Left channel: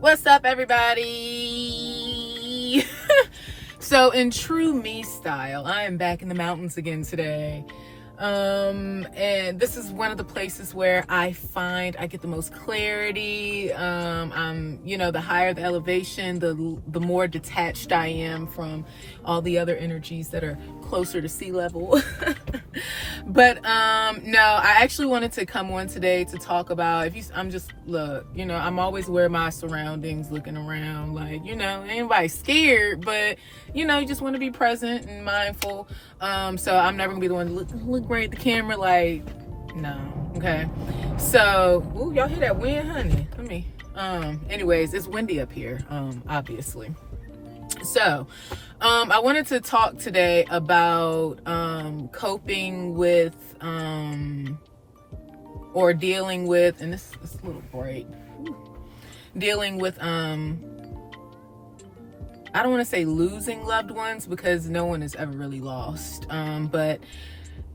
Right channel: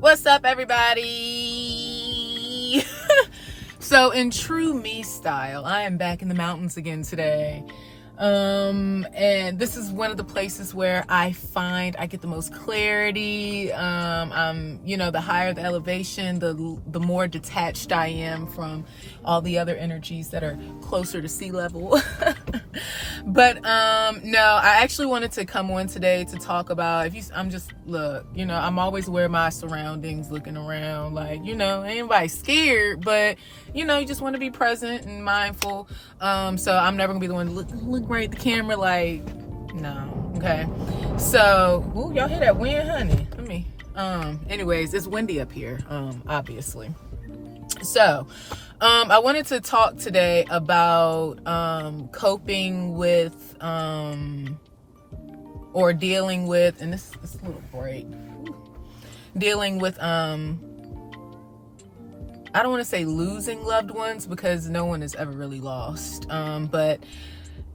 What's up, everybody? So in true me style, I am back in the mountains again today. And this is one of the places where I find I get the most clarity. The higher the elevation, the more detached I am from all the other energies that are closer to sea level. But no, I actually wanted to come on today to talk about, I'm always aware of my surroundings, looking around, anybody scared, but you just want to be present and mindful. So I'm never gonna be the one to look right at the camera no. Okay. So, ooh, y'all hear that wind, honey? Anyways, it's windy up here, obviously. So, I wanted to talk today about coping with or dealing with, and this little break, dealing with I don't want to say losing loved ones, because no one is ever really lost. But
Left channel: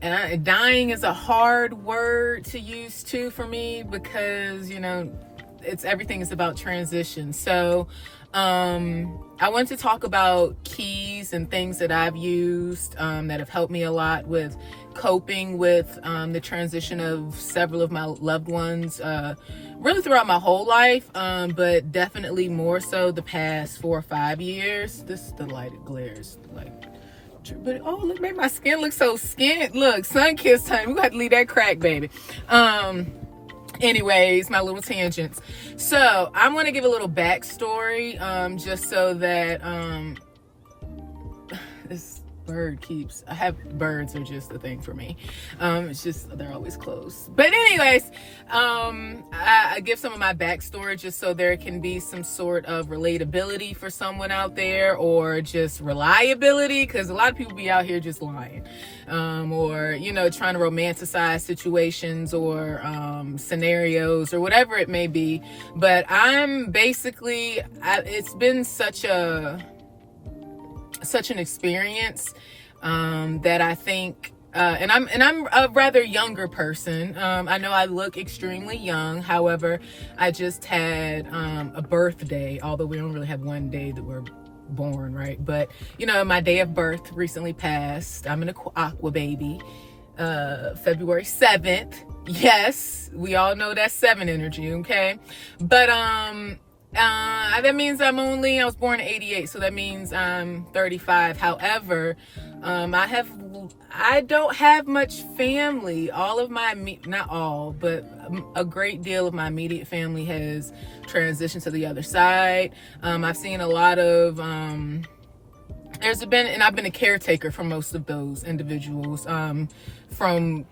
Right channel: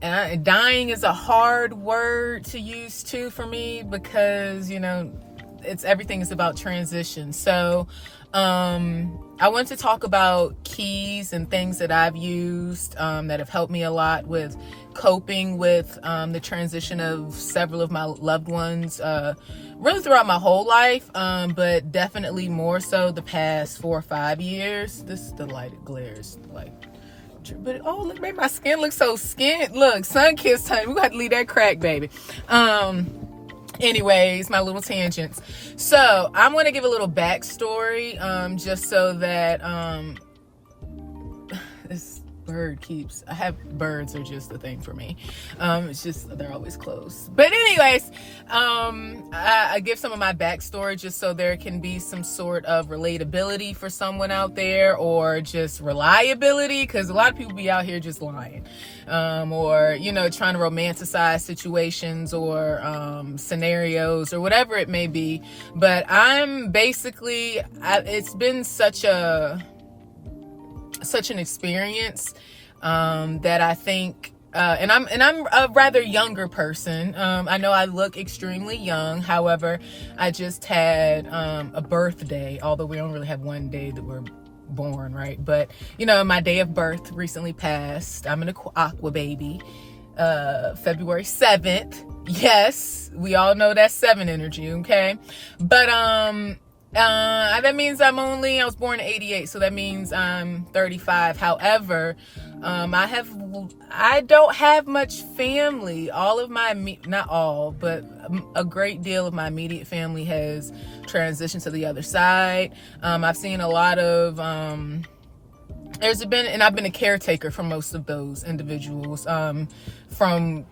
dying is a hard word to use too for me, because everything is about transition. So I want to talk about keys and things that I've used that have helped me a lot with coping with the transition of several of my loved ones, really throughout my whole life, but definitely more so the past 4 or 5 years. The light, it glares but oh, look, made my skin look so skinned. Look, sun-kissed, honey. We got to leave that crack, baby. Anyways, my little tangents. So I'm going to give a little backstory, just so that this birds are just a thing for me. It's just, they're always close. But anyways, I give some of my backstory just so there can be some sort of relatability for someone out there, or just reliability, because a lot of people be out here just lying, or trying to romanticize situations or scenarios or whatever it may be. But it's been such an experience that I think, and I'm a rather younger person. I know I look extremely young. However, I just had a birthday, although we don't really have one day that we're born, right? But my day of birth recently passed. I'm an aqua baby, February 7th. Yes, we all know that's 7 energy, okay? But that means I was born in 88, so that means I'm 35. However, I don't have much family. All of my, not all, but a great deal of my immediate family has transitioned to the other side. I've seen a lot of, and I've been a caretaker for most of those individuals, from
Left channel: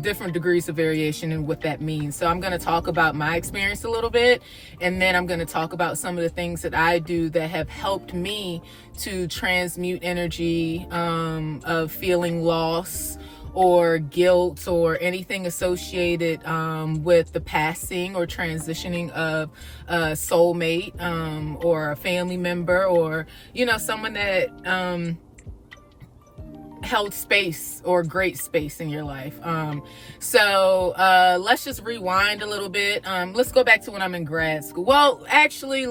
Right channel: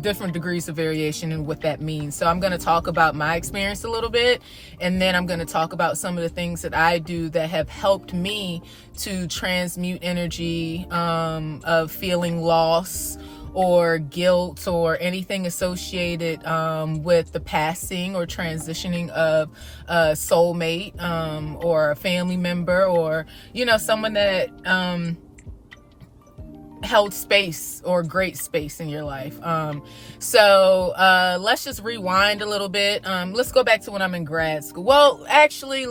different degrees of variation and what that means. So I'm going to talk about my experience a little bit, and then I'm going to talk about some of the things that I do that have helped me to transmute energy of feeling loss or guilt or anything associated with the passing or transitioning of a soulmate, or a family member, or someone that held space or great space in your life. So let's just rewind a little bit. Let's go back to when I'm in grad school. Well, actually,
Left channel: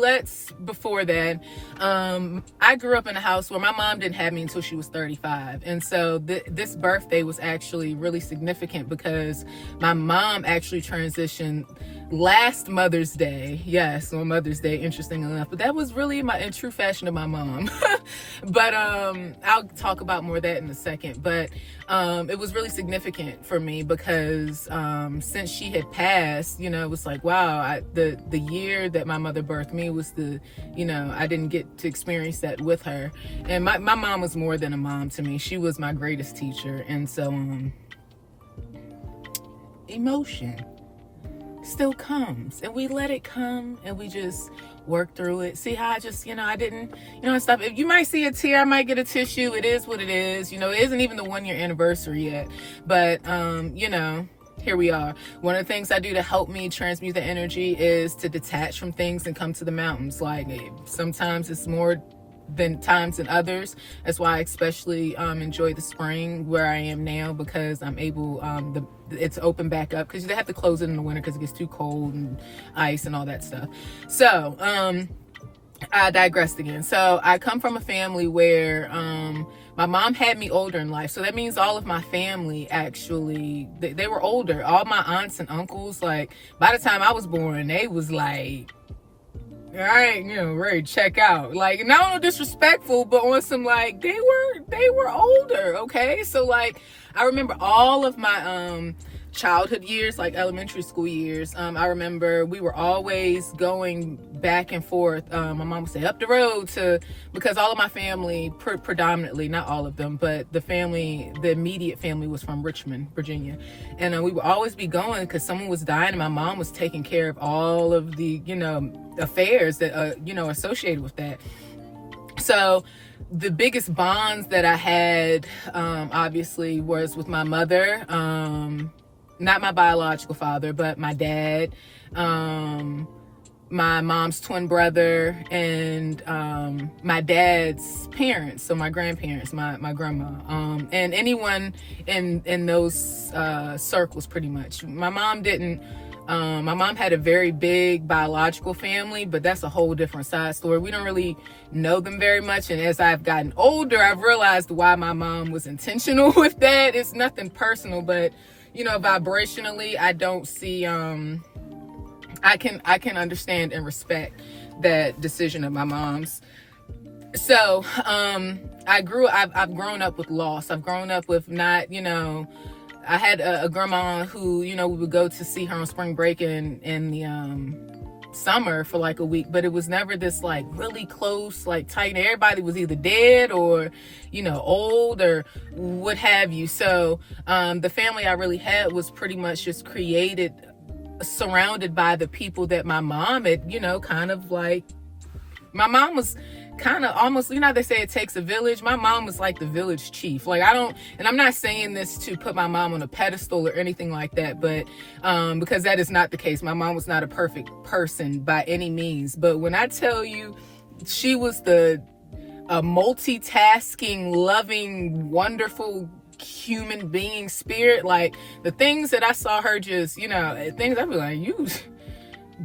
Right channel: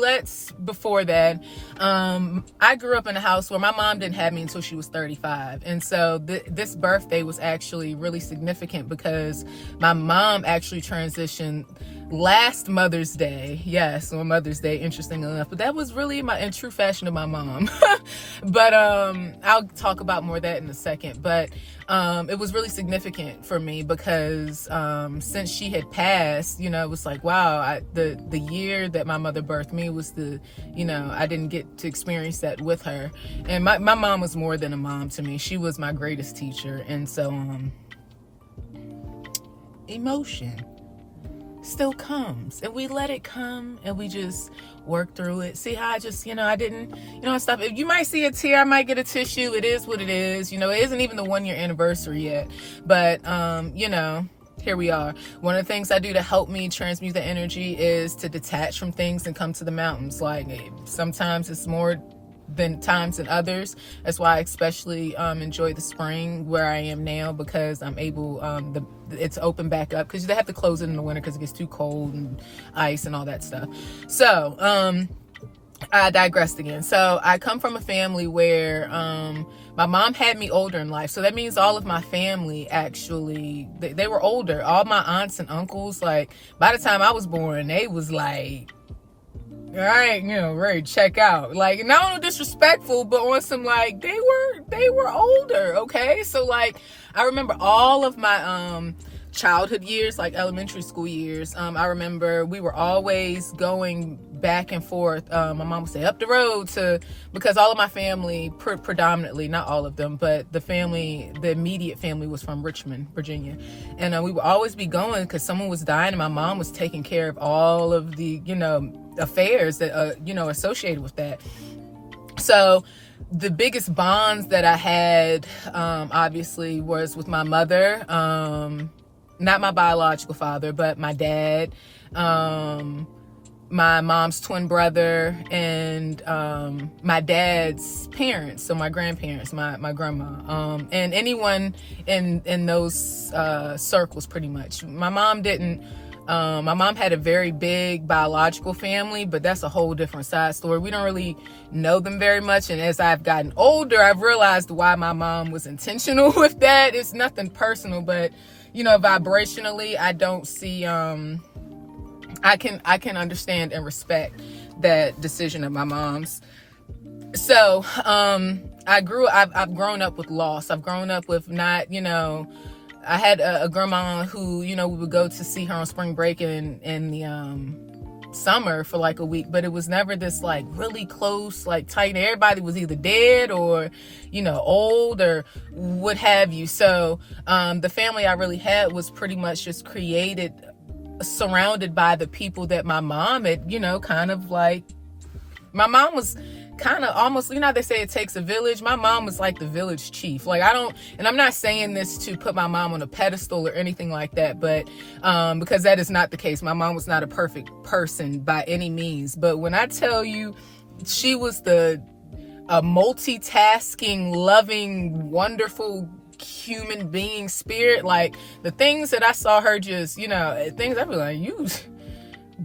before that, I grew up in a house where my mom didn't have me until she was 35. And so this birthday was actually really significant, because my mom actually transitioned last Mother's Day. Yes, on Mother's Day, interestingly enough. But that was really in true fashion of my mom. But I'll talk about more of that in a second. But it was really significant for me, because since she had passed, it was like, wow, the year that my mother birthed me was I didn't get to experience that with her. And my mom was more than a mom to me. She was my greatest teacher. And so emotion still comes, and we let it come, and we just work through it. See how I just, I didn't, and stuff. If you might see a tear, I might get a tissue. It is what it is. It isn't even the 1 year anniversary yet, but here we are. One of the things I do to help me transmute the energy is to detach from things and come to the mountains. Like, sometimes it's more than times than others. That's why I especially enjoy the spring where I am now, because I'm able, it's open back up, because they have to close it in the winter because it gets too cold and ice and all that stuff. So I digressed again. So I come from a family where my mom had me older in life. So that means all of my family, actually, they were older. All my aunts and uncles, like, by the time I was born, they was like, all right, ready to check out. Like, not disrespectful, but on some, like, they were older, okay? So, like, I remember all of my childhood years, like elementary school years. I remember we were always going back and forth. My mom would say up the road because all of my family, predominantly, not all of them, but the immediate family was from Richmond, Virginia. And we would always be going because someone was dying and my mom was taking care of all of the, affairs that, associated with that. So the biggest bonds that I had, obviously, was with my mother, not my biological father, but my dad, my mom's twin brother, and my dad's parents, so my grandparents, my grandma, and anyone in those circles, pretty much. My mom had a very big biological family, but that's a whole different side story. We don't really know them very much, and as I've gotten older, I've realized why my mom was intentional with that. It's nothing personal, but vibrationally, I don't see, I can understand and respect that decision of my mom's. So, I've grown up with loss. I've grown up with not, I had a grandma who, we would go to see her on spring break in the, summer for like a week, but it was never this like really close, like tight. Everybody was either dead or, old or what have you. So, the family I really had was pretty much just created, surrounded by the people that my mom had, kind of like, my mom was kind of almost, they say it takes a village. My mom was like the village chief. Like, and I'm not saying this to put my mom on a pedestal or anything like that, but because that is not the case. My mom was not a perfect person by any means. But when I tell you, she was a multitasking, loving, wonderful human being spirit. Like, the things that I saw her just, things I'd be like,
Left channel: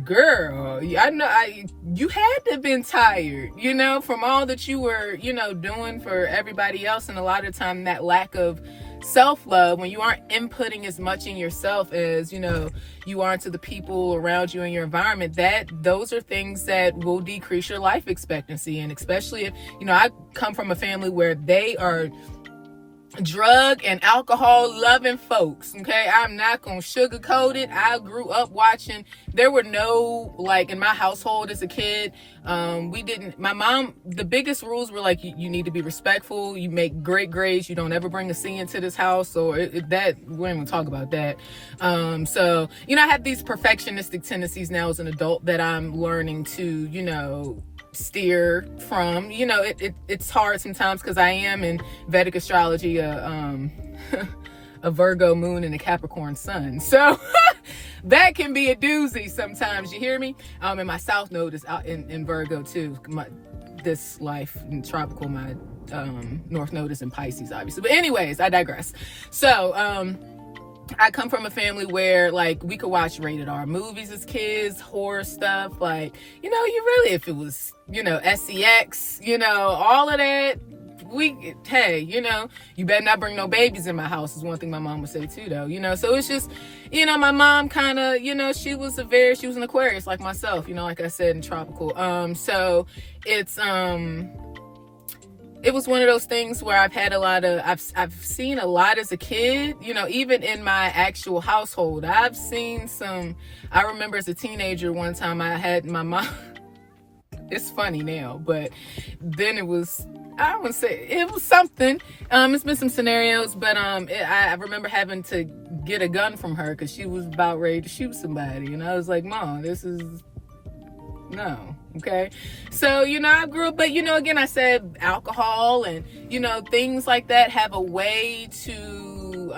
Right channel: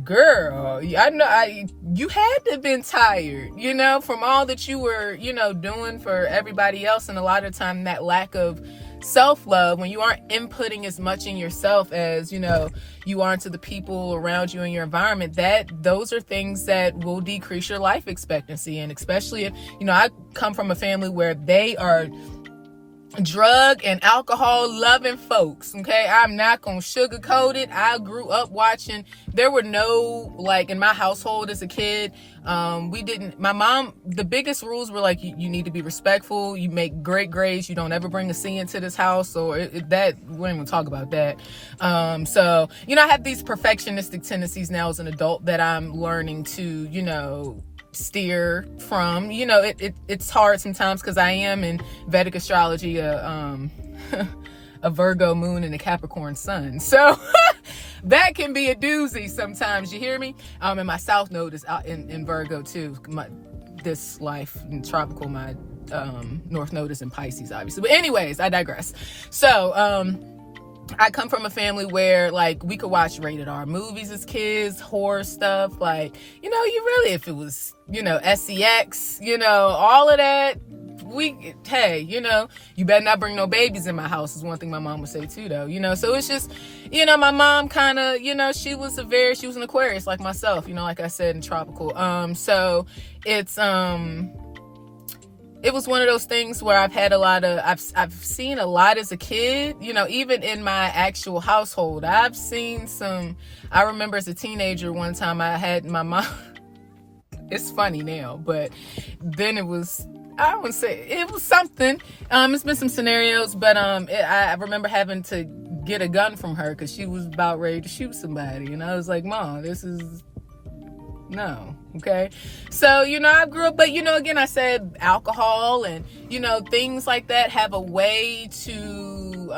girl, I know you had to have been tired, from all that you were, doing for everybody else. And a lot of time that lack of self-love, when you aren't inputting as much in yourself as, you are into the people around you in your environment, those are things that will decrease your life expectancy. And especially if, I come from a family where they are drug and alcohol loving folks. Okay, I'm not gonna sugarcoat it. I grew up watching. There were no, like, in my household as a kid, my mom, the biggest rules were like, you need to be respectful, you make great grades, you don't ever bring a C into this house, or that we ain't gonna talk about that. So I have these perfectionistic tendencies now as an adult that I'm learning to steer from. It's hard sometimes because I am in Vedic astrology a Virgo moon and a Capricorn sun, so that can be a doozy sometimes, you hear me? And my south node is out in Virgo too. This life in tropical, my north node is in Pisces, obviously, but anyways, I digress. So I come from a family where, like, we could watch rated R movies as kids, horror stuff, like, you really, if it was, SEX, all of that, you better not bring no babies in my house is one thing my mom would say too, though, so it's just, my mom kind of, she was an Aquarius like myself, like I said, in tropical, so it's, it was one of those things where I've had I've seen a lot as a kid, even in my actual household. I've seen I remember as a teenager, one time I had my mom, it's funny now, but then it was, I wouldn't say, it was something. It's been some scenarios, but I remember having to get a gun from her because she was about ready to shoot somebody. And I was like, Mom, this is, no. Okay. So, I grew up, but, again, I said alcohol and, things like that have a way to,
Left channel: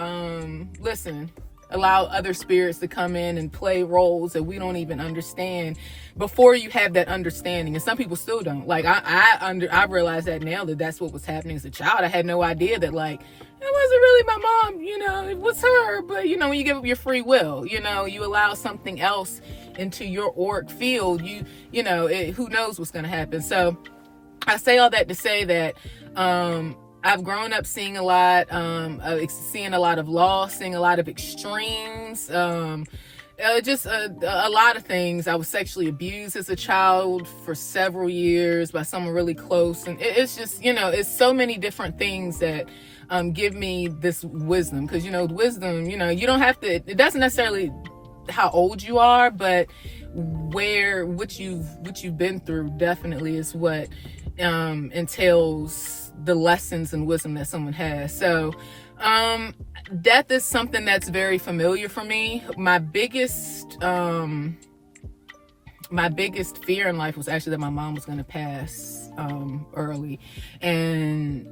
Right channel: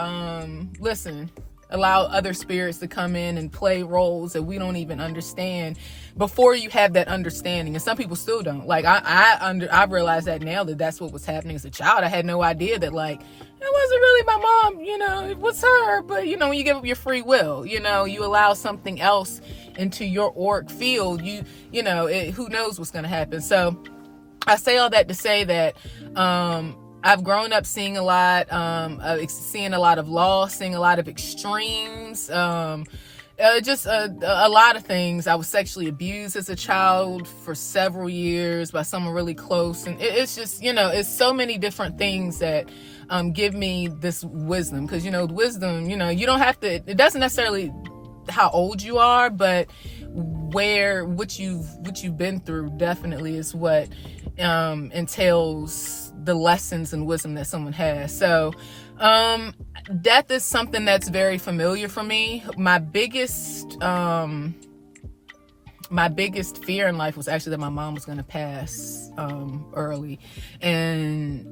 allow other spirits to come in and play roles that we don't even understand before you have that understanding. And some people still don't. Like I realized that now, that's what was happening as a child. I had no idea that, like, it wasn't really my mom, it was her. But when you give up your free will, you allow something else into your auric field, who knows what's going to happen. So I say all that to say that I've grown up seeing a lot, seeing a lot of loss, seeing a lot of extremes, just a lot of things. I was sexually abused as a child for several years by someone really close. And it's just, it's so many different things that give me this wisdom. Because, wisdom, you don't have to, it doesn't necessarily how old you are, but what you've been through definitely is what entails the lessons and wisdom that someone has. So death is something that's very familiar for me. My biggest fear in life was actually that my mom was going to pass early, and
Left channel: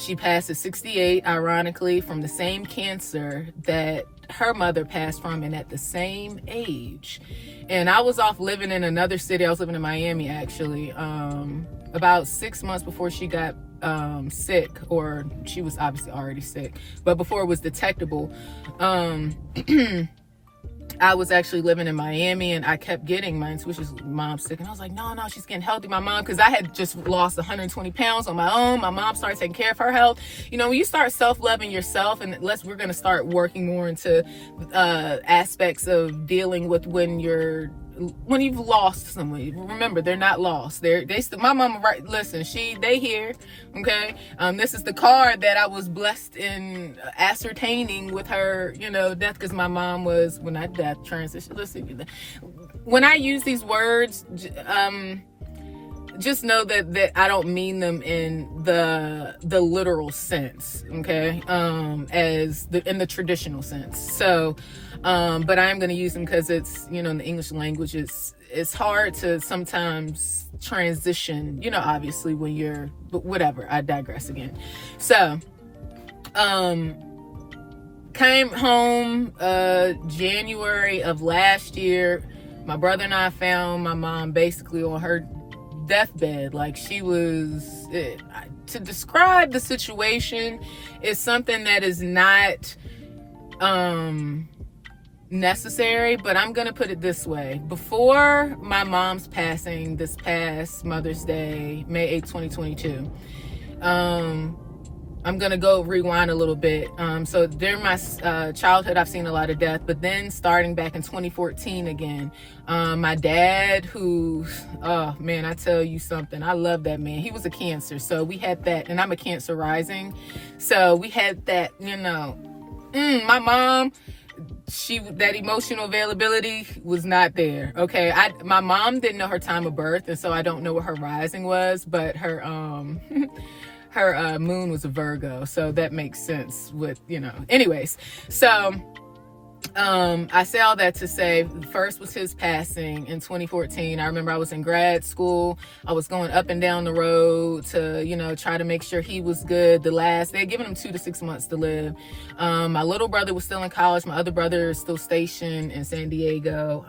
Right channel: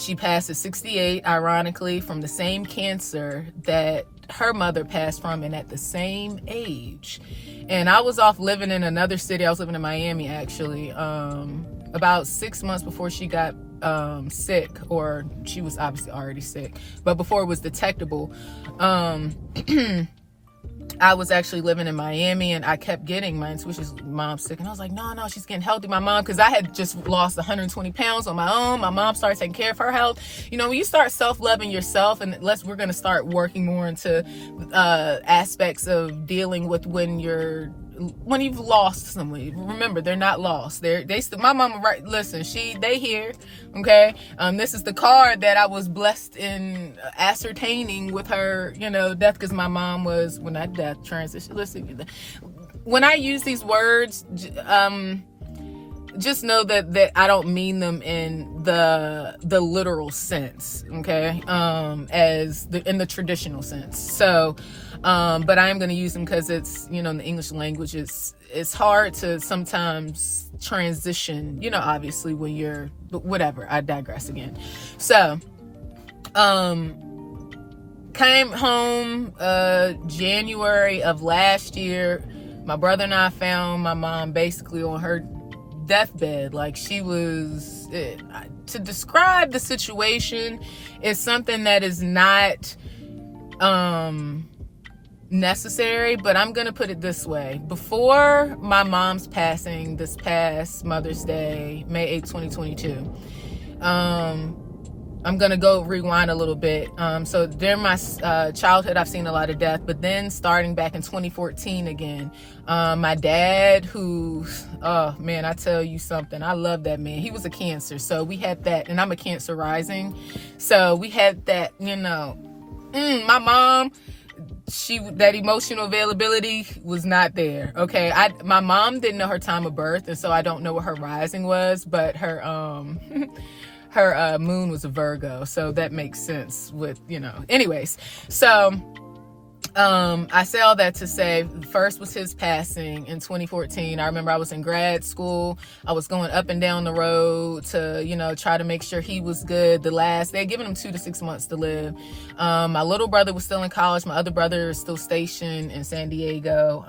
she passed at 68, ironically, from the same cancer that her mother passed from, and at the same age. And I was off living in another city. I was living in Miami, actually, about 6 months before she got sick, or she was obviously already sick, but before it was detectable. I was actually living in Miami, and I kept getting my intuition's mom sick, and I was like, no, she's getting healthy. My mom, because I had just lost 120 pounds on my own. My mom started taking care of her health. When you start self-loving yourself, and we're going to start working more into aspects of dealing with when you've lost someone. Remember, they're not lost. My mama, right? Listen, they here. Okay. This is the card that I was blessed in ascertaining with her, death, because my mom was, well, not death, transition. Listen, when I use these words, just know that I don't mean them in the literal sense. Okay. In the traditional sense. So, but I am going to use them because it's, in the English language, it's hard to sometimes transition, obviously but whatever, I digress again. So, came home, January of last year. My brother and I found my mom basically on her deathbed. Like, she was, to describe the situation is something that is not, necessary, but I'm gonna put it this way. Before my mom's passing this past Mother's Day, May 8, 2022, I'm gonna go rewind a little bit. So during my childhood, I've seen a lot of death, but then starting back in 2014 again, my dad, who, oh man, I tell you something, I love that man. He was a Cancer, so we had that, and I'm a Cancer rising, so we had that, my mom, that emotional availability was not there. Okay. My mom didn't know her time of birth, and so I don't know what her rising was, but her her moon was a Virgo, so that makes sense with, anyways. So I say all that to say, first was his passing in 2014. I remember I was in grad school. I was going up and down the road to, try to make sure he was good. They had given him 2 to 6 months to live. My little brother was still in college. My other brother is still stationed in San Diego.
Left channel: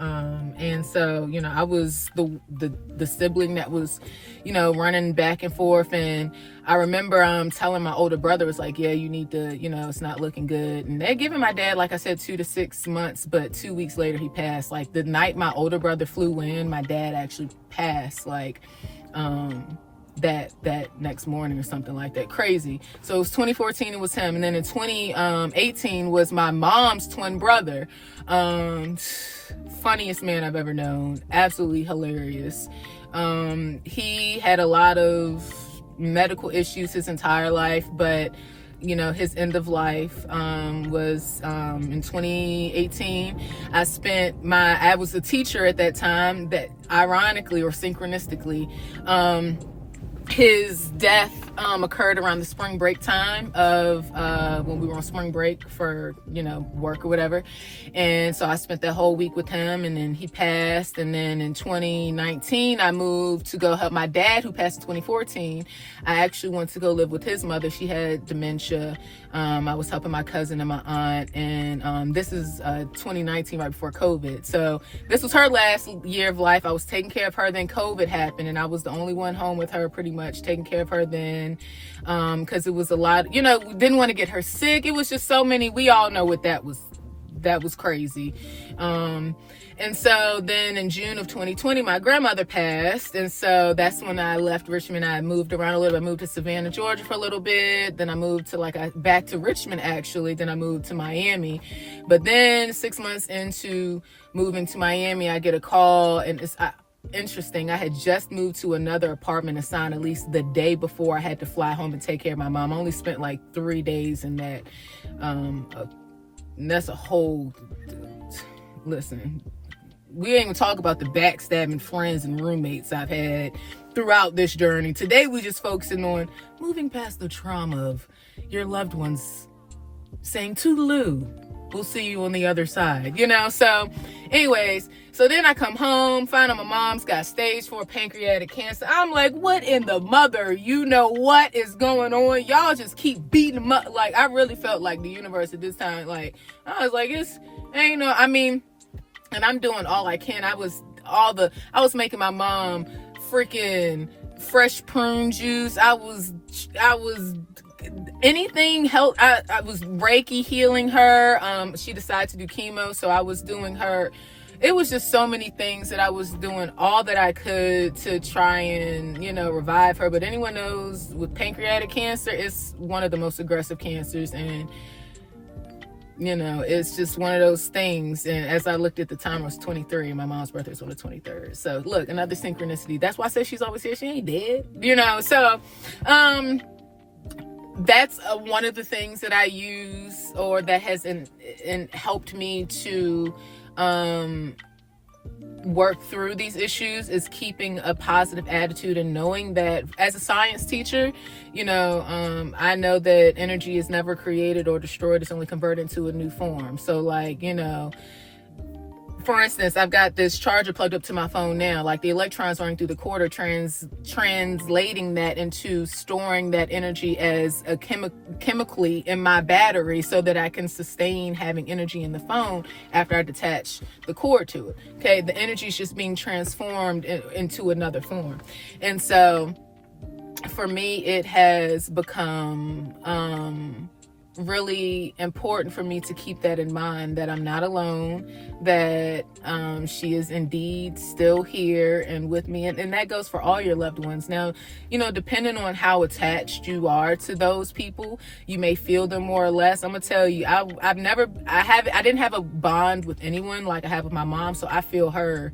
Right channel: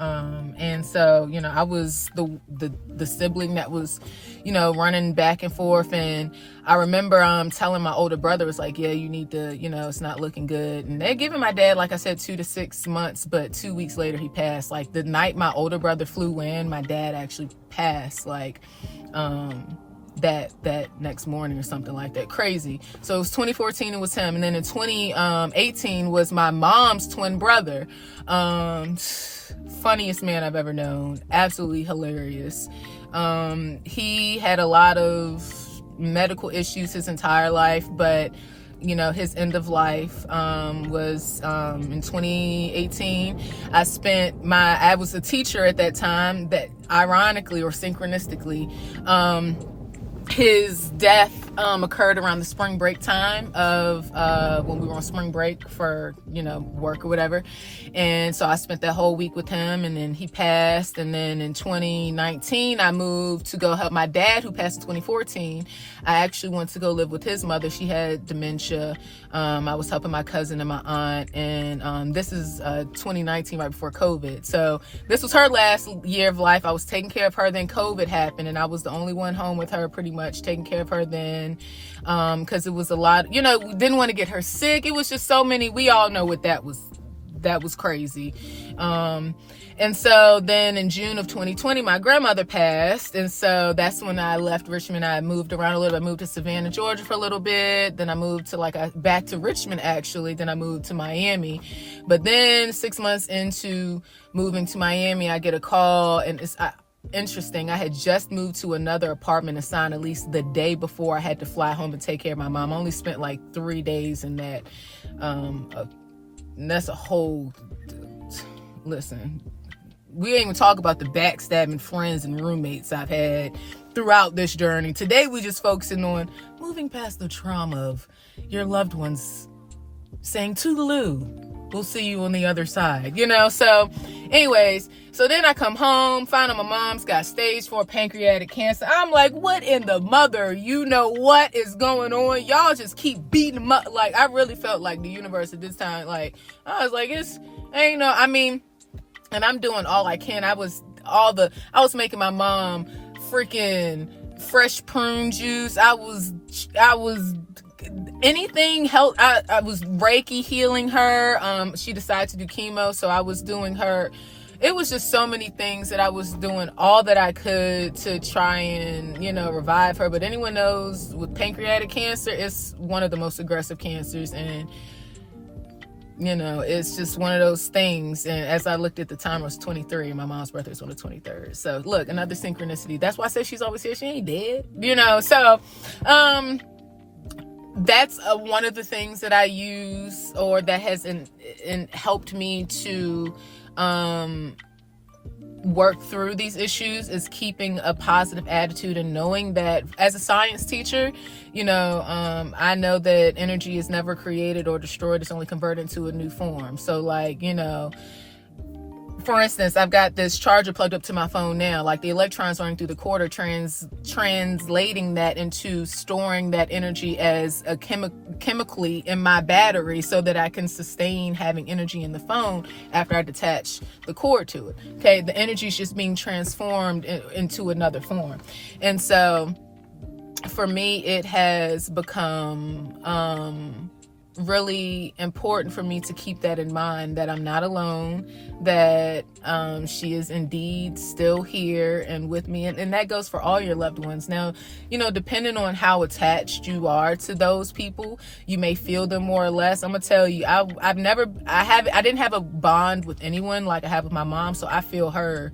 And so, I was the sibling that was, running back and forth. And I remember telling my older brother, was like, yeah, you need to, it's not looking good. And they're giving my dad, like I said, 2 to 6 months, but 2 weeks later he passed. Like, the night my older brother flew in, my dad actually passed, like, that next morning or something like that. Crazy. So it was 2014, it was him. And then in 2018 was my mom's twin brother. Funniest man I've ever known. Absolutely hilarious. He had a lot of medical issues his entire life, but his end of life was in 2018. I was a teacher at that time, that ironically or synchronistically, his death occurred around the spring break time of when we were on spring break for, work or whatever. And so I spent that whole week with him, and then he passed. And then in 2019, I moved to go help my dad, who passed in 2014. I actually went to go live with his mother. She had dementia. I was helping my cousin and my aunt. And this is 2019, right before COVID. So this was her last year of life. I was taking care of her. Then COVID happened, and I was the only one home with her, pretty much taking care of her then. Because it was a lot, didn't want to get her sick. It was just so many. We all know what that was. That was crazy. And so then in June of 2020, my grandmother passed. And so that's when I left Richmond. I moved around a little. I moved to Savannah, Georgia for a little bit. Then I moved to back to Richmond, actually. Then I moved to Miami. But then 6 months into moving to Miami, I get a call, and it's interesting. I had just moved to another apartment assigned at least the day before I had to fly home and take care of my mom. I only spent like 3 days in that. And that's a whole, listen, we ain't even talk about the backstabbing friends and roommates I've had throughout this journey. Today, we just focusing on moving past the trauma of your loved ones saying toodaloo. We'll see you on the other side, So anyways, so then I come home, find out my mom's got stage 4 pancreatic cancer. I'm like, what in the mother? What is going on? Y'all just keep beating them up. Like, I really felt like the universe at this time. Like, I was like, and I'm doing all I can. I was making my mom freaking fresh prune juice. I was anything help. I was Reiki healing her. She decided to do chemo, so I was doing her. It was just so many things that I was doing all that I could to try and, revive her. But anyone knows with pancreatic cancer, it's one of the most aggressive cancers. And, it's just one of those things. And as I looked at the time, I was 23 and my mom's birthday was on the 23rd. So look, another synchronicity. That's why I say she's always here. She ain't dead, So, that's one of the things that I use, or that has helped me to work through these issues, is keeping a positive attitude and knowing that as a science teacher, I know that energy is never created or destroyed. It's only converted into a new form. So for instance, I've got this charger plugged up to my phone now. Like, the electrons running through the cord are translating that into storing that energy as a chemically in my battery, so that I can sustain having energy in the phone after I detach the cord to it. Okay, the energy is just being transformed into another form. And so for me, it has become really important for me to keep that in mind, that I'm not alone, that she is indeed still here and with me, and that goes for all your loved ones. Now, depending on how attached you are to those people, you may feel them more or less. I'm gonna tell you, I didn't have a bond with anyone like I have with my mom, so I feel her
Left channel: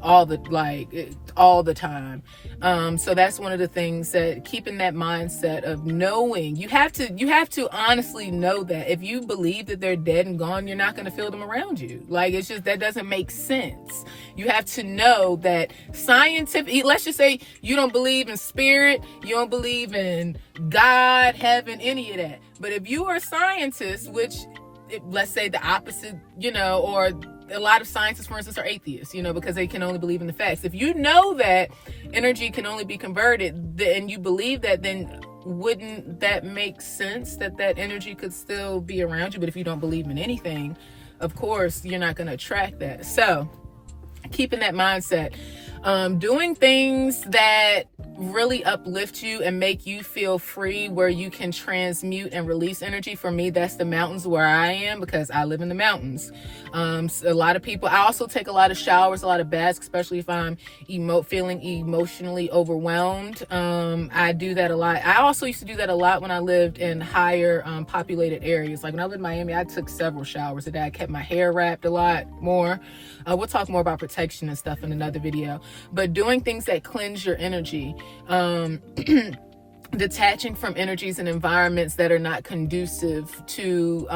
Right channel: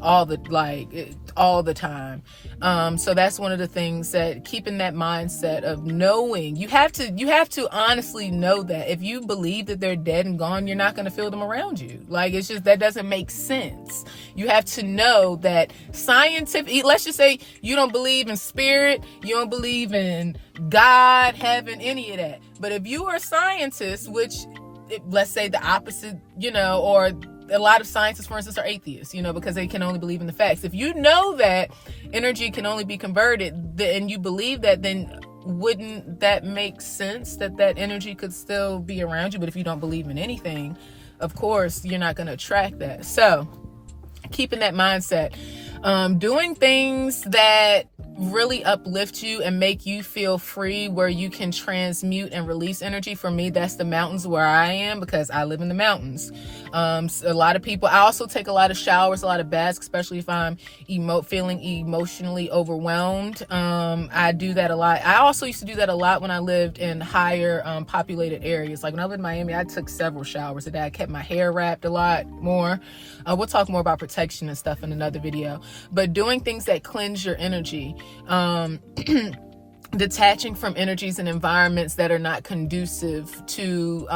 all the time. So that's one of the things, that keeping that mindset of knowing, you have to honestly know that if you believe that they're dead and gone, you're not going to feel them around you. Like, it's just, that doesn't make sense. You have to know that scientific, let's just say you don't believe in spirit, you don't believe in God, heaven, any of that. But if you are a scientist, which, let's say the opposite, or a lot of scientists, for instance, are atheists, because they can only believe in the facts. If you know that energy can only be converted, and you believe that, then wouldn't that make sense that energy could still be around you? But if you don't believe in anything, of course, you're not going to attract that. So keeping that mindset, doing things that really uplift you and make you feel free, where you can transmute and release energy. For me, that's the mountains, where I am, because I live in the mountains. So a lot of people, I also take a lot of showers, a lot of baths, especially if I'm feeling emotionally overwhelmed. I do that a lot. I also used to do that a lot when I lived in higher populated areas. Like when I lived in Miami, I took several showers a day. I kept my hair wrapped a lot more. We'll talk more about protection and stuff in another video. But doing things that cleanse your energy. detaching from energies and environments that are not conducive to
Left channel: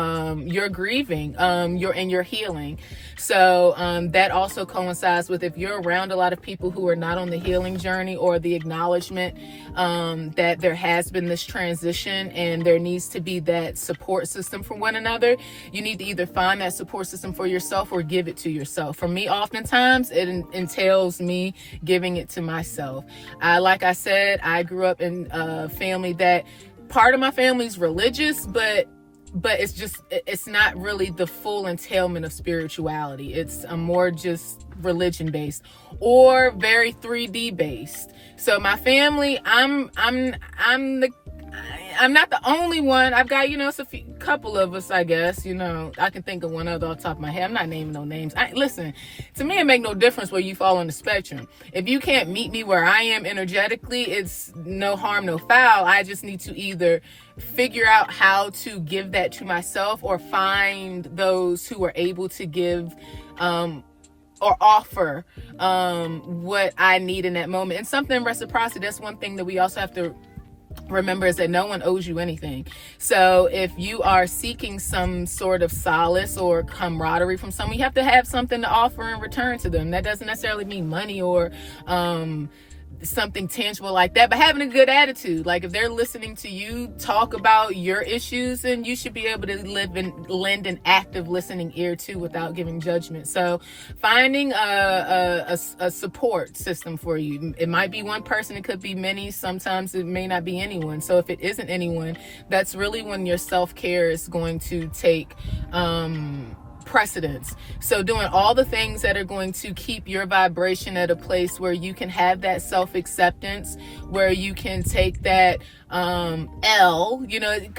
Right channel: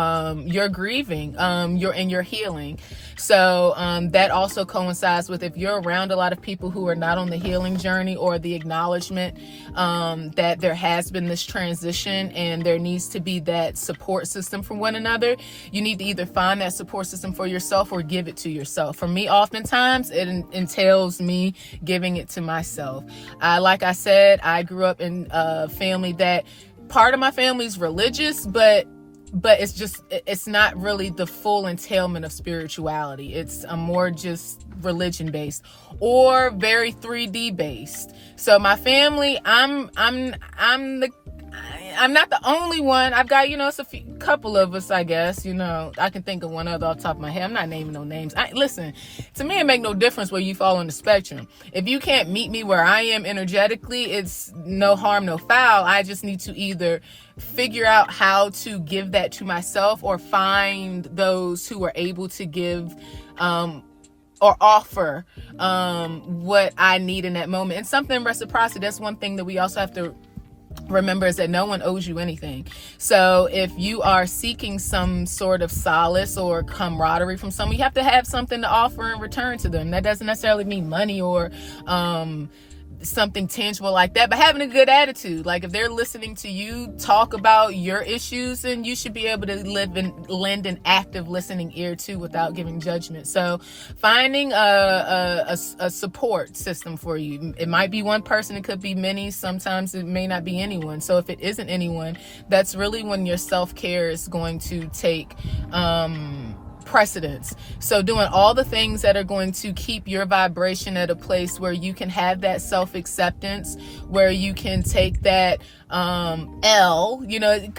your grieving, your healing. So that also coincides with, if you're around a lot of people who are not on the healing journey, or the acknowledgement that there has been this transition and there needs to be that support system for one another, you need to either find that support system for yourself or give it to yourself. For me, oftentimes it entails me giving it to myself. Like I said, I grew up in a family that part of my family is religious, but it's not really the full entailment of spirituality. It's a more just religion based, or very 3D based. So my family, I'm not the only one. I've got, it's a couple of us, I guess. I can think of one other off the top of my head. I'm not naming no names. Listen, to me, it make no difference where you fall on the spectrum. If you can't meet me where I am energetically, it's no harm, no foul. I just need to either figure out how to give that to myself, or find those who are able to give or offer what I need in that moment. And something reciprocity, that's one thing that we also have to remember, is that no one owes you anything. So if you are seeking some sort of solace or camaraderie from someone, you have to have something to offer in return to them. That doesn't necessarily mean money or something tangible like that, but having a good attitude. Like, if they're listening to you talk about your issues, then you should be able to lend an active listening ear to, without giving judgment. So finding a support system for you. It might be one person, it could be many, sometimes it may not be anyone. So if it isn't anyone, that's really when your self-care is going to take precedence. So doing all the things that are going to keep your vibration at a place where you can have that self-acceptance, where you can take that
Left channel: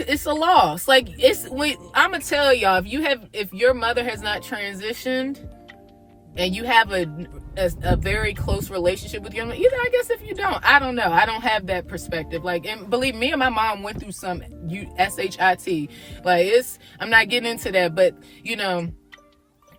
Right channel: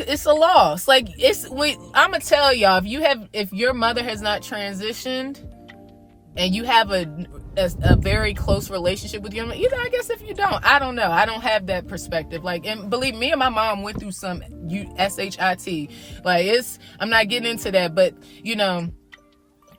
it's a loss. Like, I'm gonna tell y'all, if your mother has not transitioned and you have a very close relationship with your mother, either, I guess, if you don't, I don't know, I don't have that perspective. Like, and believe me, and my mom went through some SHIT. Like, I'm not getting into that, but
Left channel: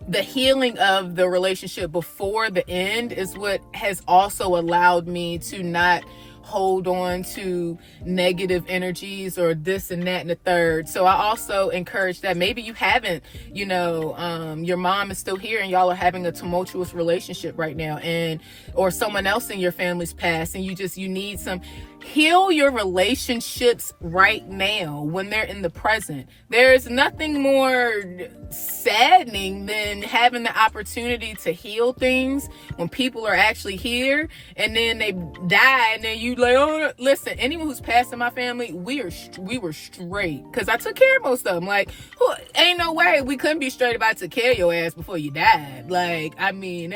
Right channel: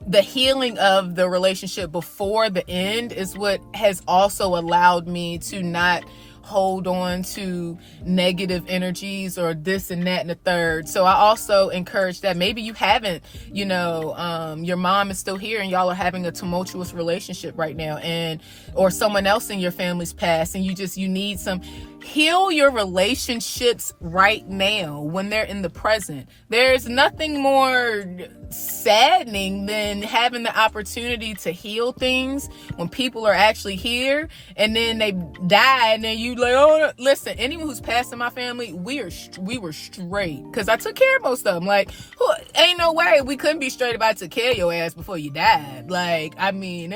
the healing of the relationship before the end is what has also allowed me to not hold on to negative energies or this and that and the third. So I also encourage that. Maybe you haven't, your mom is still here and y'all are having a tumultuous relationship right now, or someone else in your family's passed, and you need some. Heal your relationships right now when they're in the present. There's nothing more saddening than having the opportunity to heal things when people are actually here, and then they die, and then you like, oh, listen, anyone who's passed in my family, we were straight, because I took care of most of them. Like, ain't no way we couldn't be straight about to care your ass before you died. Like, I mean,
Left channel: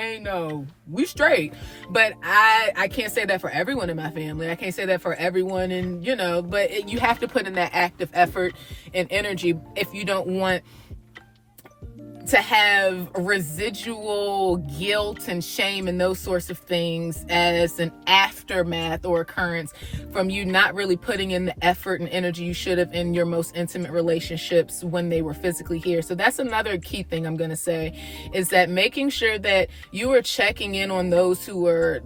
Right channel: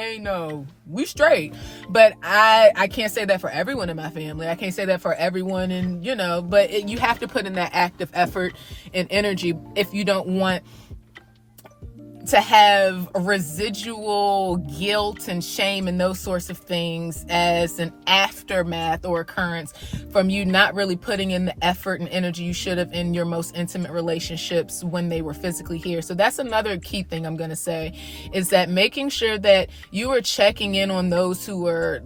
we straight. But I can't say that for everyone in my family. I can't say that for everyone, and but you have to put in that active effort and energy if you don't want to have residual guilt and shame and those sorts of things as an aftermath or occurrence from you not really putting in the effort and energy you should have in your most intimate relationships when they were physically here. So that's another key thing I'm going to say, is that making sure that you are checking in on those who are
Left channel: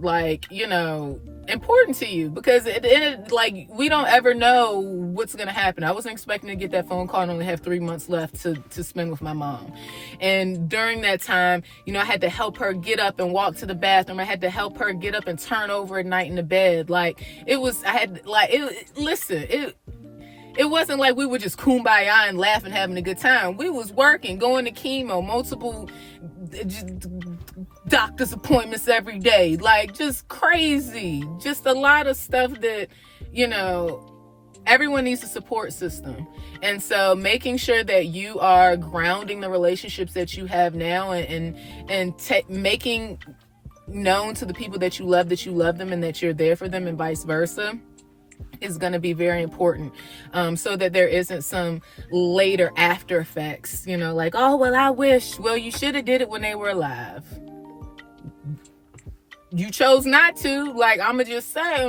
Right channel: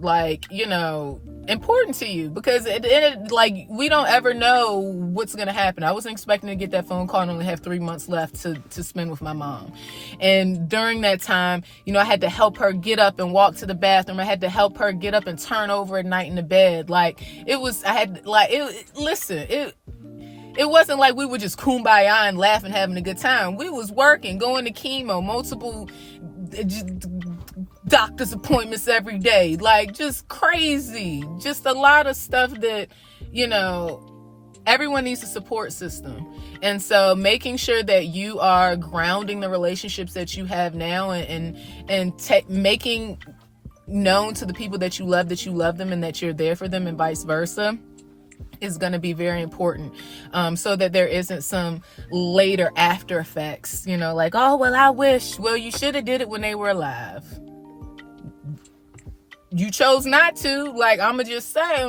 important to you, because we don't ever know what's going to happen. I wasn't expecting to get that phone call and only have 3 months left to spend with my mom. And during that time, I had to help her get up and walk to the bathroom. I had to help her get up and turn over at night in the bed. It wasn't like we were just kumbaya and laughing, having a good time. We was working, going to chemo, multiple doctor's appointments every day. Like, just crazy. Just a lot of stuff that, everyone needs a support system. And so making sure that you are grounding the relationships that you have now and making known to the people that you love them and that you're there for them, and vice versa, is going to be very important, so that there isn't some later after effects, like, oh, well, I wish. Well, you should have did it when they were alive. You chose not to. Like, I'ma just say,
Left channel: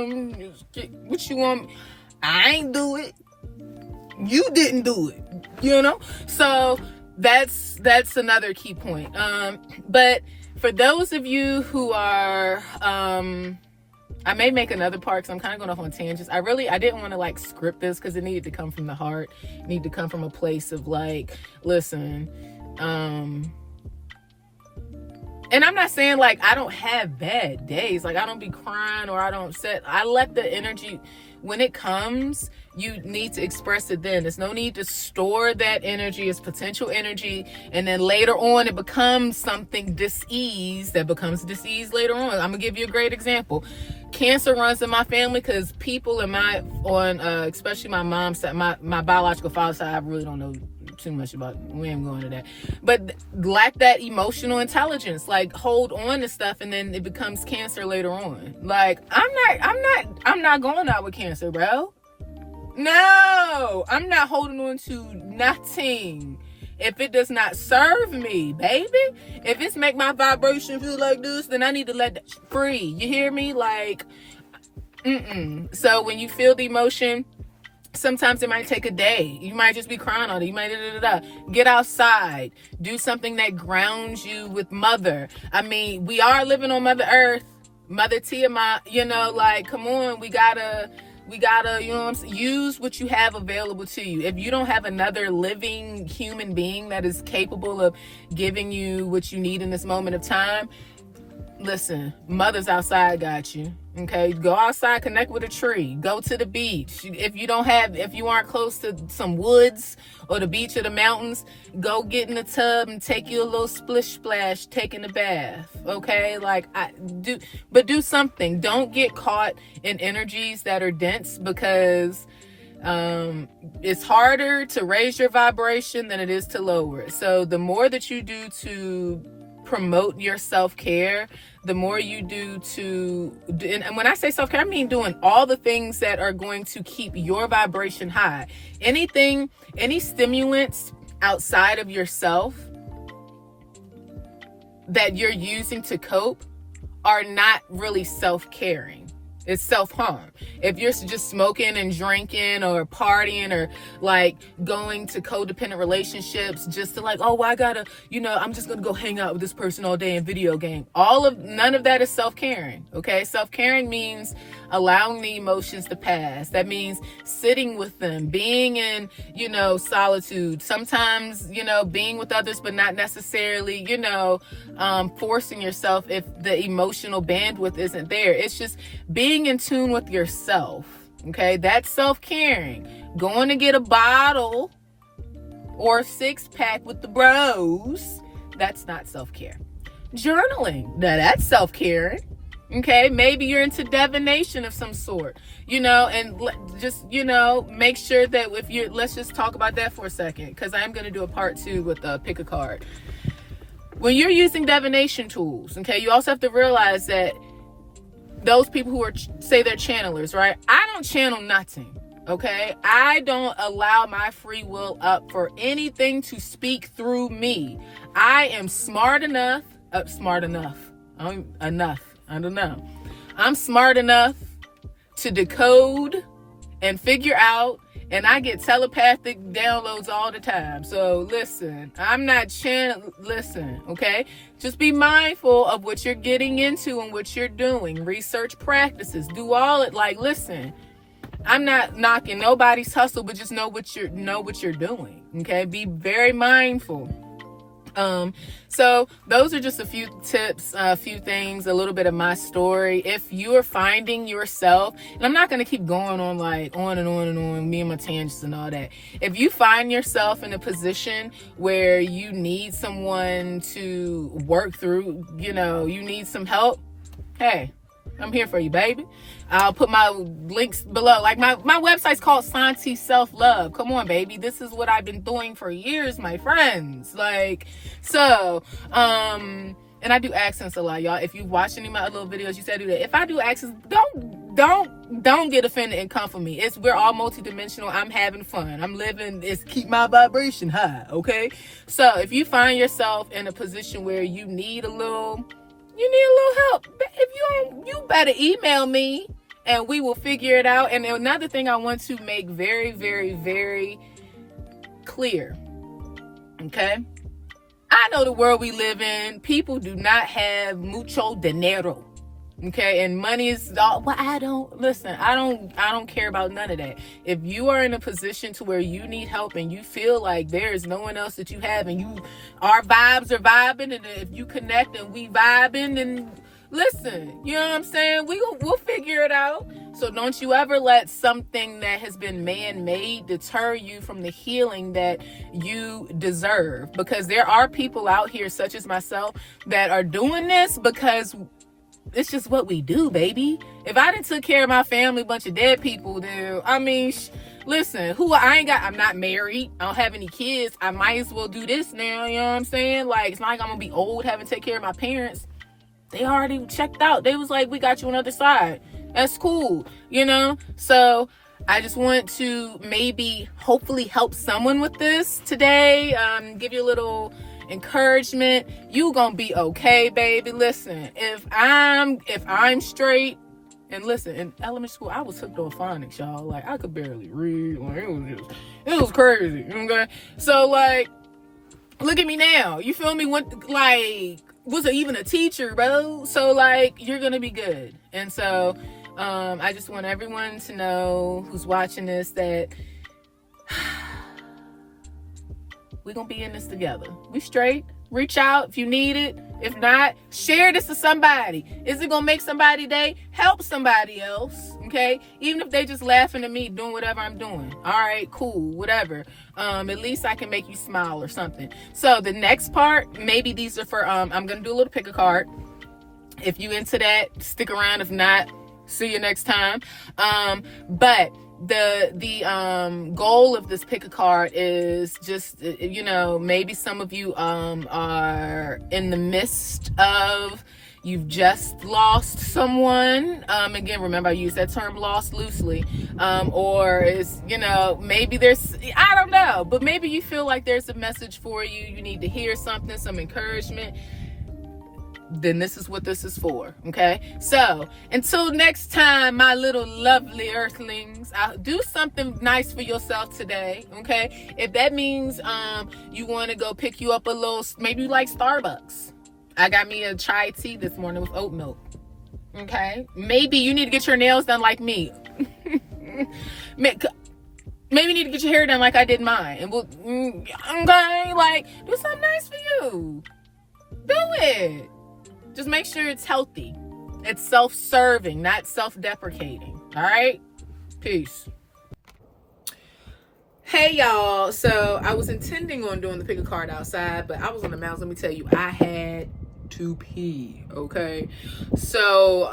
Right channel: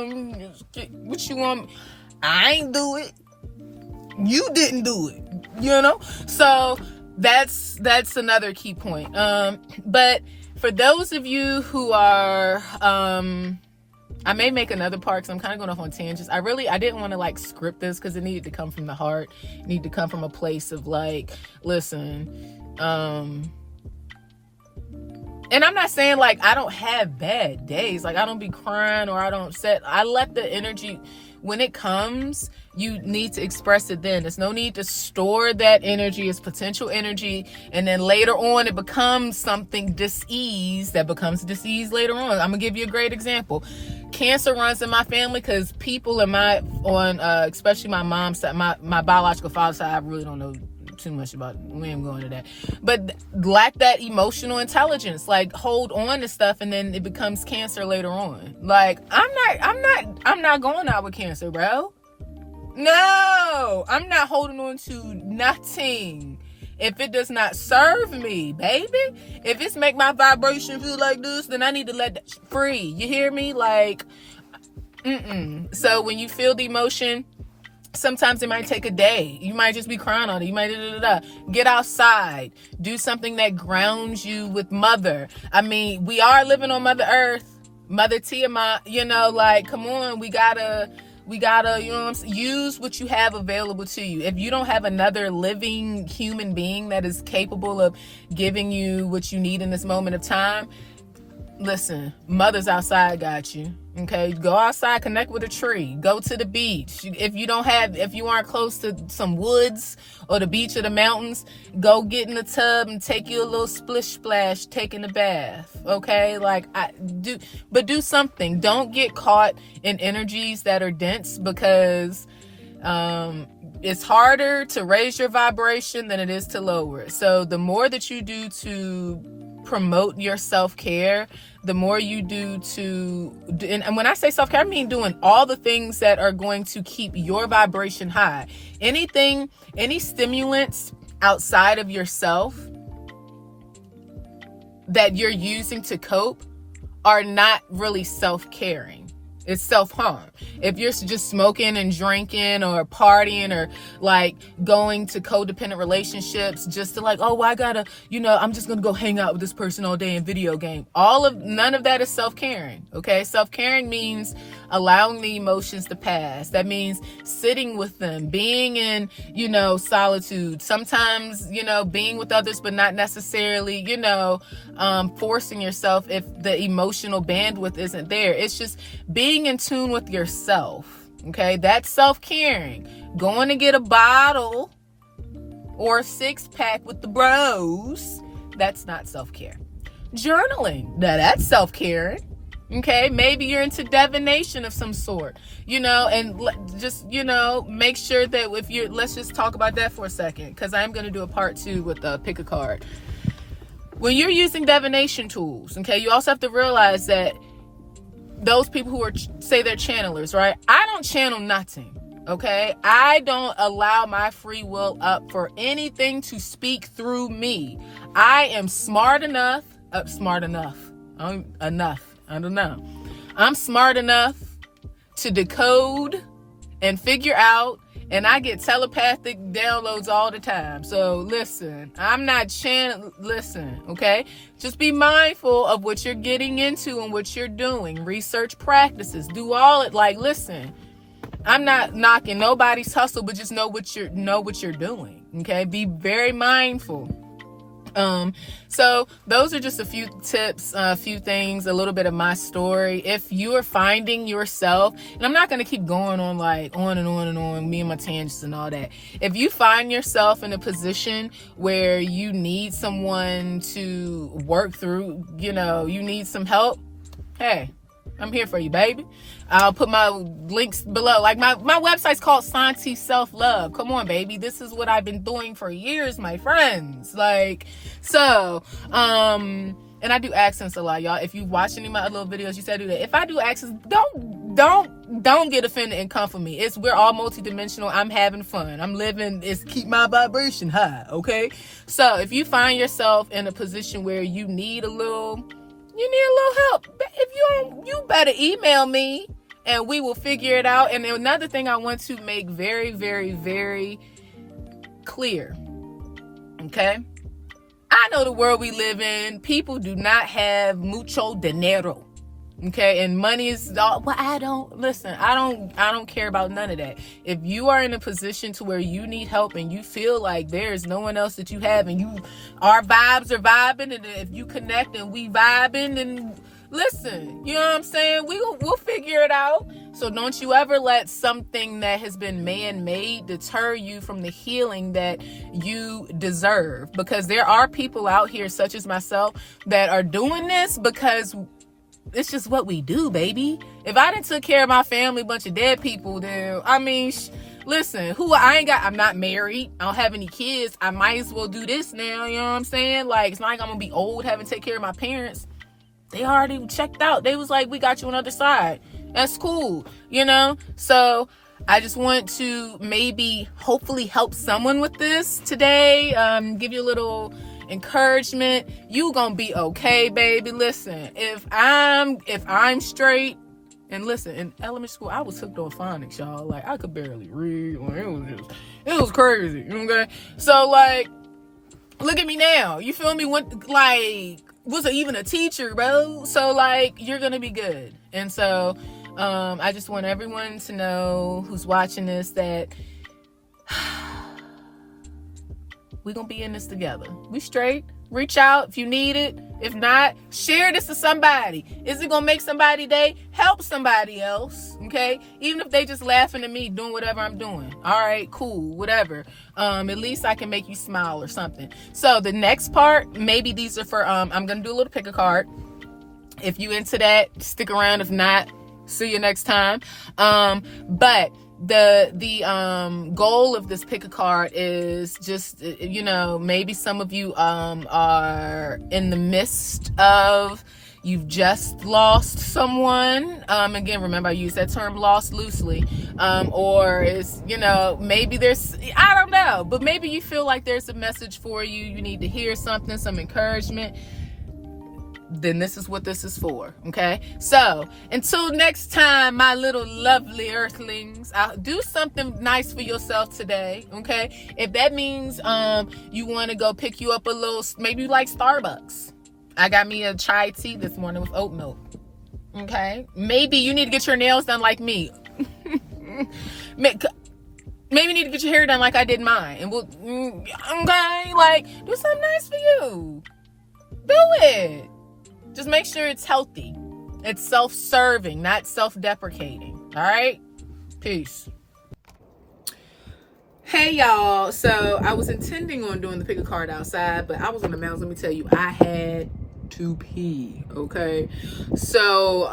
what you want? I ain't do it. You didn't do it, So that's another key point. But for those of you who are I may make another part because I'm kind of going off on tangents. I didn't want to like script this because it needed to come from the heart. It needed to come from a place of like, listen, and I'm not saying like I don't have bad days. Like I don't be crying or I let the energy, when it comes, you need to express it then. There's no need to store that energy as potential energy, and then later on it becomes something dis-ease that becomes dis-ease later on. I'm gonna give you a great example. Cancer runs in my family because people especially my mom's side, my biological father's side, I really don't know too much about. We ain't going to that, but lack that emotional intelligence, like hold on to stuff, and then it becomes cancer later on. Like I'm not going out with cancer, bro. No, I'm not holding on to nothing if it does not serve me, baby. If it's make my vibration feel like this, then I need to let that free. You hear me? Like, So when you feel the emotion, sometimes it might take a day. You might just be crying on it. You might get outside, do something that grounds you with mother. I mean, we are living on Mother Earth, Mother Tiamat. Like, come on, we gotta, use what you have available to you. If you don't have another living human being that is capable of giving you what you need in this moment of time, listen, mother's outside got you. Okay, go outside, connect with a tree, go to the beach. If you aren't close to some woods or the beach or the mountains, go get in the tub and take you a little splish splash, taking a bath. Okay, do something. Don't get caught in energies that are dense, because it's harder to raise your vibration than it is to lower it. So the more that you do to promote your self-care, the more you do and when I say self-care, I mean doing all the things that are going to keep your vibration high. Any stimulants outside of yourself that you're using to cope are not really self-caring. It's self-harm. If you're just smoking and drinking or partying or like going to codependent relationships just to like, oh, I gotta, I'm just gonna go hang out with this person all day in video game. None of that is self-caring. Okay. Self-caring means allowing the emotions to pass. That means sitting with them, being in, solitude. Sometimes, being with others, but not necessarily, forcing yourself if the emotional bandwidth isn't there. It's just being in tune with yourself. Okay, that's self-caring. Going to get a bottle or a 6-pack with the bros, that's not self-care. Journaling, now that's self-caring. Okay, maybe you're into divination of some sort, and just, make sure that let's just talk about that for a second, because I'm going to do a part 2 with pick a card. When you're using divination tools, okay, you also have to realize that those people who say they're channelers, right? I don't channel nothing, okay? I don't allow my free will up for anything to speak through me. I am smart enough. I'm smart enough to decode and figure out, and I get telepathic downloads all the time. So listen, I'm not listen, okay? Just be mindful of what you're getting into and what you're doing. Research practices, do all it. Like, listen, I'm not knocking nobody's hustle, but just know what you're doing, okay? Be very mindful. So those are just a few tips, a few things, a little bit of my story. If you are finding yourself, and I'm not going to keep going on like on and on and on, me and my tangents and all that. If you find yourself in a position where you need someone to work through, you need some help, hey, I'm here for you, baby. I'll put my links below. Like my website's called Santi Self Love. Come on, baby. This is what I've been doing for years, my friends. Like, so, and I do accents a lot, y'all. If you watch any of my little videos, you said I do that. If I do accents, don't get offended and come for me. We're all multidimensional. I'm having fun. I'm living. It's keep my vibration high. Okay. So if you find yourself in a position where you need a little help, if you better email me and we will figure it out. And another thing I want to make very, very, very clear. Okay. I know the world we live in, people do not have mucho dinero. Okay, and money is all, well, I don't care about none of that. If you are in a position to where you need help and you feel like there is no one else that you have, and our vibes are vibing, and if you connect and we vibing, then listen, you know what I'm saying? We'll figure it out. So don't you ever let something that has been man-made deter you from the healing that you deserve, because there are people out here, such as myself, that are doing this because it's just what we do, baby. If I didn't took care of my family, bunch of dead people, then listen, I'm not married, I don't have any kids, I might as well do this now, you know what I'm saying? Like, it's not like I'm gonna be old having to take care of my parents. They already checked out. They was like, we got you on the other side. That's cool, you know? So I just want to maybe hopefully help someone with this today, give you a little encouragement. You gonna be okay, baby. Listen, if I'm straight, and listen, in elementary school I was hooked on phonics, y'all. Like, I could barely read. Like, it was crazy. Okay, so like, look at me now. You feel me? Wasn't even a teacher, bro. So like, you're gonna be good. And so I just want everyone to know who's watching this that we're gonna be in this together. We straight. Reach out if you need it. If not, share this to somebody. Is it gonna make somebody day? Help somebody else, okay? Even if they just laughing at me doing whatever I'm doing. All right, cool, whatever. At least I can make you smile or something. So the next part, maybe these are for, I'm gonna do a little pick a card. If you into that, stick around. If not, see you next time. But the goal of this pick a card is just, maybe some of you are in the midst of, you've just lost someone. Again, remember I use that term lost loosely. Or it's, maybe there's, I don't know, but maybe you feel like there's a message for you. You need to hear something, some encouragement. Then this is what this is for, okay? So until next time, my little lovely earthlings, I'll do something nice for yourself today, okay? If that means you want to go pick you up a little, maybe you like Starbucks. I got me a chai tea this morning with oat milk, okay? Maybe you need to get your nails done like me. Maybe you need to get your hair done like I did mine, and we'll, okay, like, do something nice for you. Do it. Just make sure it's healthy. It's self-serving, not self-deprecating. All right? Peace. Hey, y'all. So I was intending on doing the pick a card outside, but I was on the mountains. Let me tell you, I had to pee. Okay? So,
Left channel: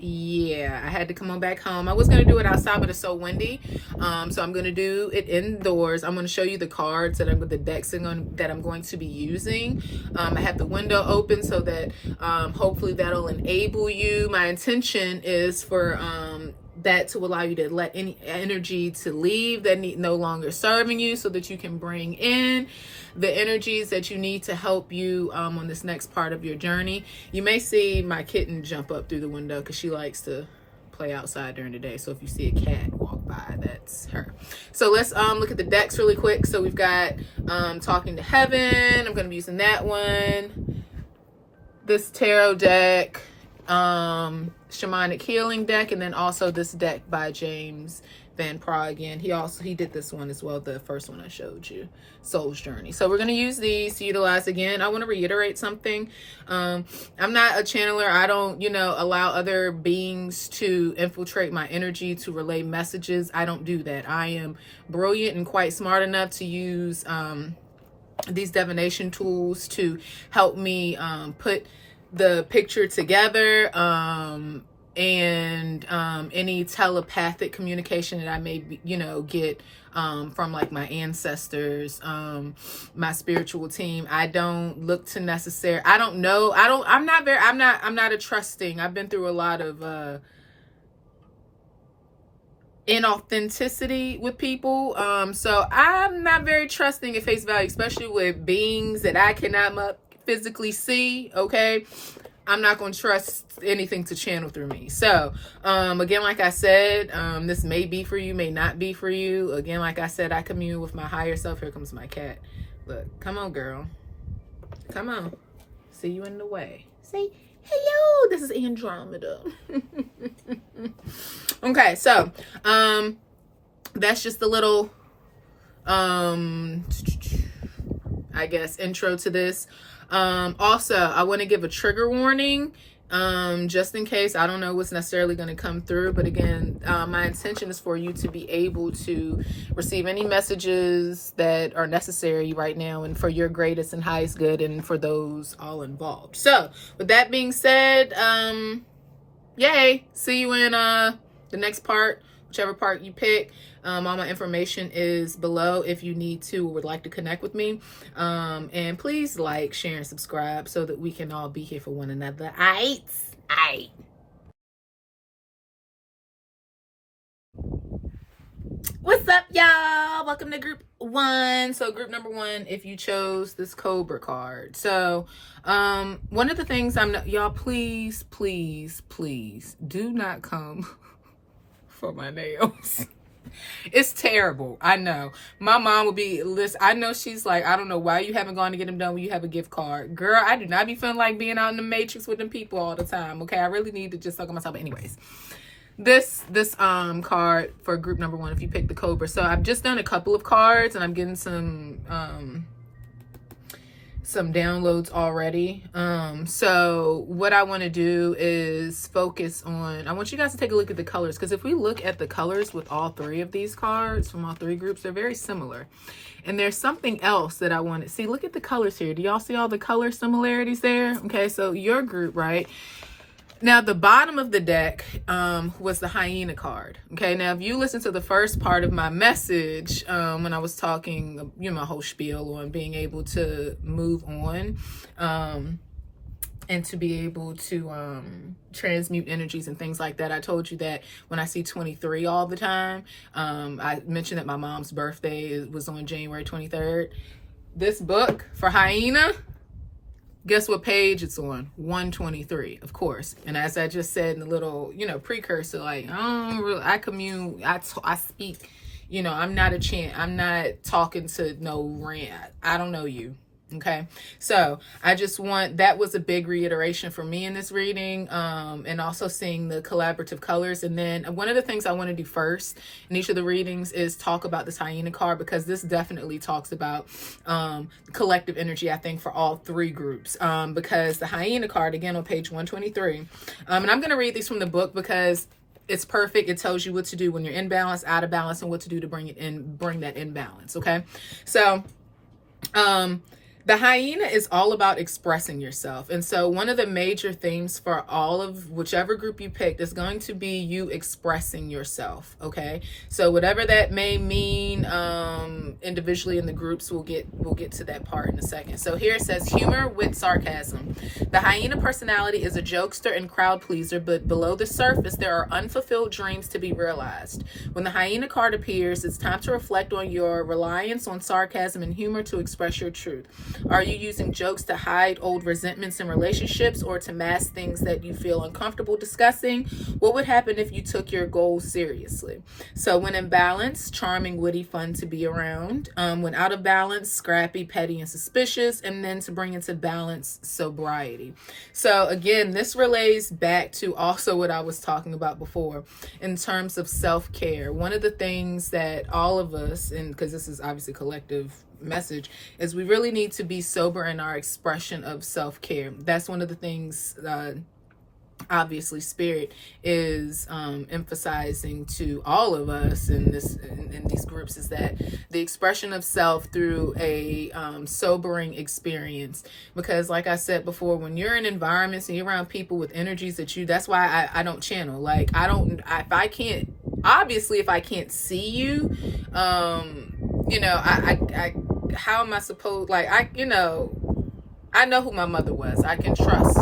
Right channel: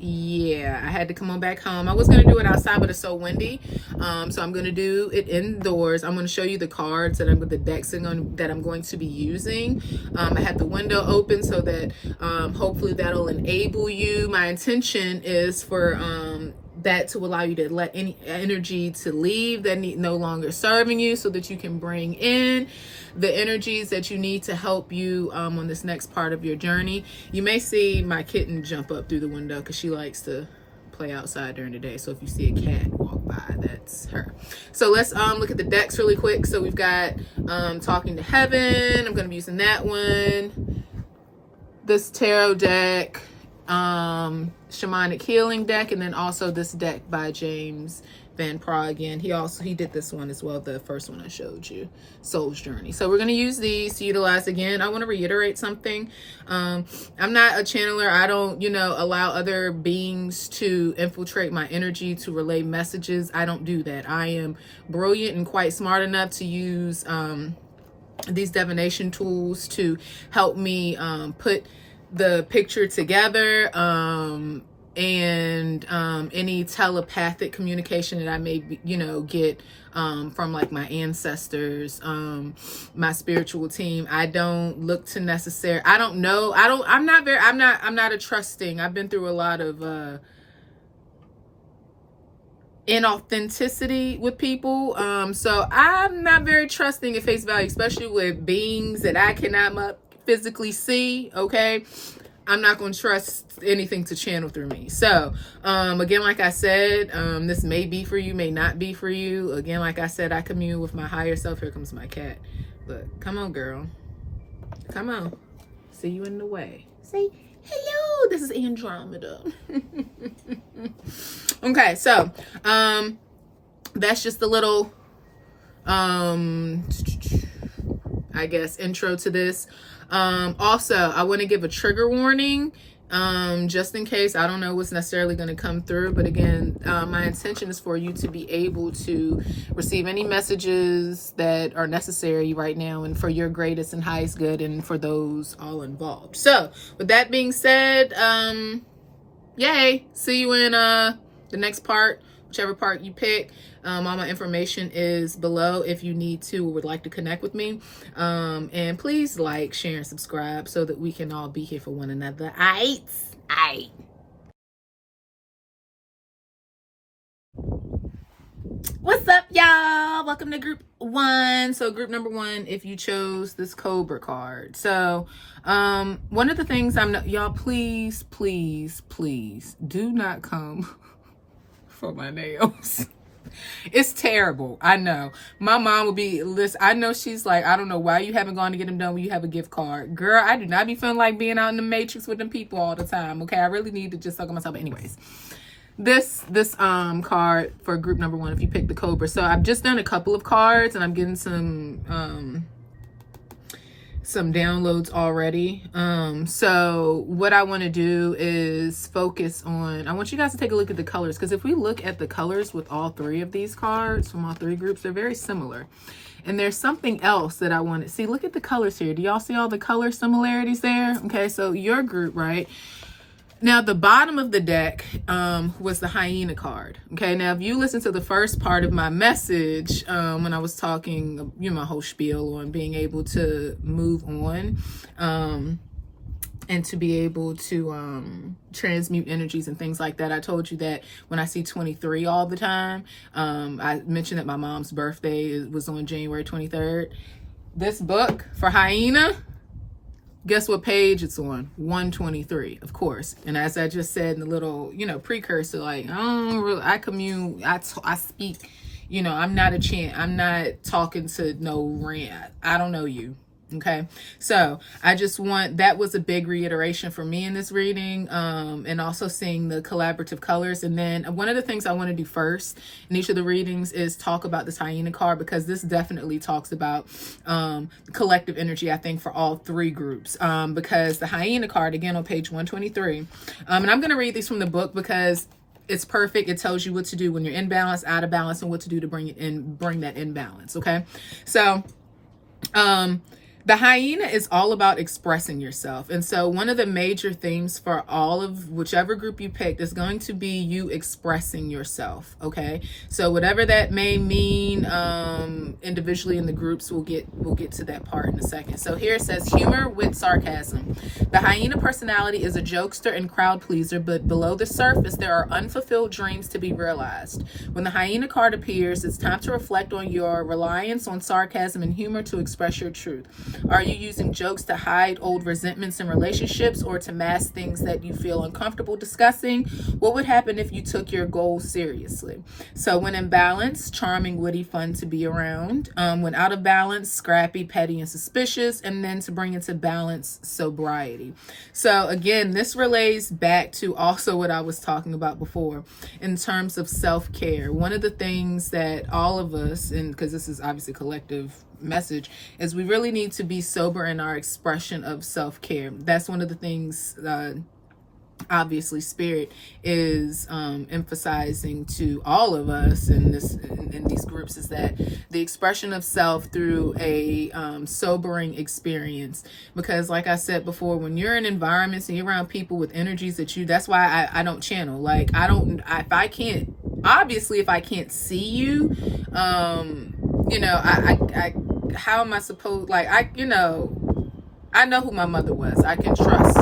yeah, I had to come on back home. I was going to do it outside, but it's so windy. So I'm going to do it indoors. I'm going to show you the cards the decks that I'm going to be using. I have the window open so that hopefully that'll enable you. My intention is for that to allow you to let any energy to leave that no longer serving you, so that you can bring in the energies that you need to help you on this next part of your journey. You may see my kitten jump up through the window because she likes to play outside during the day. So if you see a cat walk by, that's her. So let's look at the decks really quick. So we've got Talking to Heaven. I'm going to be using that one. This tarot deck, Shamanic Healing deck, and then also this deck by James Van Praagh again. He did this one as well, the first one I showed you, Soul's Journey. So we're going to use these to utilize. Again, I want to reiterate something. I'm not a channeler. I don't, allow other beings to infiltrate my energy to relay messages. I don't do that. I am brilliant and quite smart enough to use these divination tools to help me put the picture together, and any telepathic communication that I may get from like my ancestors, my spiritual team. I don't look to I'm not a trusting. I've been through a lot of inauthenticity with people, so I'm not very trusting at face value, especially with beings that I cannot physically see. Okay, I'm not going to trust anything to channel through me. So again, like I said, this may be for you, may not be for you. Again, like I said, I commune with my higher self. Here comes my cat. Look, come on, girl, come on. See you in the way. Say Hello, this is Andromeda. Okay, so that's just a little I guess intro to this. Also, I want to give a trigger warning, just in case. I don't know what's necessarily going to come through, but again, my intention is for you to be able to receive any messages that are necessary right now and for your greatest and highest good and for those all involved. So with that being said, yay, see you in the next part, whichever part you pick. All my information is below if you need to or would like to connect with me. And please like, share, and subscribe so that we can all be here for one another. Aight. What's up, y'all? Welcome to group 1. So group number 1, if you chose this Cobra card. So one of the things y'all, please do not come for my nails. It's terrible. I know. My mom would be, listen, I know she's like, I don't know why you haven't gone to get them done when you have a gift card. Girl, I do not be feeling like being out in the matrix with them people all the time. Okay, I really need to just suck on myself. But anyways, this card for group number 1, if you pick the Cobra. So I've just done a couple of cards and I'm getting some downloads already. So what I want to do is focus on, I want you guys to take a look at the colors, because if we look at the colors with all 3 of these cards from all 3 groups, they're very similar. And there's something else that I want to see. Look at the colors here. Do y'all see all the color similarities there? Okay, so your group, right? Now, the bottom of the deck was the hyena card. Okay, now if you listen to the first part of my message, when I was talking, my whole spiel on being able to move on and to be able to transmute energies and things like that, I told you that when I see 23 all the time, I mentioned that my mom's birthday was on January 23rd. This book for hyena, guess what page it's on? 123, of course. And as I just said in the little, precursor, like, I speak, I'm not talking to no rant. I don't know you. Okay, so that was a big reiteration for me in this reading, and also seeing the collaborative colors. And then one of the things I want to do first in each of the readings is talk about this hyena card, because this definitely talks about collective energy, I think, for all 3 groups, because the hyena card, again, on page 123, and I'm going to read these from the book because it's perfect. It tells you what to do when you're in balance, out of balance, and what to do to bring that in balance. Okay, so the hyena is all about expressing yourself. And so one of the major themes for all of whichever group you picked is going to be you expressing yourself. Okay, so whatever that may mean individually in the groups, we'll get to that part in a second. So here it says humor with sarcasm. The hyena personality is a jokester and crowd pleaser, but below the surface there are unfulfilled dreams to be realized. When the hyena card appears, it's time to reflect on your reliance on sarcasm and humor to express your truth. Are you using jokes to hide old resentments in relationships or to mask things that you feel uncomfortable discussing? What would happen if you took your goals seriously? So when in balance, charming, witty, fun to be around. When out of balance, scrappy, petty, and suspicious. And then to bring into balance, sobriety. So again, this relates back to also what I was talking about before in terms of self-care. One of the things that all of us, and because this is obviously collective message, is we really need to be sober in our expression of self-care. That's one of the things obviously Spirit is emphasizing to all of us in these groups, is that the expression of self through a sobering experience. Because like I said before, when you're in environments and you're around people with energies that's why I don't channel. Like if I can't see you, how am I supposed, I know who my mother was. I can trust,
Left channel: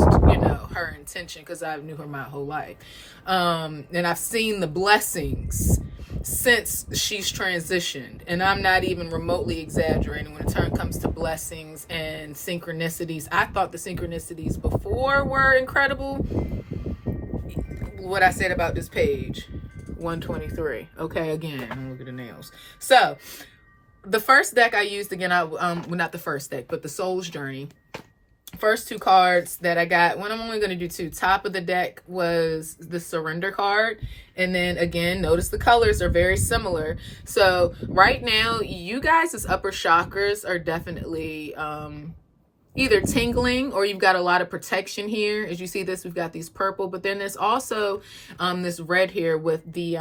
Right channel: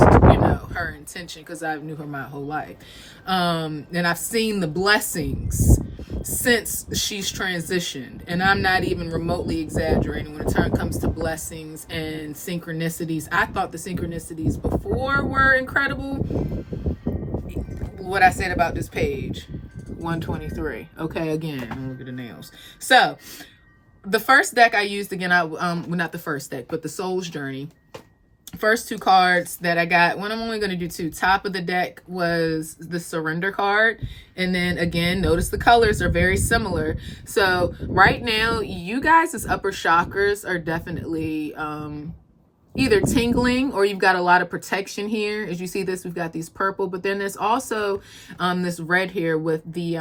her intention, because I knew her my whole life. And I've seen the blessings since she's transitioned. And I'm not even remotely exaggerating when it comes to blessings and synchronicities. I thought the synchronicities before were incredible. What I said about this page, 123. Okay, again, look at the nails. So the first deck I used, again, not the first deck, but the Soul's Journey. first two cards that I got, I'm only going to do two. Top of the deck was the surrender card. And then again, notice the colors are very similar. So right now, you guys' upper chakras are definitely either tingling, or you've got a lot of protection here. As you see this, we've got these purple, but then there's also this red here with the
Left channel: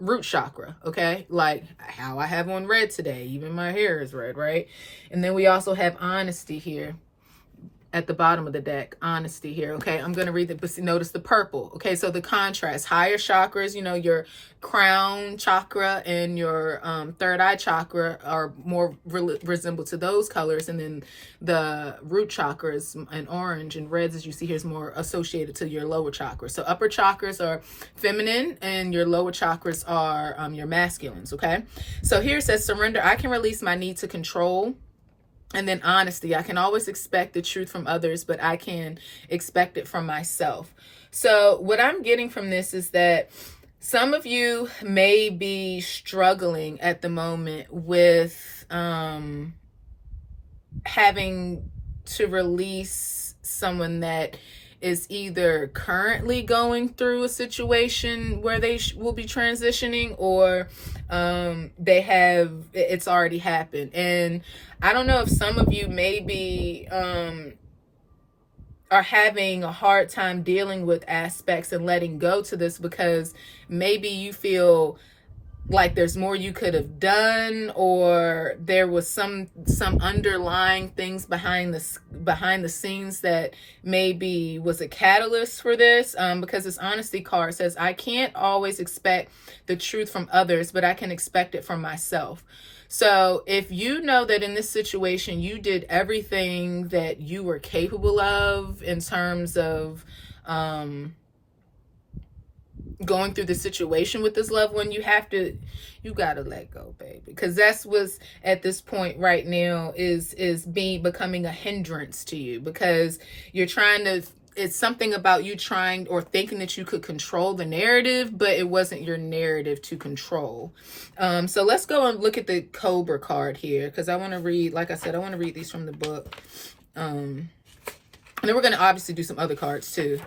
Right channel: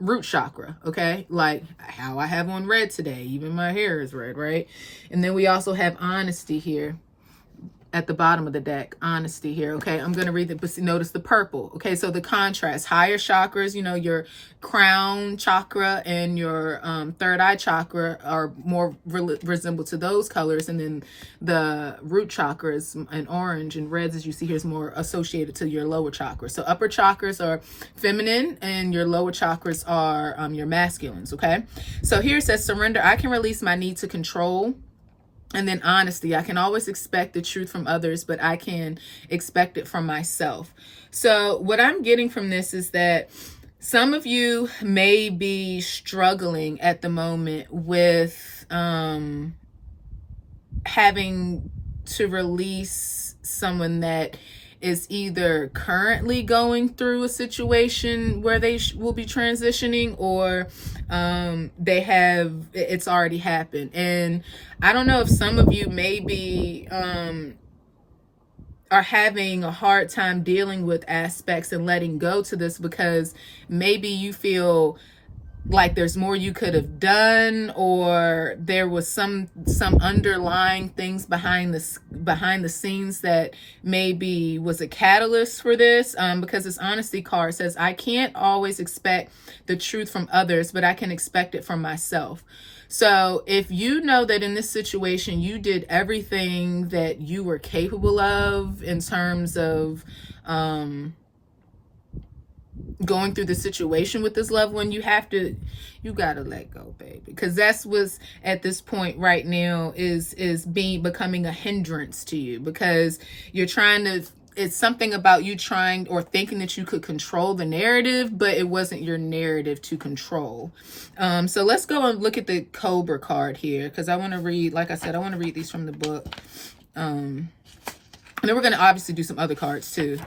root chakra, okay? Like how I have on red today. Even my hair is red, right? And then we also have honesty here at the bottom of the deck. Honesty here, okay? I'm going to read it, but notice the purple, okay? So the contrast, higher chakras, you know, your crown chakra and your third eye chakra are more resemble to those colors, and then the root chakra is in orange, and reds, as you see here, is more associated to your lower chakra. So upper chakras are feminine and your lower chakras are your masculines, okay? So here it says surrender. I can release my need to control. And then honesty, I can always expect the truth from others, but I can expect it from myself. So what I'm getting from this is that some of you may be struggling at the moment with having to release someone that is either currently going through a situation where they will be transitioning, or it's already happened. And I don't know if some of you maybe are having a hard time dealing with aspects and letting go to this, because maybe you feel like there's more you could have done, or there was some underlying things behind the scenes that maybe was a catalyst for this. Because this honesty card says, I can't always expect the truth from others, but I can expect it from myself. So if you know that in this situation you did everything that you were capable of in terms of going through the situation with this loved one, you gotta let go, baby, because that's what's at this point right now is becoming a hindrance to you, because you're trying to, it's something about you trying or thinking that you could control the narrative, but it wasn't your narrative to control. So let's go and look at the Cobra card here, because I want to read, like I said, I want to read these from the book. And then we're going to obviously do some other cards too.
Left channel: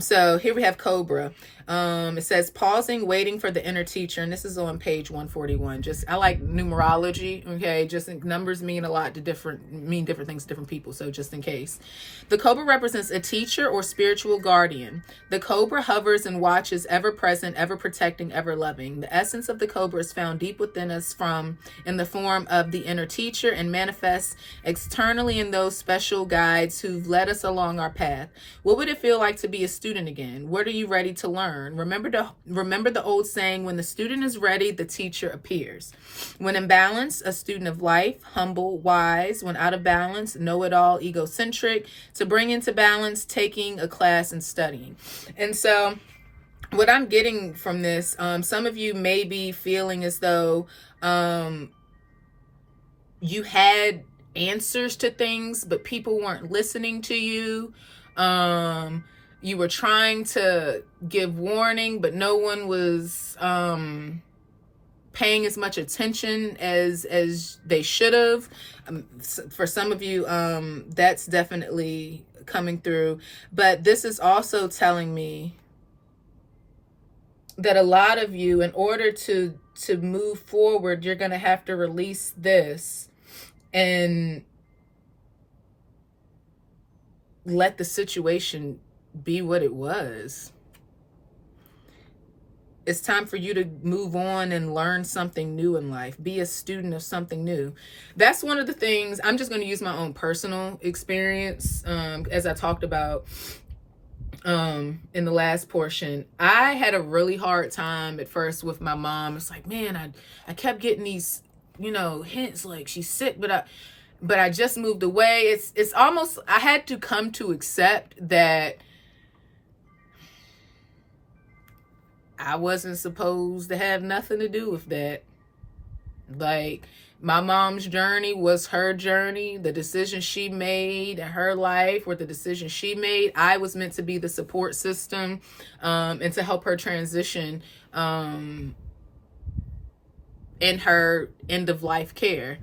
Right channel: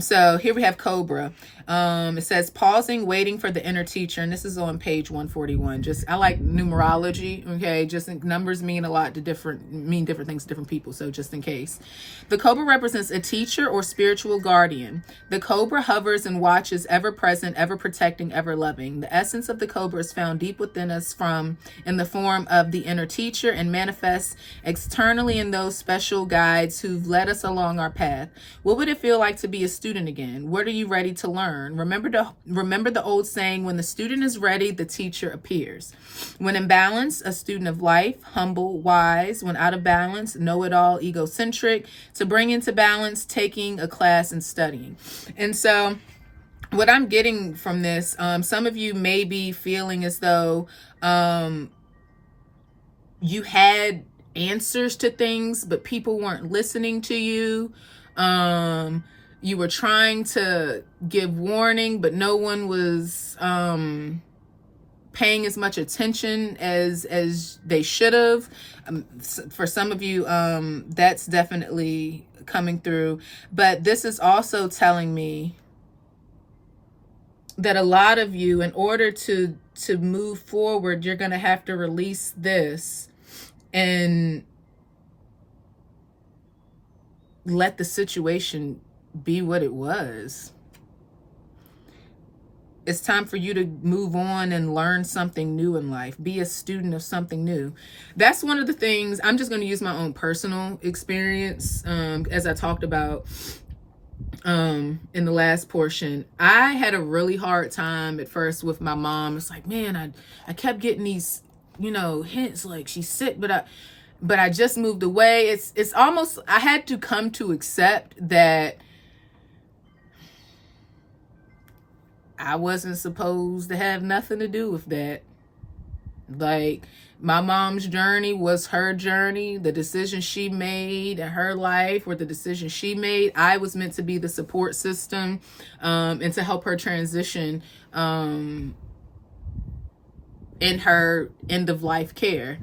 So here we have Cobra. It says pausing, waiting for the inner teacher. And this is on page 141. I like numerology. Okay. Just numbers mean a lot to different things to different people. So just in case. The Cobra represents a teacher or spiritual guardian. The Cobra hovers and watches, ever present, ever protecting, ever loving. The essence of the Cobra is found deep within us in the form of the inner teacher, and manifests externally in those special guides who've led us along our path. What would it feel like to be a student again? What are you ready to learn? Remember the old saying, when the student is ready, the teacher appears. When in balance, a student of life, humble, wise. When out of balance, know-it-all, egocentric. To bring into balance, taking a class and studying. And so what I'm getting from this, some of you may be feeling as though you had answers to things, but people weren't listening to you. You were trying to give warning, but no one was paying as much attention as they should have. For some of you, that's definitely coming through. But this is also telling me that a lot of you, in order to move forward, you're going to have to release this and let the situation be what it was. It's time for you to move on and learn something new in life. Be a student of something new. That's one of the things. I'm just going to use my own personal experience. As I talked about in the last portion, I had a really hard time at first with my mom. It's like, man, I kept getting these, hints like she's sick, but I just moved away. It's almost, I had to come to accept that I wasn't supposed to have nothing to do with that. Like, my mom's journey was her journey. The decisions she made in her life were the decisions she made. I was meant to be the support system and to help her transition in her end of life care.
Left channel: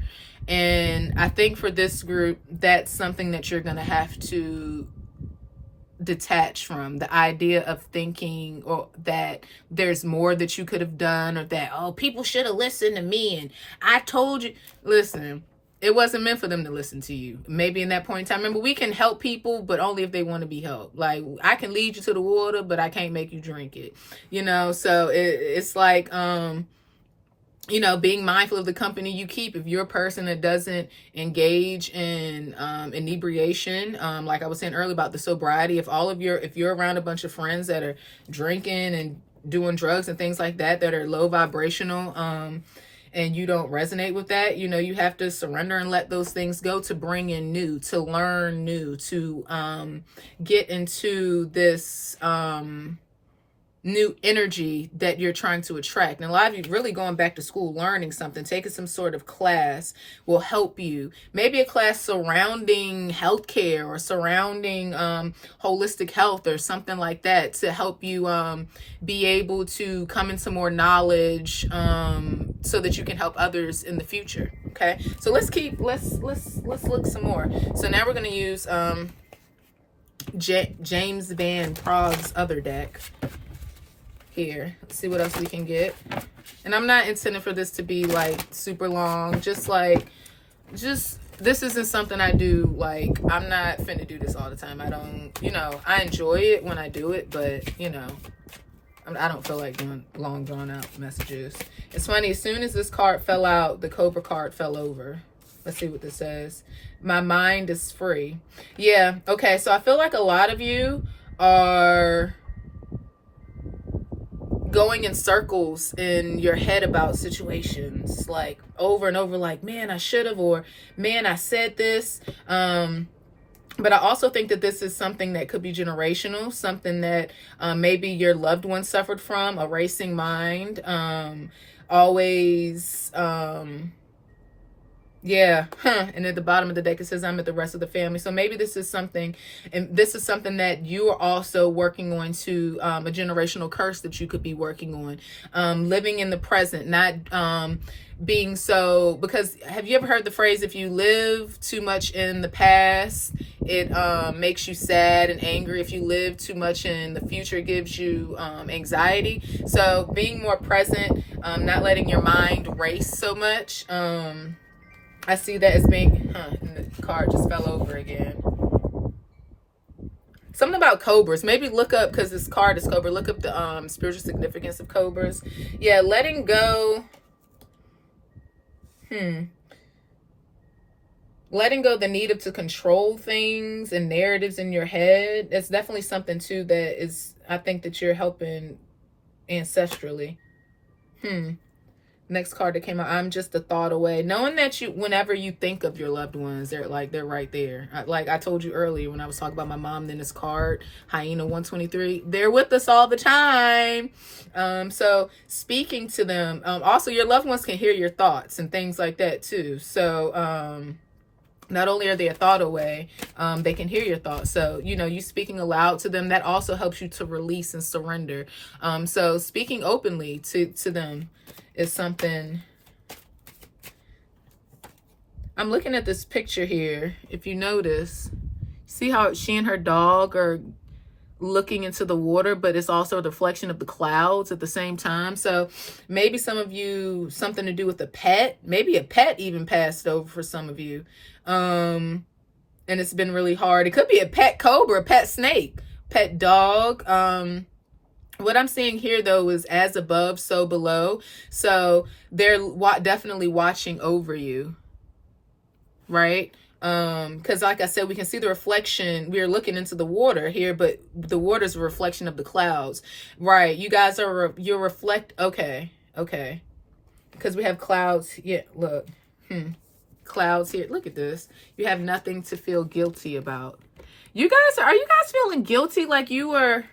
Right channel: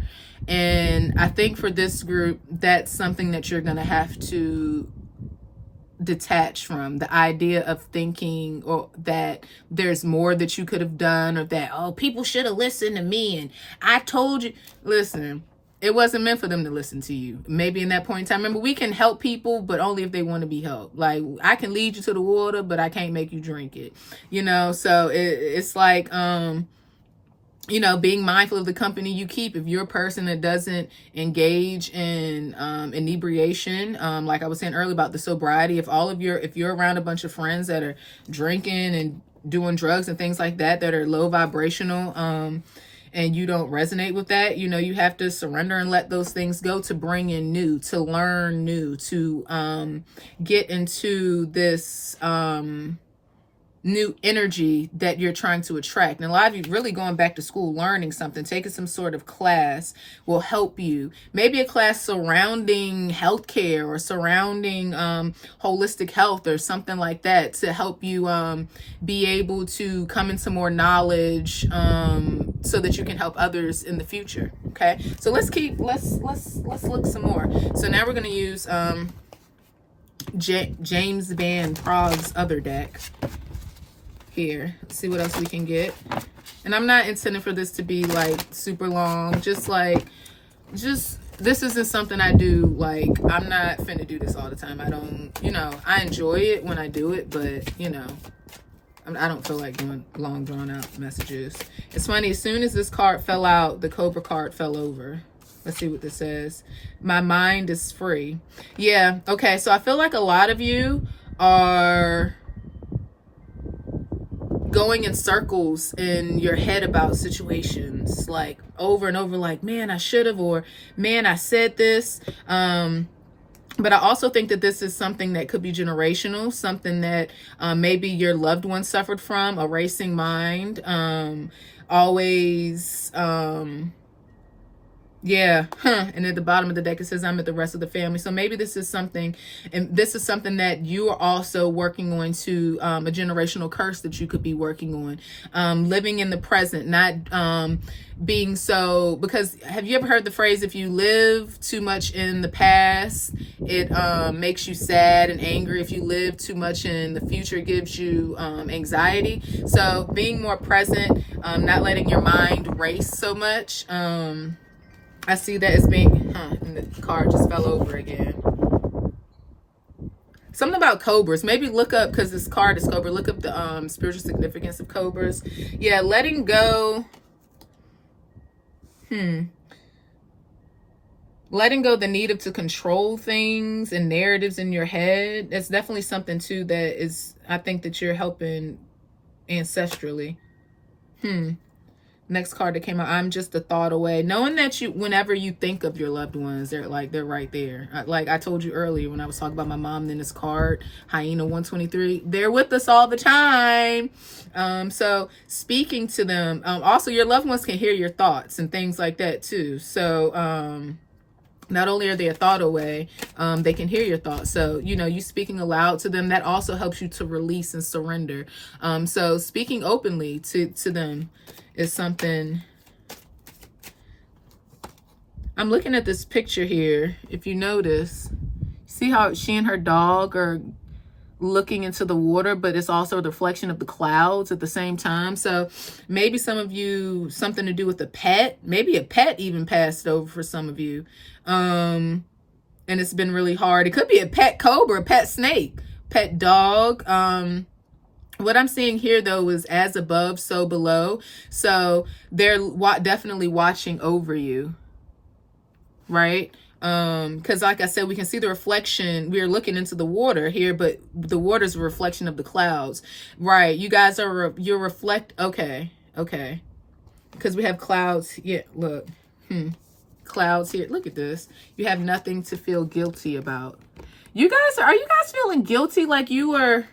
And I think for this group, that's something that you're going to have to detach from, the idea of thinking or that there's more that you could have done, or that, oh, people should have listened to me and I told you. Listen, it wasn't meant for them to listen to you. Maybe in that point in time, remember, we can help people, but only if they want to be helped. Like, I can lead you to the water, but I can't make you drink it, you know? So it's like, you know, being mindful of the company you keep. If you're a person that doesn't engage in inebriation, like I was saying earlier about the sobriety, if you're around a bunch of friends that are drinking and doing drugs and things like that are low vibrational, and you don't resonate with that, you know, you have to surrender and let those things go to bring in new, to learn new, to get into this new energy that you're trying to attract. And a lot of you really going back to school, learning something, taking some sort of class will help you. Maybe a class surrounding healthcare or surrounding holistic health or something like that, to help you be able to come into more knowledge, so that you can help others in the future. Okay, so let's look some more. So now we're going to use James Van Prague's other deck. Here, let's see what else we can get. And I'm not intending for this to be like super long, just this isn't something I do. Like, I'm not finna do this all the time. I don't, you know, I enjoy it when I do it, but you know, I don't feel like doing long drawn out messages. It's funny, as soon as this card fell out, the Cobra card fell over. Let's see what this says. My mind is free. Yeah, okay, so I feel like a lot of you are going in circles in your head about situations, like over and over, like, man, I should have, or man, I said this. But I also think that this is something that could be generational, something that maybe your loved one suffered from, a racing mind, always, yeah, and at the bottom of the deck it says, I'm at the rest of the family. So maybe this is something, and this is something that you are also working on, to a generational curse that you could be working on, living in the present, not being so, because have you ever heard the phrase, if you live too much in the past, it makes you sad and angry. If you live too much in the future, it gives you anxiety. So being more present, not letting your mind race so much. I see that as being, and the card just fell over again. Something about cobras. Maybe look up, because this card is cobra, look up the spiritual significance of cobras. Yeah, letting go. Letting go the need to control things and narratives in your head. That's definitely something too that is, I think that you're helping ancestrally. Next card that came out, I'm just a thought away. Knowing that you, whenever you think of your loved ones, they're right there. Like I told you earlier when I was talking about my mom, then this card, Hyena 123, they're with us all the time. So speaking to them, also your loved ones can hear your thoughts and things like that too. So, not only are they a thought away, they can hear your thoughts. So, you know, you speaking aloud to them, that also helps you to release and surrender. So speaking openly to them is something. I'm looking at this picture here. If you notice, see how she and her dog are looking into the water, but it's also a reflection of the clouds at the same time. So maybe some of you, something to do with a pet, maybe a pet even passed over for some of you. And it's been really hard. It could be a pet cobra, a pet snake, pet dog. What I'm seeing here, though, is as above, so below. So they're definitely watching over you, right? Because like I said, we can see the reflection. We're looking into the water here, but the water is a reflection of the clouds, right? You guys are, you're okay. Because we have clouds. Yeah, look. Clouds here. Look at this. You have nothing to feel guilty about. Are you guys feeling guilty like you were...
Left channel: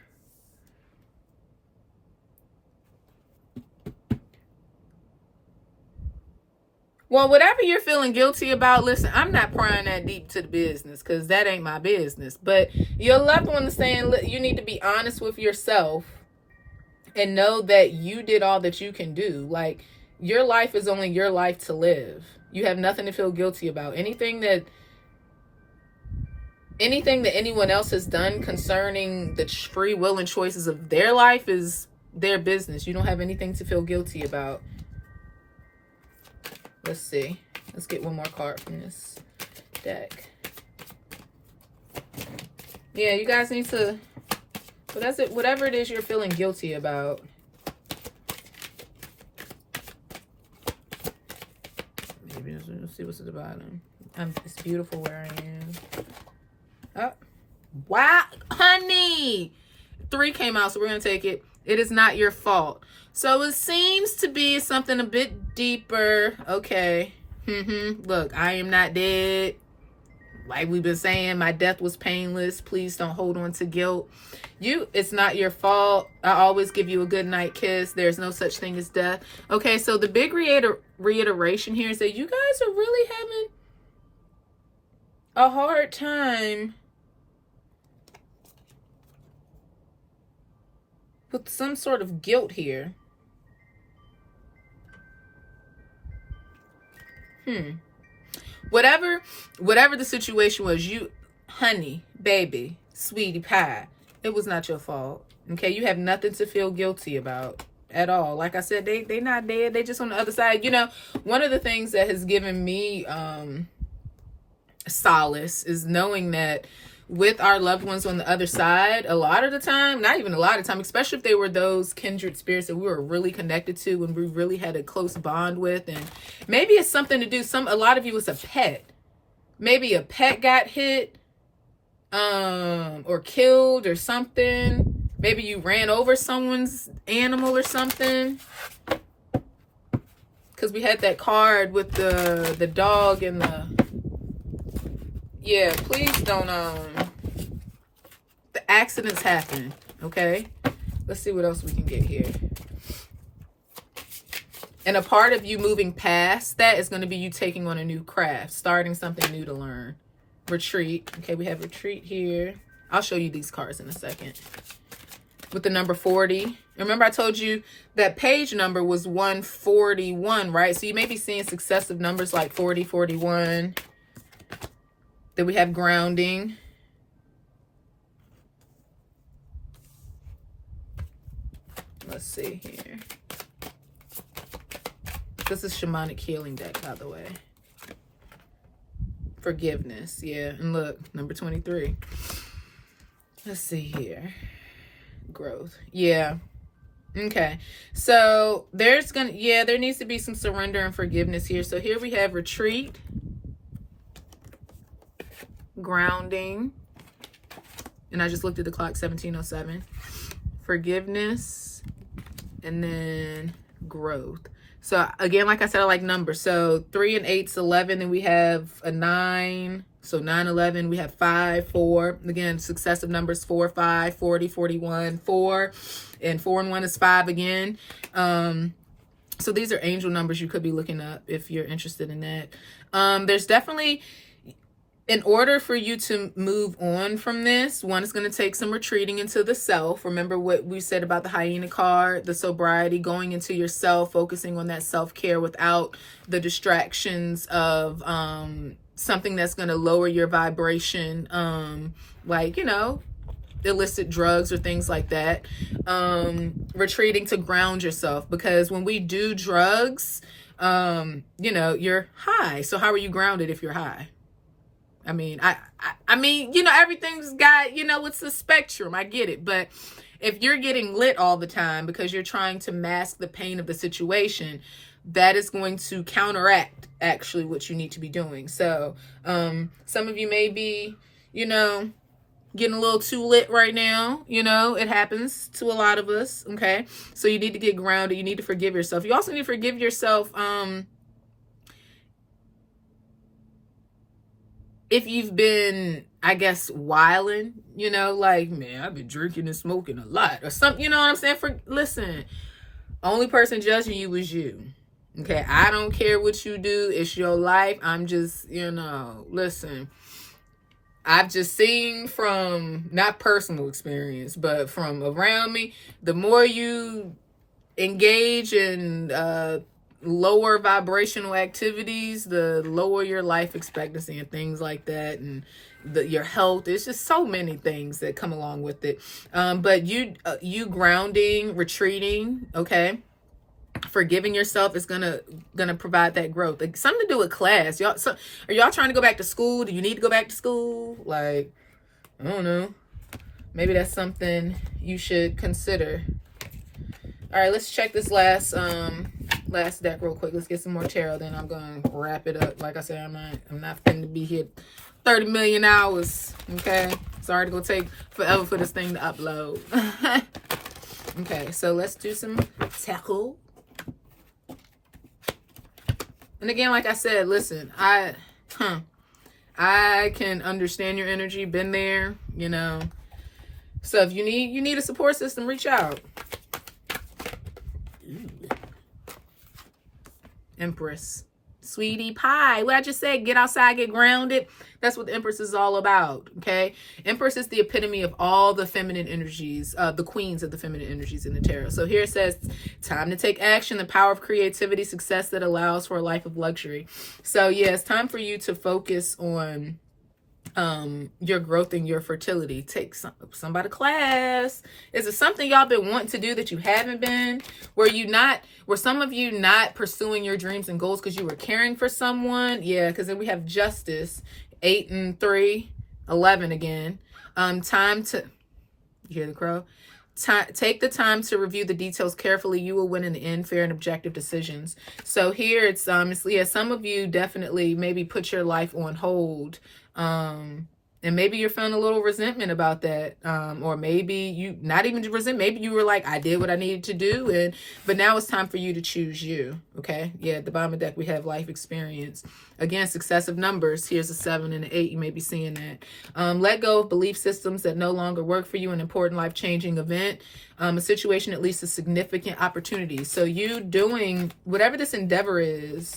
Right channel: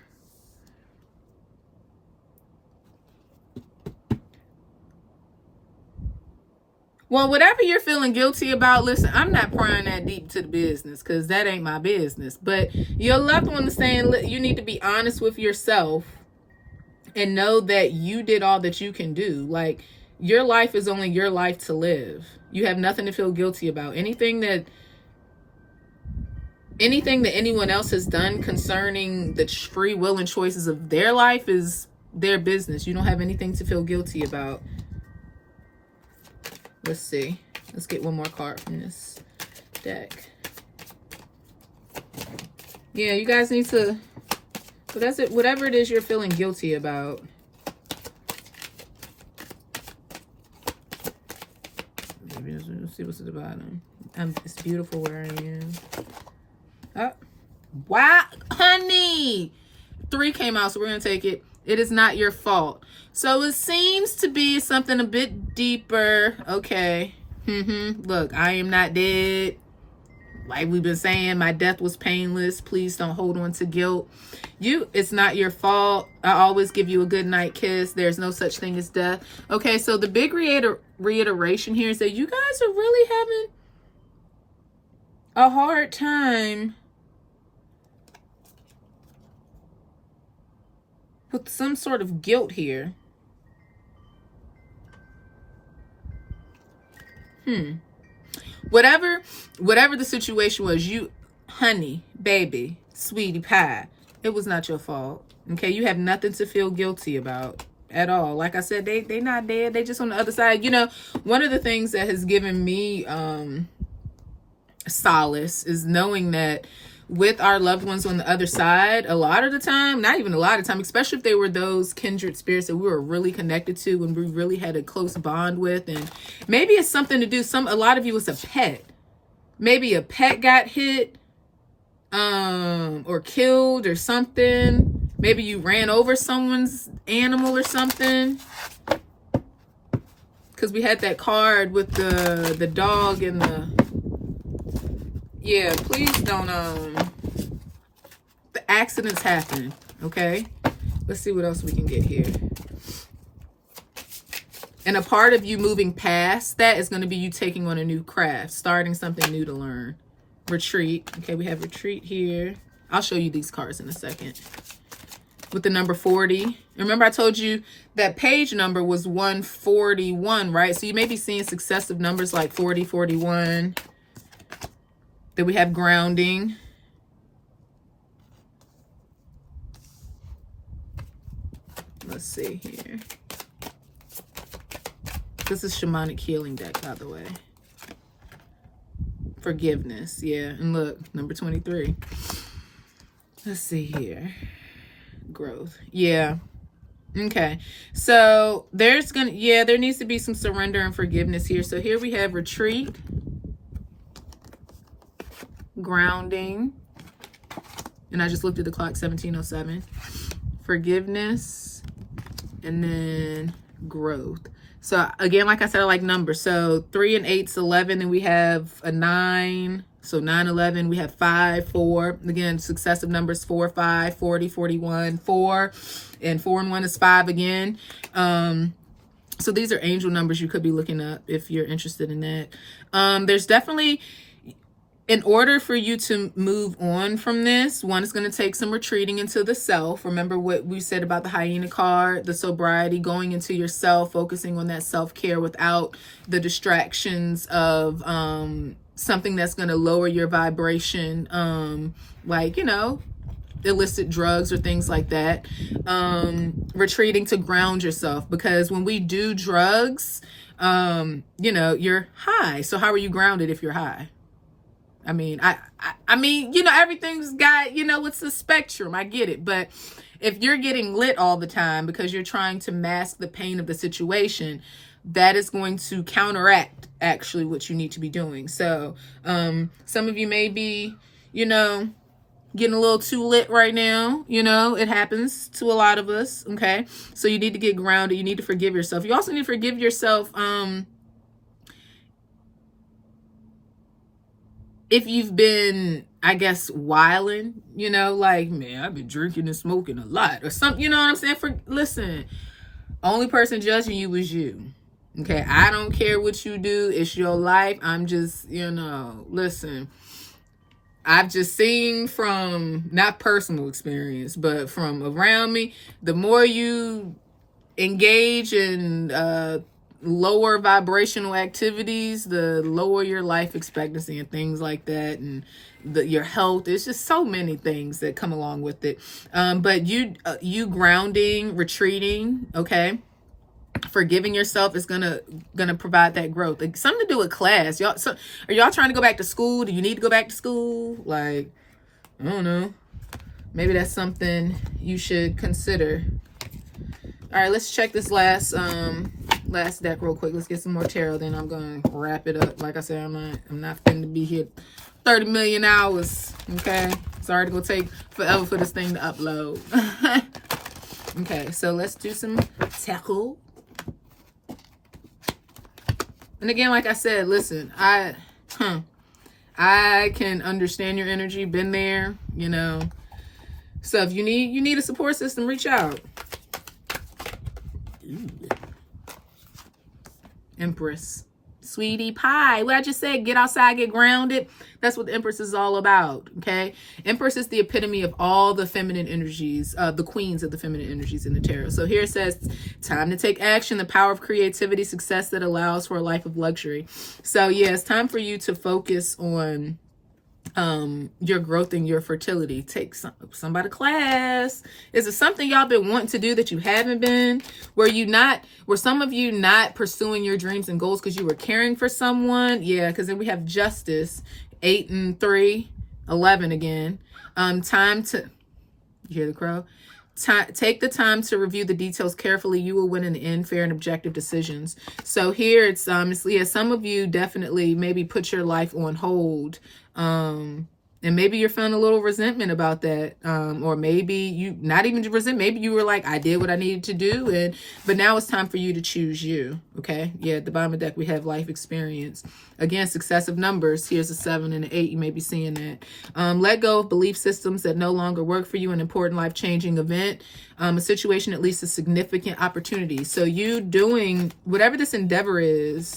Well, whatever you're feeling guilty about, listen, I'm not prying that deep to the business because that ain't my business. But your loved one is saying you need to be honest with yourself and know that you did all that you can do. Like, Your life is only your life to live. You have nothing to feel guilty about. Anything that anyone else has done concerning the free will and choices of their life is their business. You don't have anything to feel guilty about. Let's see. Let's get one more card from this deck. Yeah, you guys need to, whatever it is you're feeling guilty about. Maybe let's see what's at the bottom. It's beautiful where I am. Oh, wow, honey. 3 came out, so we're going to take it. It is not your fault. So it seems to be something a bit deeper. Okay. Look, I am not dead. Like we've been saying, my death was painless. Please don't hold on to guilt. It's not your fault. I always give you a good night kiss. There's no such thing as death. Okay, so the big reiteration here is that you guys are really having a hard time with some sort of guilt here. Whatever the situation was, you, honey, baby, sweetie pie, it was not your fault. Okay, you have nothing to feel guilty about at all. Like I said, they not dead. They just on the other side. You know, one of the things that has given me solace is knowing that with our loved ones on the other side, a lot of the time, not even a lot of time, especially if they were those kindred spirits that we were really connected to and we really had a close bond with, and maybe it's something to do, a lot of you, it's a pet. Maybe a pet got hit or killed or something. Maybe you ran over someone's animal or something. Because we had that card with the dog and the... Yeah, please don't, the accidents happen, okay? Let's see what else we can get here. And a part of you moving past that is going to be you taking on a new craft, starting something new to learn. Retreat. Okay, we have retreat here. I'll show you these cards in a second. With the number 40. Remember I told you that page number was 141, right? So you may be seeing successive numbers like 40, 41. Then we have grounding. Let's see here. This is shamanic healing deck, by the way. Forgiveness, yeah. And look, number 23. Let's see here. Growth, yeah. Okay, so there needs to be some surrender and forgiveness here. So here we have retreat, grounding, and I just looked at the clock, 17:07. Forgiveness, and then growth. So again, like I said, I like numbers. So 3 and 8's 11, and we have a 9. So 9, 11, we have 5, 4. Again, successive numbers, 4, 5, 40, 41, 4. And 4 and 1 is 5 again. So these are angel numbers you could be looking up if you're interested in that. There's definitely, in order for you to move on from this, one is going to take some retreating into the self. Remember what we said about the hyena card, the sobriety, going into yourself, focusing on that self-care without the distractions of something that's going to lower your vibration, like, you know, illicit drugs or things like that. Retreating to ground yourself, because when we do drugs, you know, you're high. So how are you grounded if you're high? I mean, I mean, you know, everything's got, you know, it's a spectrum. I get it. But if you're getting lit all the time because you're trying to mask the pain of the situation, that is going to counteract actually what you need to be doing. So some of you may be, you know, getting a little too lit right now. You know, it happens to a lot of us. Okay. So you need to get grounded. You need to forgive yourself. You also need to forgive yourself. If you've been, I guess, wilding, you know, like, man, I've been drinking and smoking a lot or something, you know what I'm saying? Listen, only person judging you is you. Okay, I don't care what you do. It's your life. I'm just, you know, listen, I've just seen from, not personal experience, but from around me, the more you engage in lower vibrational activities, the lower your life expectancy and things like that, and your health. There's just so many things that come along with it. But you grounding, retreating, okay, forgiving yourself is gonna provide that growth. Like, something to do with class. Y'all, so are y'all trying to go back to school? Do you need to go back to school? Like, I don't know. Maybe that's something you should consider. All right, let's check this last deck real quick. Let's get some more tarot, then I'm gonna wrap it up. Like I said, I'm not finna to be here 30 million hours. Okay, sorry to go take forever for this thing to upload. Okay, so let's do some tackle. And again, like I said, listen, I can understand your energy, been there, you know. So if you need a support system, reach out. Ooh. Empress. Sweetie pie. What I just said, get outside, get grounded. That's what the Empress is all about, okay? Empress is the epitome of all the feminine energies, the queens of the feminine energies in the tarot. So here it says, time to take action, the power of creativity, success that allows for a life of luxury. So yeah, it's time for you to focus on your growth and your fertility. Take somebody class. Is it something y'all been wanting to do that you haven't been? Were some of you not pursuing your dreams and goals because you were caring for someone? Yeah, because then we have Justice, 8 and 3, 11 again. Time to, you hear the crow? Take the time to review the details carefully. You will win in the end, fair and objective decisions. So here it's yeah, some of you definitely maybe put your life on hold. And maybe you're feeling a little resentment about that. Or maybe you not even resent. Maybe you were like, I did what I needed to do. But now it's time for you to choose you. Okay. Yeah. At the bottom of the deck, we have life experience. Again, successive numbers. Here's a 7 and an 8. You may be seeing that. Let go of belief systems that no longer work for you. An important life-changing event. A situation that leads to significant opportunities. So you doing whatever this endeavor is.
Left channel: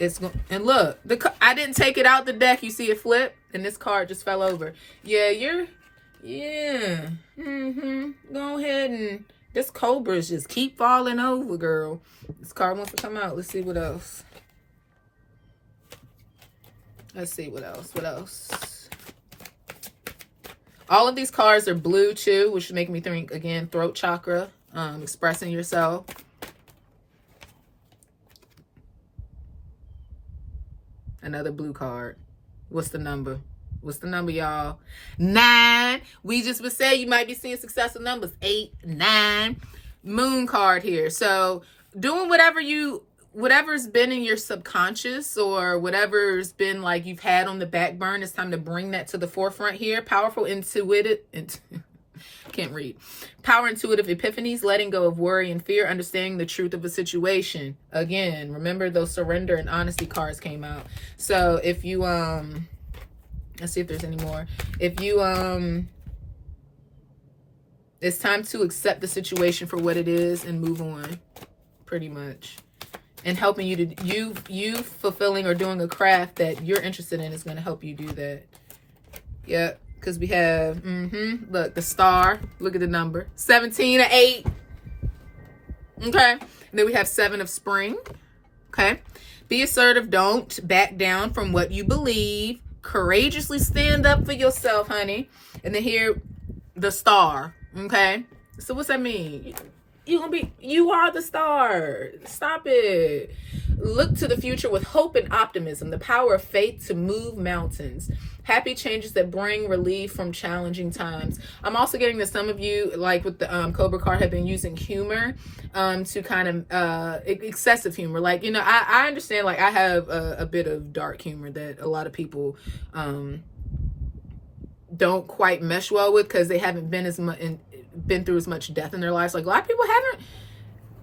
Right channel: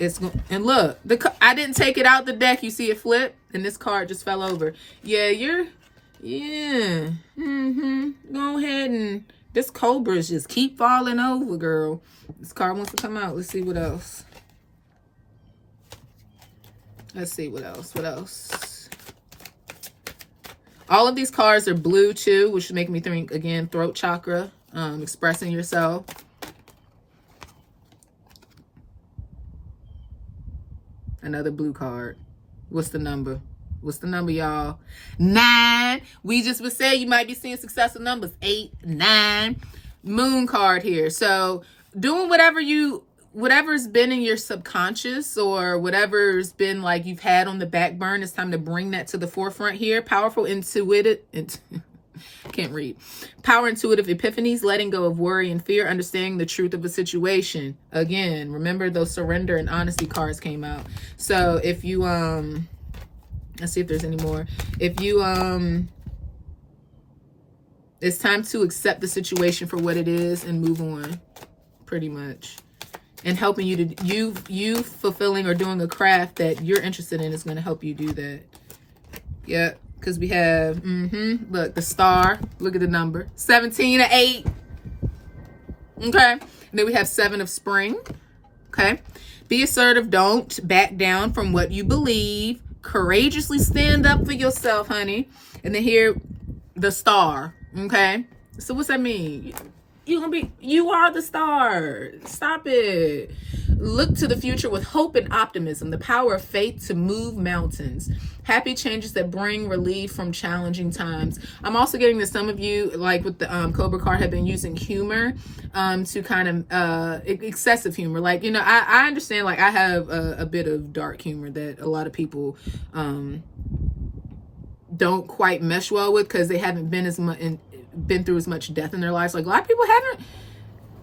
And look, I didn't take it out the deck. You see it flip, and this card just fell over. Yeah, go ahead, and this Cobra's just keep falling over, girl. This card wants to come out. Let's see what else. What else? All of these cards are blue too, which is making me think, again, throat chakra, expressing yourself. Another blue card. What's the number? Y'all? 9. We just would say you might be seeing successive numbers. 8, 9. Moon card here. So doing whatever's been in your subconscious, or whatever's been like you've had on the back burner, it's time to bring that to the forefront here. Powerful, intuitive. Can't read. Power, intuitive epiphanies, letting go of worry and fear, understanding the truth of a situation. Again, remember those surrender and honesty cards came out. So if you let's see if there's any more. If you it's time to accept the situation for what it is and move on, pretty much. And helping you to you fulfilling or doing a craft that you're interested in is going to help you do that. Yeah. Because we have, look, the star. Look at the number. 17 or 8. Okay. And then we have 7 of spring. Okay. Be assertive. Don't back down from what you believe. Courageously stand up for yourself, honey. And then here, the star. Okay. So what's that mean? You are the star. Stop it. Look to the future with hope and optimism, the power of faith to move mountains. Happy changes that bring relief from challenging times. I'm also getting that some of you, like with the Cobra card, have been using humor to kind of excessive humor. Like, I understand, like, I have a bit of dark humor that a lot of people don't quite mesh well with, because they haven't been through as much death in their lives. Like, a lot of people haven't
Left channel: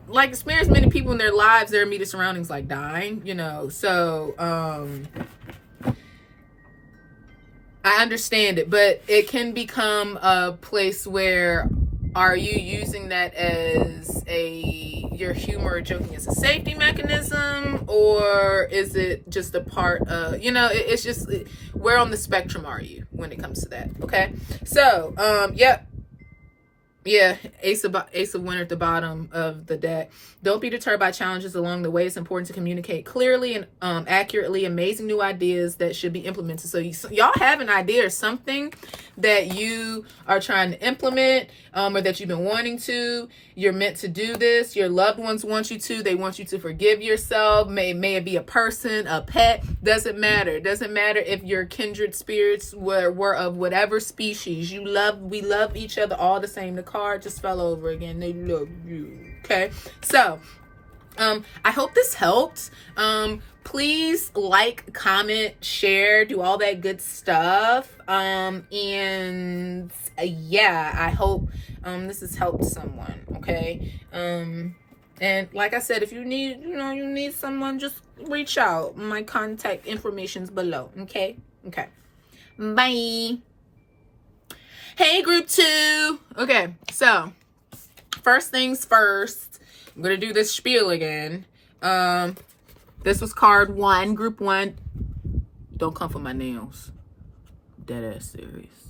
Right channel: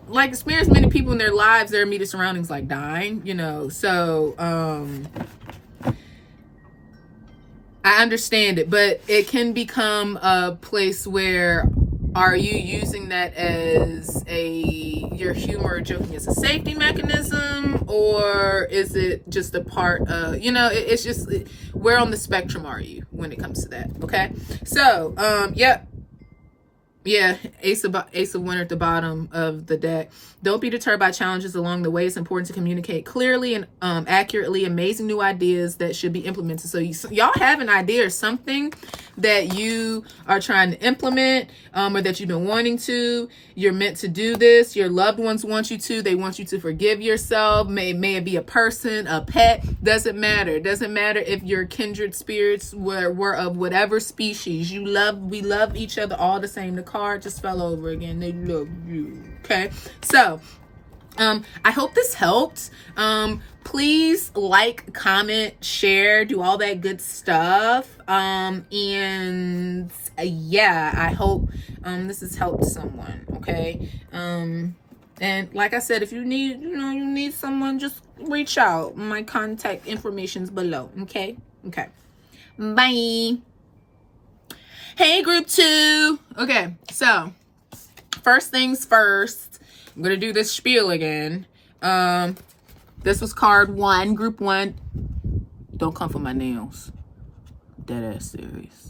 like experienced many people in their lives, their immediate surroundings, like dying, so I understand it, but it can become a place where, are you using that as your humor or joking as a safety mechanism, or is it just a part of, it's just, where on the spectrum are you when it comes to that? Okay. So, yep. Yeah, Ace of Winter at the bottom of the deck. Don't be deterred by challenges along the way. It's important to communicate clearly and accurately. Amazing new ideas that should be implemented. So y'all have an idea or something that you are trying to implement, or that you've been wanting to. You're meant to do this. Your loved ones want you to. They want you to forgive yourself. May it be a person, a pet. Doesn't matter. It doesn't matter if your kindred spirits were of whatever species. We love each other all the same. The card just fell over again. They love you. Okay. So, I hope this helped. Please like, comment, share, do all that good stuff. And yeah, I hope this has helped someone. Okay. And like I said, if you need someone, just reach out. My contact information's below. Okay. Bye. Hey, group 2. Okay, so first things first, I'm gonna do this spiel again. This was card 1, group 1. Don't come for my nails. Dead ass serious.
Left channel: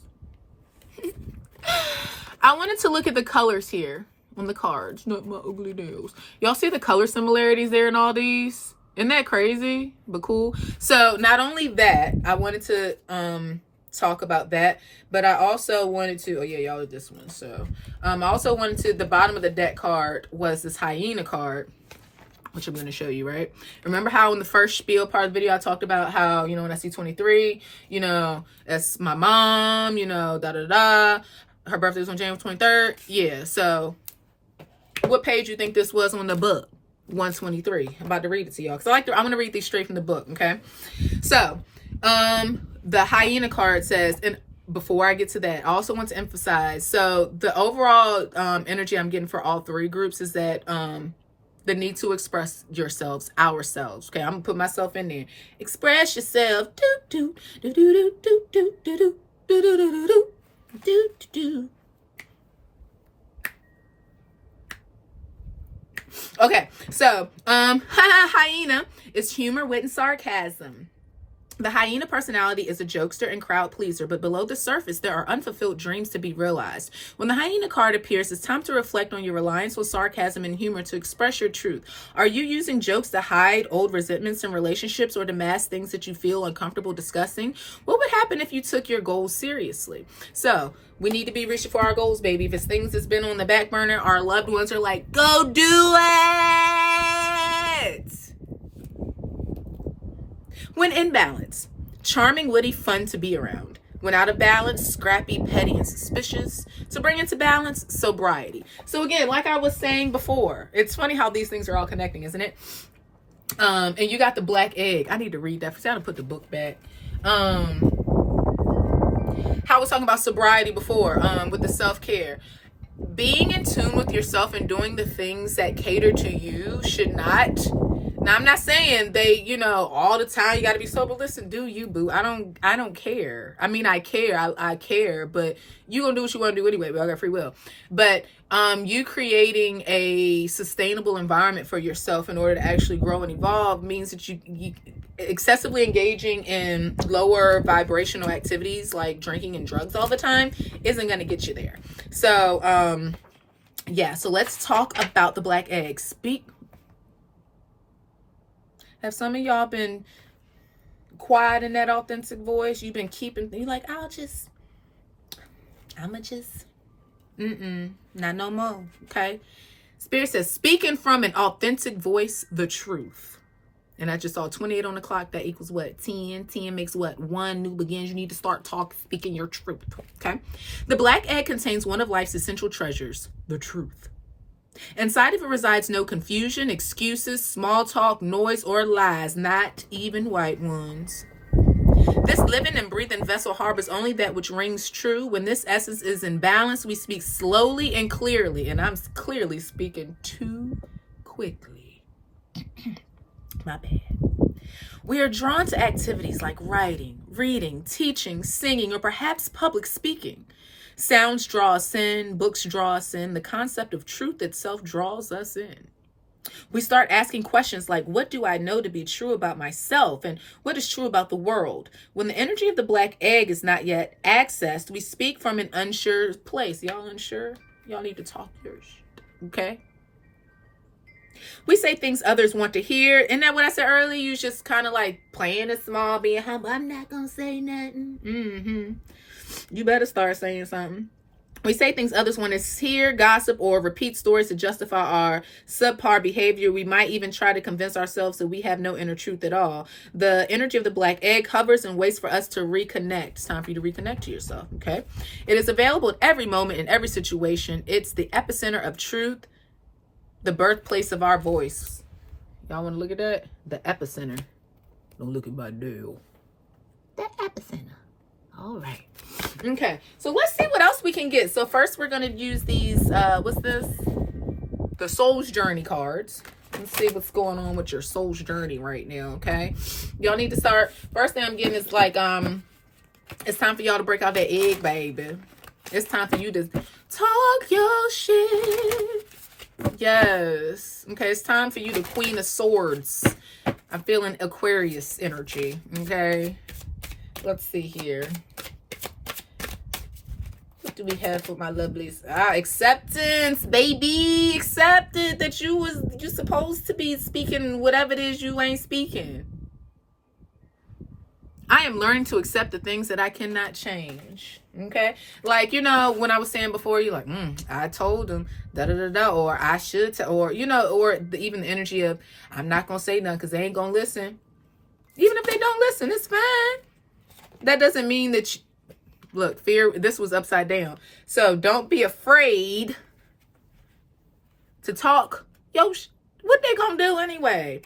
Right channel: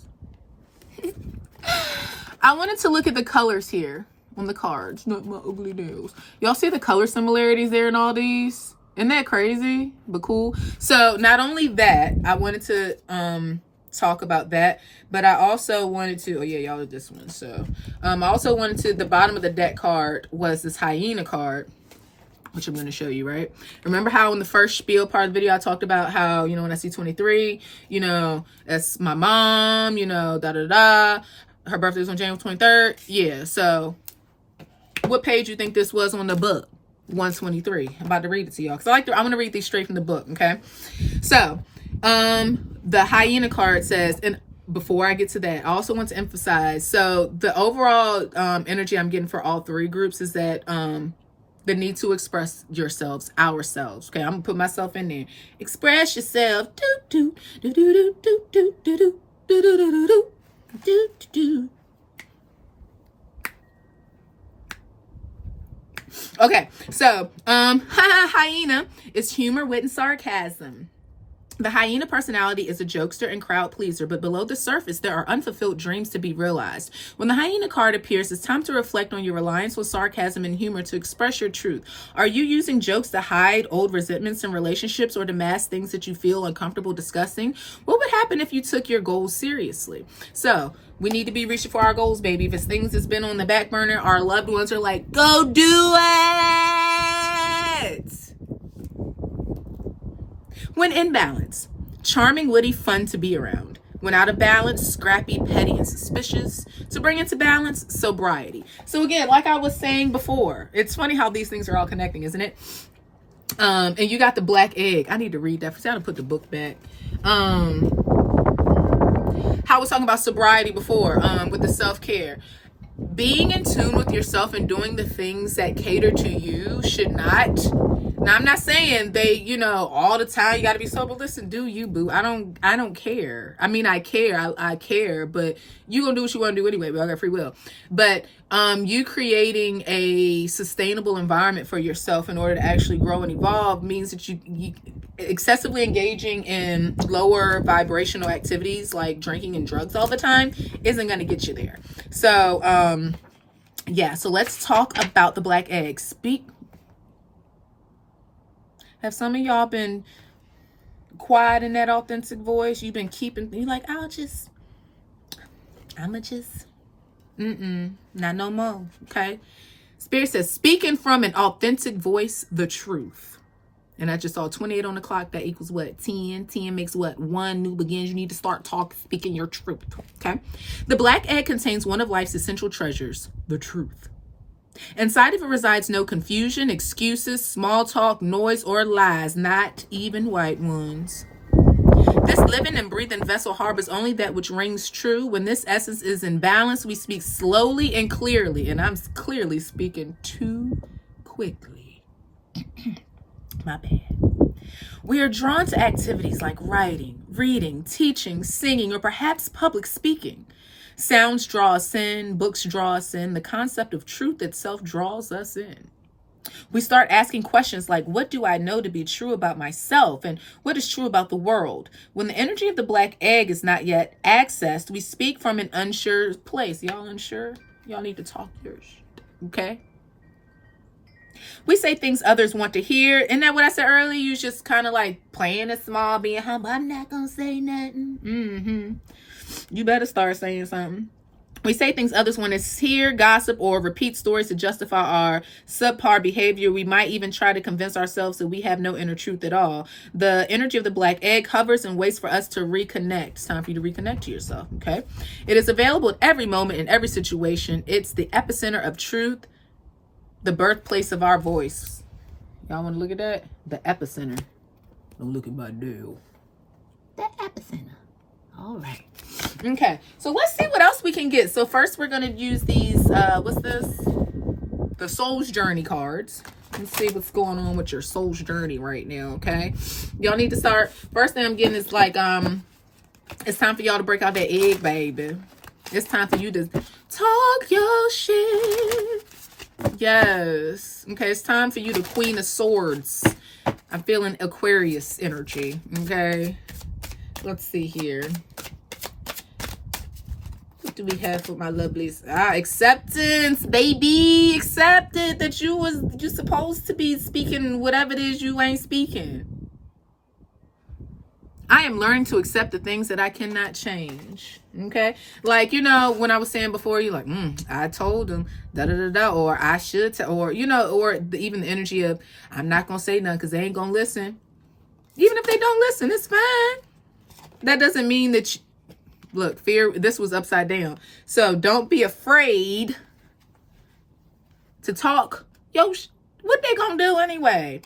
I wanted to look at the colors here on the cards, not my ugly nails. Y'all see the color similarities there in all these? Isn't that crazy? But cool. So not only that, I wanted to talk about that, but I also wanted to, oh yeah, y'all did this one. So I also wanted to, the bottom of the deck card was this hyena card, which I'm going to show you, right? Remember how in the first spiel part of the video I talked about how, when I see 23, that's my mom, her birthday was on January 23rd. Yeah, so what page you think this was on the book? 123. I'm about to read it to y'all because I'm going to read these straight from the book, okay? So the hyena card says, and before I get to that, I also want to emphasize, so the overall energy I'm getting for all 3 groups is that the need to express yourselves, ourselves. Okay, I'm gonna put myself in there. Express yourself. Do do do do do do do do do do do do do do. Okay, so hyena is humor, wit, and sarcasm. The hyena personality is a jokester and crowd pleaser, but below the surface, there are unfulfilled dreams to be realized. When the hyena card appears, it's time to reflect on your reliance on sarcasm and humor to express your truth. Are you using jokes to hide old resentments in relationships or to mask things that you feel uncomfortable discussing? What would happen if you took your goals seriously? So, we need to be reaching for our goals, baby. If it's things that's been on the back burner, our loved ones are like, go do it! When in balance, charming, witty, fun to be around. When out of balance, scrappy, petty, and suspicious. To bring into balance, sobriety. So again, like I was saying before, it's funny how these things are all connecting, isn't it? And you got the black egg. I need to read that. I gotta put the book back. How I was talking about sobriety before, with the self-care. Being in tune with yourself and doing the things that cater to you should not. Now, I'm not saying they, all the time you got to be sober. Listen, do you, boo. I don't care. I mean, I care. I care, but you gonna do what you want to do anyway. We all got free will. But you creating a sustainable environment for yourself in order to actually grow and evolve means that you excessively engaging in lower vibrational activities like drinking and drugs all the time isn't going to get you there. So, yeah. So let's talk about the black egg. Have some of y'all been quiet in that authentic voice? You've been keeping, you like, I'ma just, not no more, okay? Spirit says, speaking from an authentic voice, the truth. And I just saw 28 on the clock. That equals what? 10. 10 makes what? 1 new begins. You need to start speaking your truth, okay? The black egg contains one of life's essential treasures, the truth. Inside of it resides no confusion, excuses, small talk, noise, or lies, not even white ones. This living and breathing vessel harbors only that which rings true. When this essence is in balance, we speak slowly and clearly. And I'm clearly speaking too quickly. My bad. We are drawn to activities like writing, reading, teaching, singing, or perhaps public speaking. Sounds draw us in, books draw us in, the concept of truth itself draws us in. We start asking questions like, what do I know to be true about myself and what is true about the world? When the energy of the black egg is not yet accessed, we speak from an unsure place. Y'all unsure? Y'all need to talk your shit, okay? We say things others want to hear. Isn't that what I said earlier? You just kind of like playing it small, being humble. I'm not going to say nothing. You better start saying something. We say things others want to hear, gossip, or repeat stories to justify our subpar behavior. We might even try to convince ourselves that we have no inner truth at all. The energy of the black egg hovers and waits for us to reconnect. It's time for you to reconnect to yourself, okay? It is available at every moment, in every situation. It's the epicenter of truth, the birthplace of our voice. Y'all want to look at that? The epicenter. Don't look at my deal. The epicenter. All right. Okay. So let's see what else we can get. So first we're going to use these, what's this? The Soul's Journey cards. Let's see what's going on with your soul's journey right now, okay? Y'all need to start. First thing I'm getting is like, it's time for y'all to break out that egg, baby. It's time for you to talk your shit. Yes. Okay, it's time for you to Queen of Swords. I'm feeling Aquarius energy, okay? Let's see here. What do we have for my lovelies? Acceptance, baby. Accepted that you supposed to be speaking whatever it is you ain't speaking. I am learning to accept the things that I cannot change. Okay? Like, you know, when I was saying before, you're like, I told him, da-da-da-da, or I should, or, you know, or even the energy of, I'm not going to say nothing because they ain't going to listen. Even if they don't listen, it's fine. That doesn't mean that, look, fear, this was upside down. So don't be afraid to talk. Yo, what they going to do anyway?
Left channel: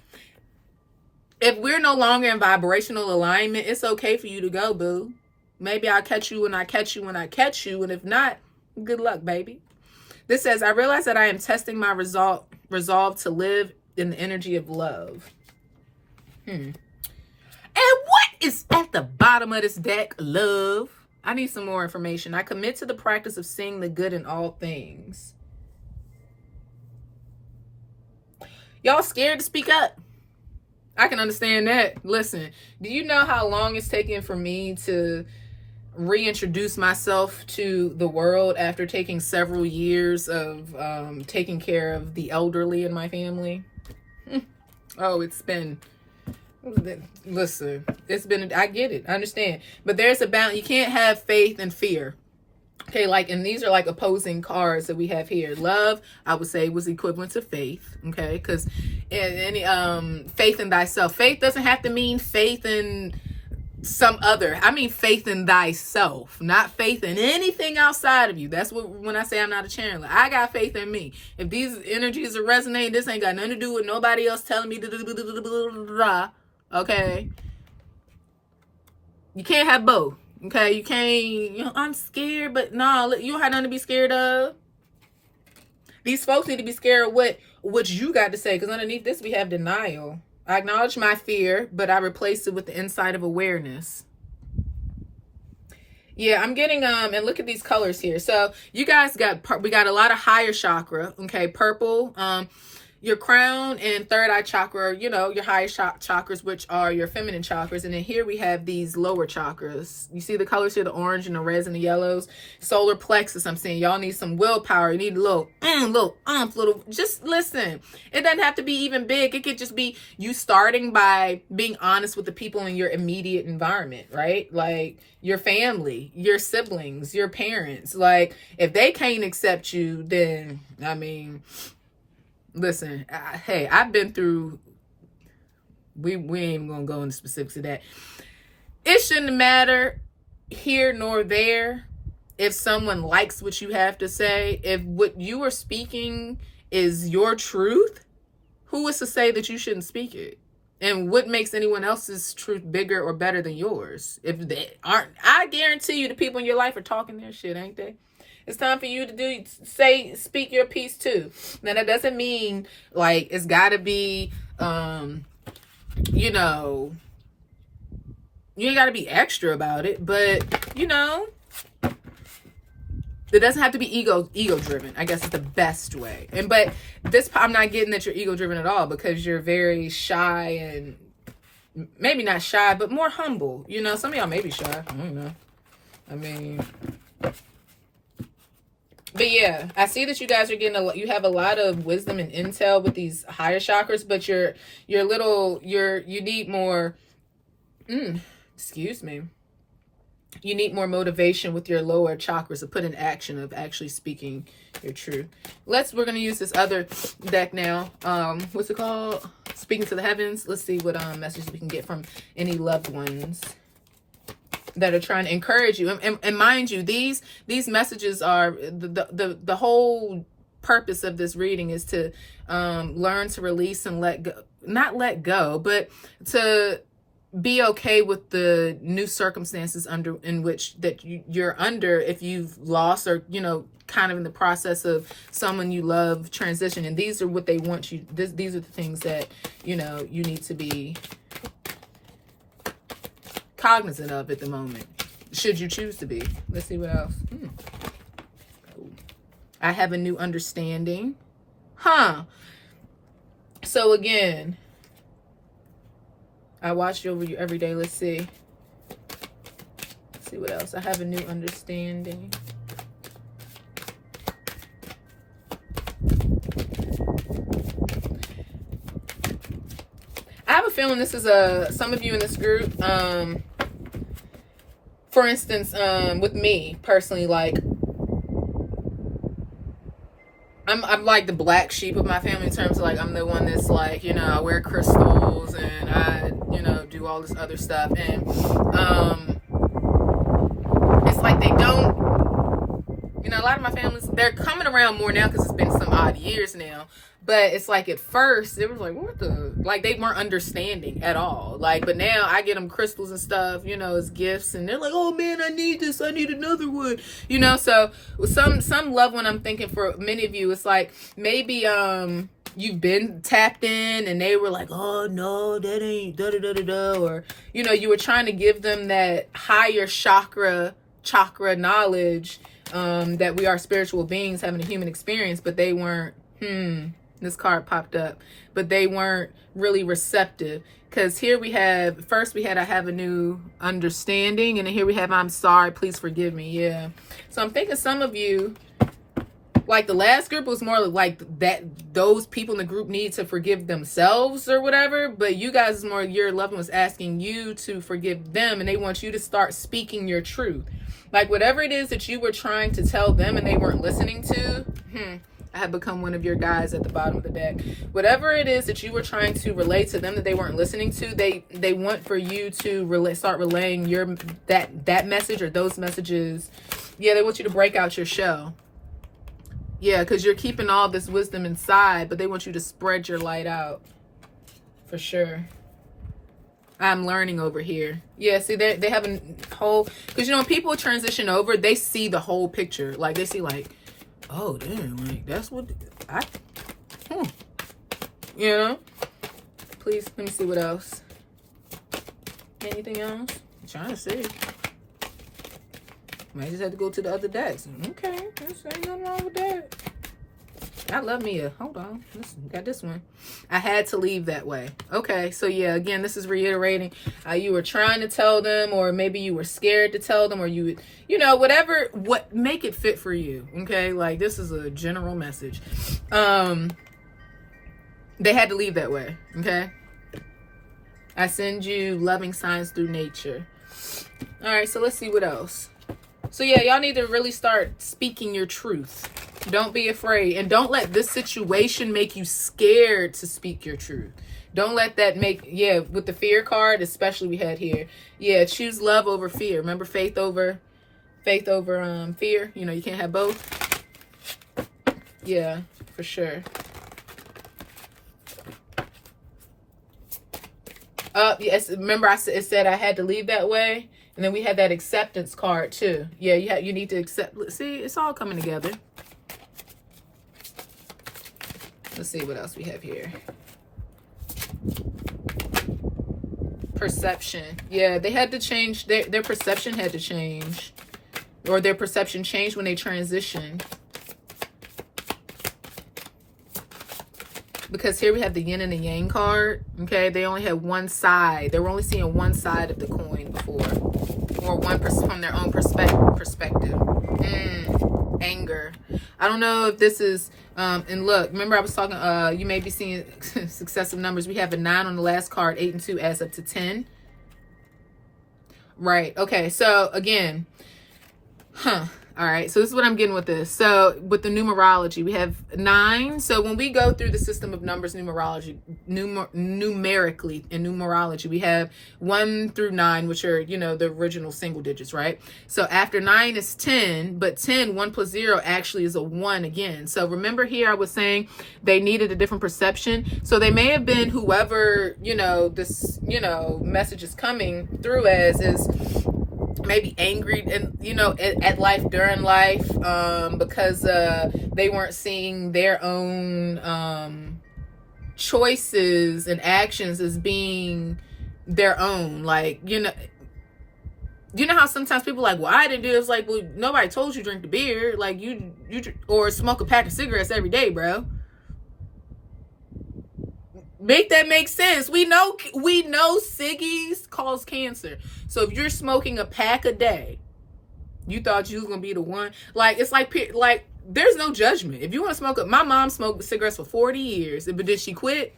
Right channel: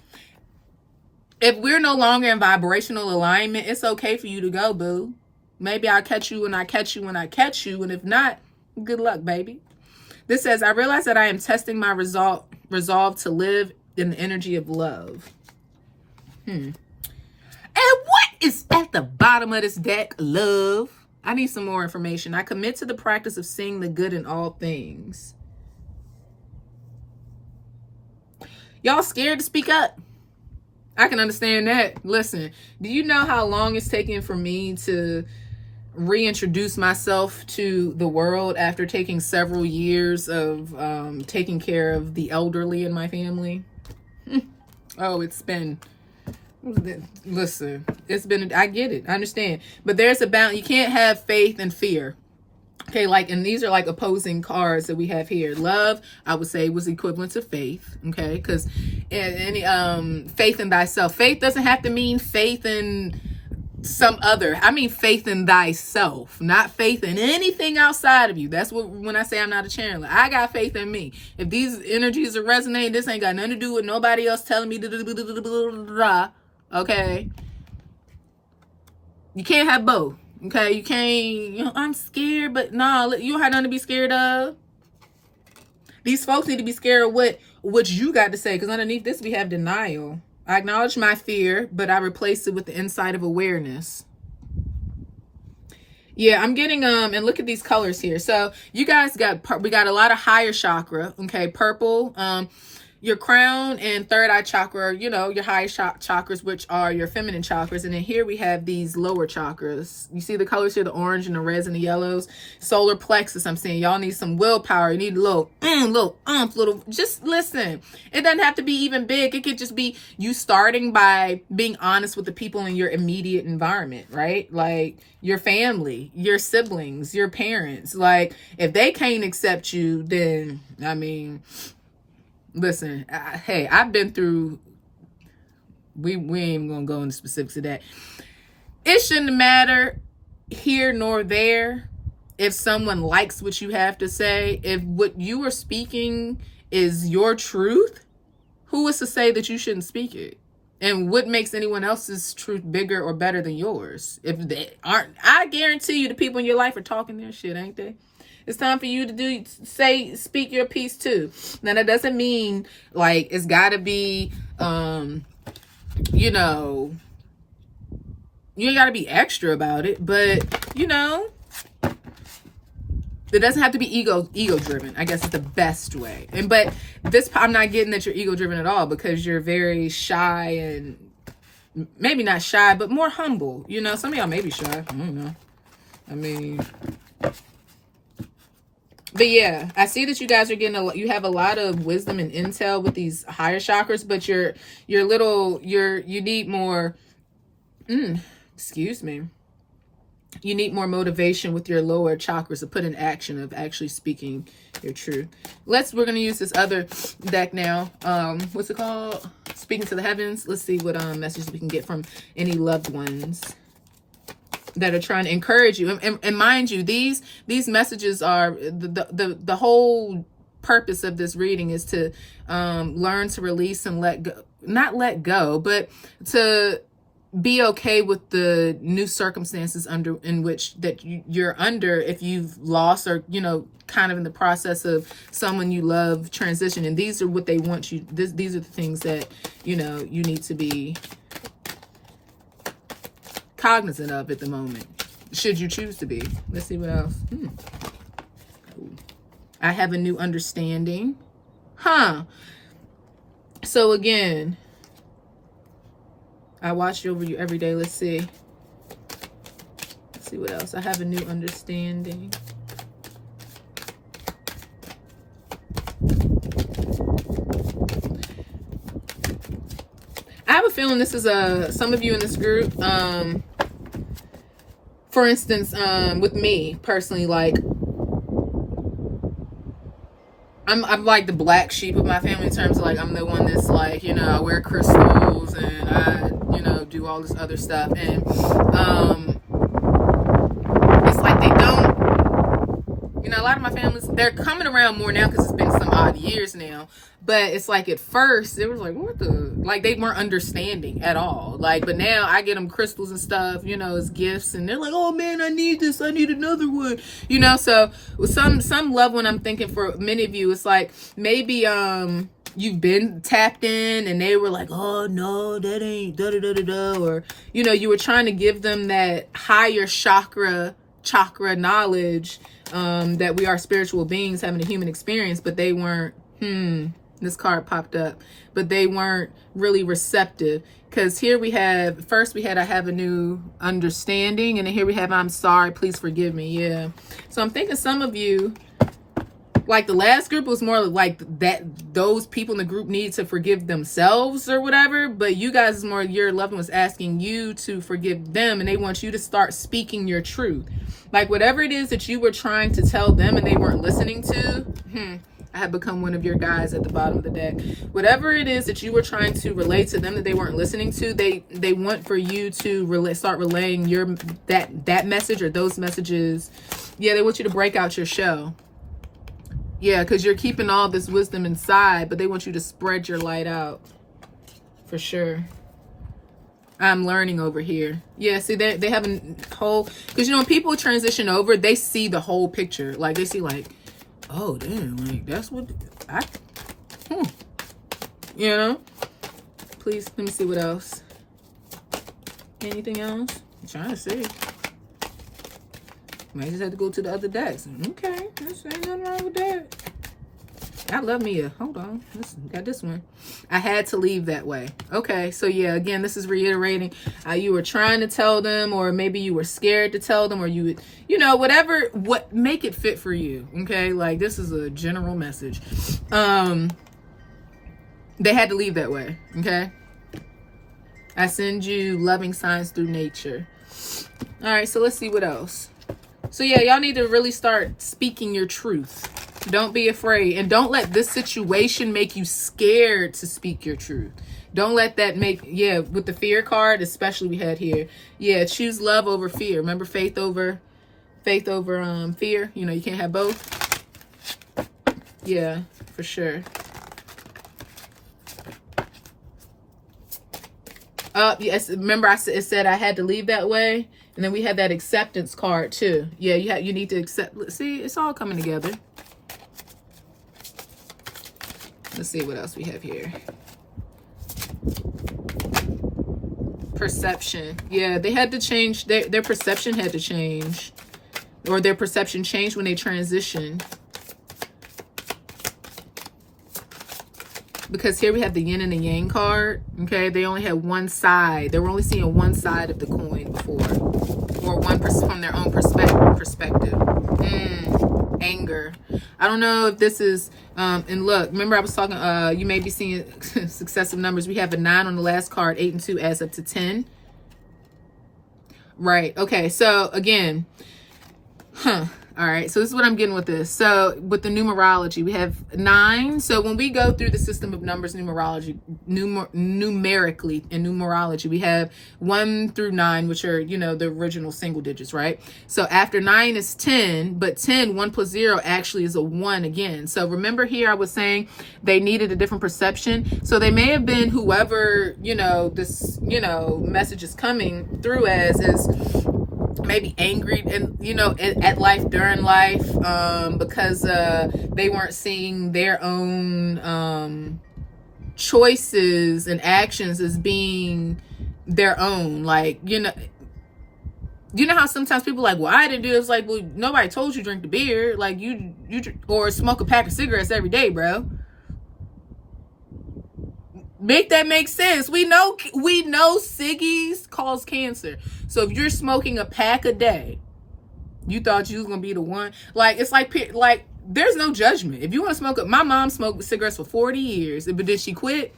If we're no longer in vibrational alignment, it's okay for you to go, boo. Maybe I'll catch you when I catch you when I catch you. And if not, good luck, baby. This says, I realize that I am testing my resolve to live in the energy of love. And what is at the bottom of this deck? Love. I need some more information. I commit to the practice of seeing the good in all things. Y'all scared to speak up? I can understand that. Listen, do you know how long it's taken for me to reintroduce myself to the world after taking several years of taking care of the elderly in my family? Oh, it's been, listen, it's been, I get it, I understand. But there's a balance. You can't have faith and fear. Okay, like, and these are like opposing cards that we have here. Love, I would say, was equivalent to faith. Okay, because any faith in thyself. Faith doesn't have to mean faith in some other. I mean faith in thyself, not faith in anything outside of you. That's what, when I say I'm not a channeler, I got faith in me. If these energies are resonating, this ain't got nothing to do with nobody else telling me. Okay, you can't have both. Okay, you can't, you know, I'm scared, but no, you don't have nothing to be scared of. These folks need to be scared of what you got to say, because underneath this we have denial. I acknowledge my fear, but I replaced it with the insight of awareness. Yeah, I'm getting, and look at these colors here. So you guys we got a lot of higher chakra, okay, purple, your crown and third eye chakra, you know, your higher chakras, which are your feminine chakras. And then here we have these lower chakras. You see the colors here, the orange and the reds and the yellows. Solar plexus, I'm saying y'all need some willpower. You need a little, just listen. It doesn't have to be even big. It could just be you starting by being honest with the people in your immediate environment, right? Like your family, your siblings, your parents. Like if they can't accept you, then, I mean, listen, hey, I've been through, we ain't even gonna go into specifics of that. It shouldn't matter here nor there if someone likes what you have to say. If what you are speaking is your truth, who is to say that you shouldn't speak it? And what makes anyone else's truth bigger or better than yours? If they aren't, I guarantee you the people in your life are talking their shit, ain't they? It's time for you to speak your piece too. Now that doesn't mean like it's gotta be, you know, you ain't gotta be extra about it, but you know, it doesn't have to be ego driven. I guess it's the best way. But this, I'm not getting that you're ego driven at all, because you're very shy and maybe not shy, but more humble. You know, some of y'all may be shy. I don't know. I mean, But yeah, I see that you guys are getting you have a lot of wisdom and intel with these higher chakras, but you need more, excuse me. You need more motivation with your lower chakras to put in action of actually speaking your truth. We're going to use this other deck now. What's it called? Speaking to the Heavens. Let's see what messages we can get from any loved ones that are trying to encourage you. And mind you, these messages are the whole purpose of this reading is to learn to release and not let go, but to be okay with the new circumstances in which you're under, if you've lost or, kind of in the process of someone you love transition. And these are what they want you, these are the things that, you need to be cognizant of at the moment, should you choose to be. Let's see what else. I have a new understanding. So again, I watch over you every day. Let's see what else. I have a new understanding. I have a feeling this is some of you in this group. For instance, with me personally, like I'm like the black sheep of my family in terms of like I'm the one that's like, I wear crystals and I, do all this other stuff. And it's like they don't, a lot of my families, they're coming around more now because it's been some odd years now. But it's like at first it was like, what the, like they weren't understanding at all. Like, but now I get them crystals and stuff, as gifts, and they're like, oh man, I need this, I need another one, so with some loved one, I'm thinking for many of you, it's like maybe you've been tapped in and they were like, oh no, that ain't da da da da da, or you were trying to give them that higher chakra knowledge, that we are spiritual beings having a human experience, but they weren't. This card popped up, but they weren't really receptive. Because here we have, first we had, I have a new understanding, and then here we have, I'm sorry, please forgive me. Yeah. So I'm thinking some of you, like the last group was more like that, those people in the group need to forgive themselves or whatever, but you guys is more, your loved one was asking you to forgive them, and they want you to start speaking your truth. Like whatever it is that you were trying to tell them and they weren't listening to, I have become one of your guys at the bottom of the deck. Whatever it is that you were trying to relate to them that they weren't listening to, they want for you to start relaying that message or those messages. Yeah, they want you to break out your shell. Yeah, because you're keeping all this wisdom inside, but they want you to spread your light out. For sure. I'm learning over here. Yeah, see, they have a whole, because when people transition over, they see the whole picture. Like they see like, oh damn, like that's what please let me see what else. Anything else? I'm trying to see. Might just have to go to the other decks. Okay, there's ain't nothing wrong with that. I love Mia. Hold on, listen, got this one. I had to leave that way. Okay, so yeah, again, this is reiterating you were trying to tell them, or maybe you were scared to tell them, or you would, whatever, make it fit for you. Okay, like this is a general message. They had to leave that way. Okay, I send you loving signs through nature. All right, so let's see what else. So yeah, y'all need to really start speaking your truth. Don't be afraid, and don't let this situation make you scared to speak your truth. Don't let that with the fear card, especially we had here. Yeah, choose love over fear. Remember, faith over fear. You can't have both. Yeah, for sure. Yes, remember it said I had to leave that way, and then we had that acceptance card too. Yeah, you need to accept. See, it's all coming together. Let's see what else we have here. Perception. Yeah, they had to change. Their perception had to change. Or their perception changed when they transitioned. Because here we have the yin and the yang card. Okay, they only had one side. They were only seeing one side of the coin before. Or one from their own perspective. Anger. I don't know if this is, and look, remember I was talking, you may be seeing successive numbers. We have a 9 on the last card. 8 and 2 adds up to 10. Right. Okay. So again, all right, so this is what I'm getting with this. So with the numerology, we have 9. So when we go through the system of numbers, numerically in numerology, we have 1 through 9, which are, you know, the original single digits, right? So after 9 is 10, but 10, 1 plus 0 actually is a 1 again. So remember here I was saying they needed a different perception. So they may have been whoever, you know, this, you know, message is coming through as is maybe angry and, you know, at life, during life, because they weren't seeing their own choices and actions as being their own. Like, you know how sometimes people are like, well, I didn't do it. It's like, well, nobody told you drink the beer. Like you or smoke a pack of cigarettes every day, bro. Make that make sense. We know ciggies cause cancer. So if you're smoking a pack a day, you thought you was gonna be the one. Like, it's like there's no judgment. If you want to smoke it, my mom smoked cigarettes for 40 years, but then she quit.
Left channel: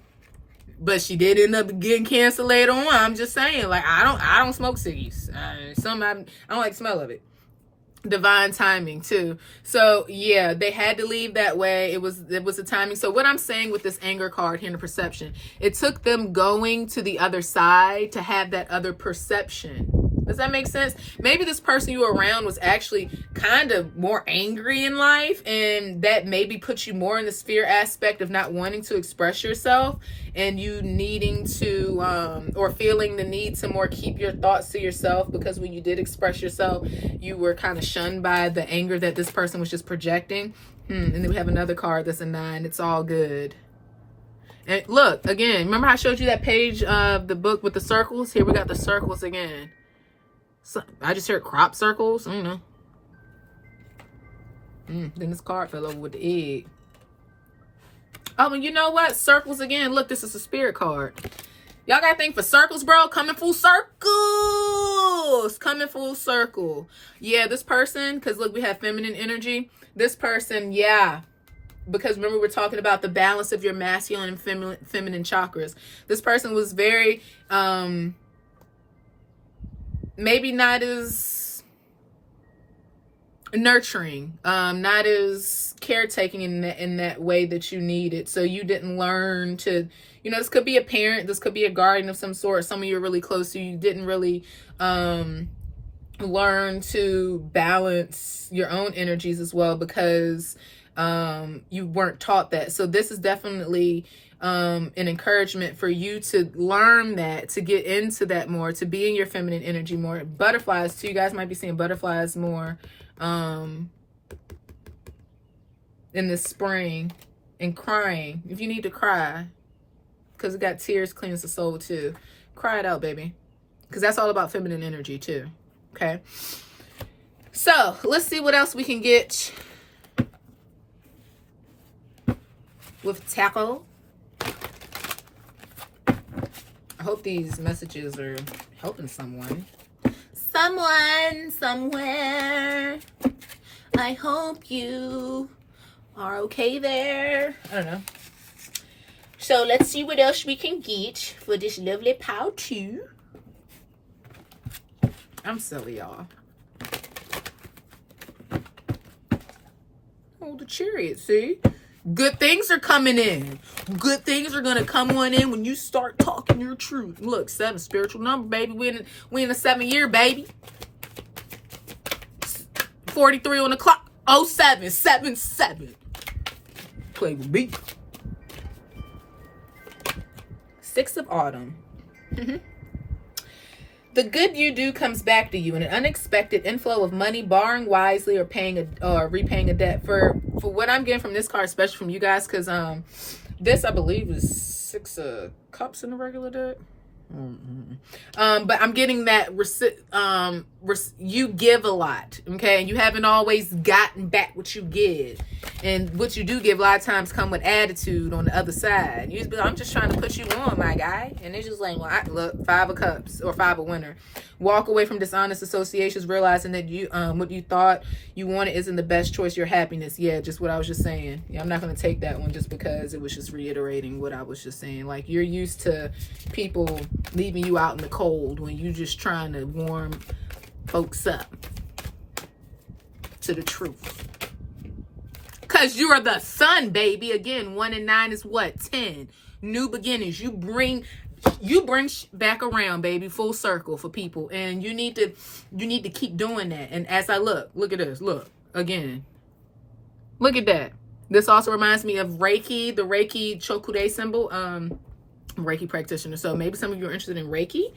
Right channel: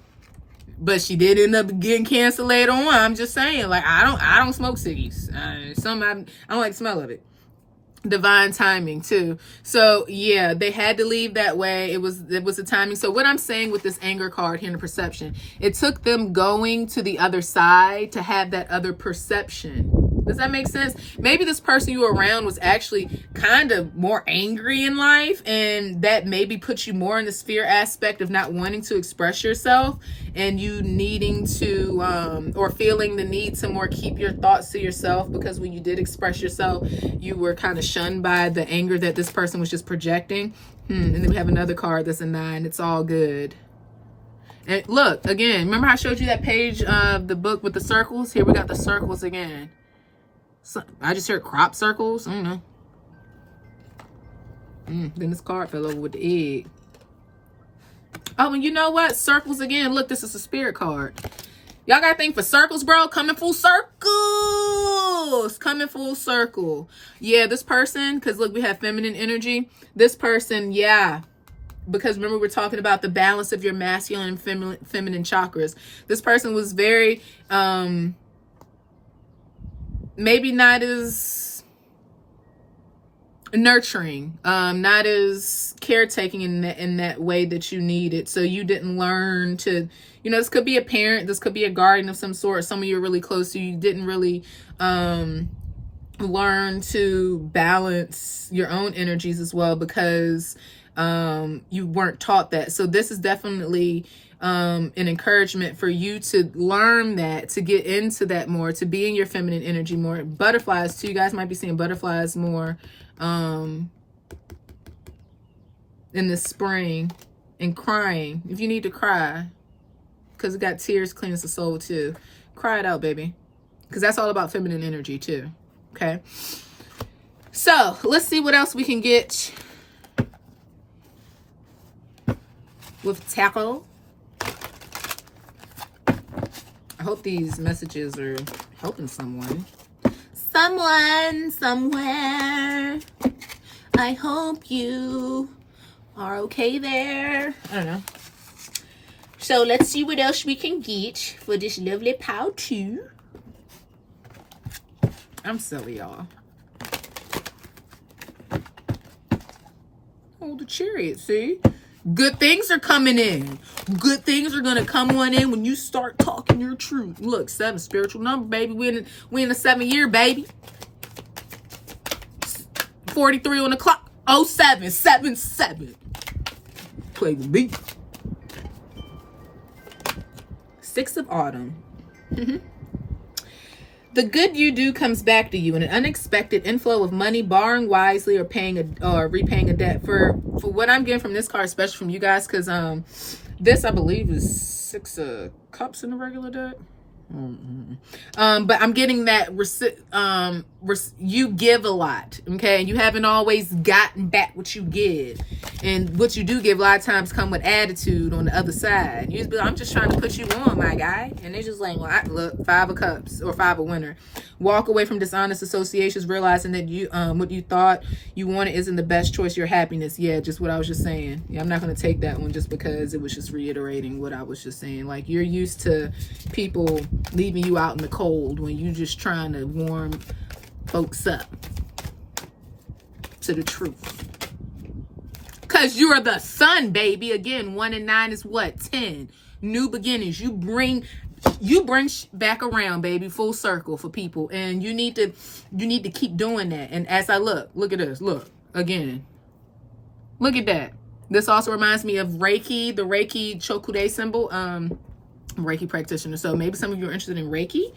But she did end up getting cancer later on. I'm just saying, like, I don't smoke ciggies. I don't like the smell of it. Divine timing too. So yeah, they had to leave that way. It was the timing. So what I'm saying with this anger card here in the perception, it took them going to the other side to have that other perception. Does that make sense? Maybe this person you were around was actually kind of more angry in life, and that maybe puts you more in the sphere aspect of not wanting to express yourself, and you needing to or feeling the need to more keep your thoughts to yourself, because when you did express yourself, you were kind of shunned by the anger that this person was just projecting. And then we have another card that's a 9. It's all good. And look, again, remember I showed you that page of the book with the circles? Here we got the circles again. So, I just heard crop circles. I don't know. Then this card fell over with the egg. Oh, and you know what? Circles again. Look, this is a spirit card. Y'all got to think for circles, bro. Coming full circles. Coming full circle. Yeah, this person, because look, we have feminine energy. This person, yeah. Because remember, we're talking about the balance of your masculine and feminine chakras. This person was very... maybe not as nurturing, not as caretaking in that way that you need it. So you didn't learn to, you know, this could be a parent, this could be a guardian of some sort, someone you're really close to. You didn't really learn to balance your own energies as well, because you weren't taught that. So this is definitely an encouragement for you to learn that, to get into that more, to be in your feminine energy more. Butterflies too. You guys might be seeing butterflies more in the spring. And crying. If you need to cry, because it got tears cleanse the soul too. Cry it out, baby. Because that's all about feminine energy too. Okay. So let's see what else we can get with tackle. I hope these messages are helping someone. Someone, somewhere. I hope you are okay there. I don't know. So let's see what else we can get for this lovely pow too. I'm silly, y'all. Oh, the Chariot, see? Good things are coming in. Good things are going to come on in when you start talking your truth. Look, 7, spiritual number, baby. We in the 7th year, baby. 43 on the clock. 07, 7. Play with me. 6 of autumn. The good you do comes back to you in an unexpected inflow of money, borrowing wisely or repaying a debt. For what I'm getting from this card, especially from you guys, because this I believe is 6 of cups in the regular deck. But I'm getting that you give a lot, okay, and you haven't always gotten back what you give, and what you do give a lot of times come with attitude on the other side. You just be like, I'm just trying to put you on, my guy, and they're just like, well, look, 5 of cups or 5 of winter. Walk away from dishonest associations, realizing that you what you thought you wanted isn't the best choice. Your happiness, yeah, just what I was just saying. Yeah, I'm not going to take that one just because it was just reiterating what I was just saying. Like, you're used to people leaving you out in the cold when you just trying to warm folks up to the truth. Because you're the sun, baby. Again, 1 and 9 is what? 10. New beginnings. You bring back around, baby, full circle for people, and you need to keep doing that. And as I look at this, look again, look at that. This also reminds me of Reiki, the Reiki Chokude symbol. Reiki practitioner, so maybe some of you are interested in Reiki,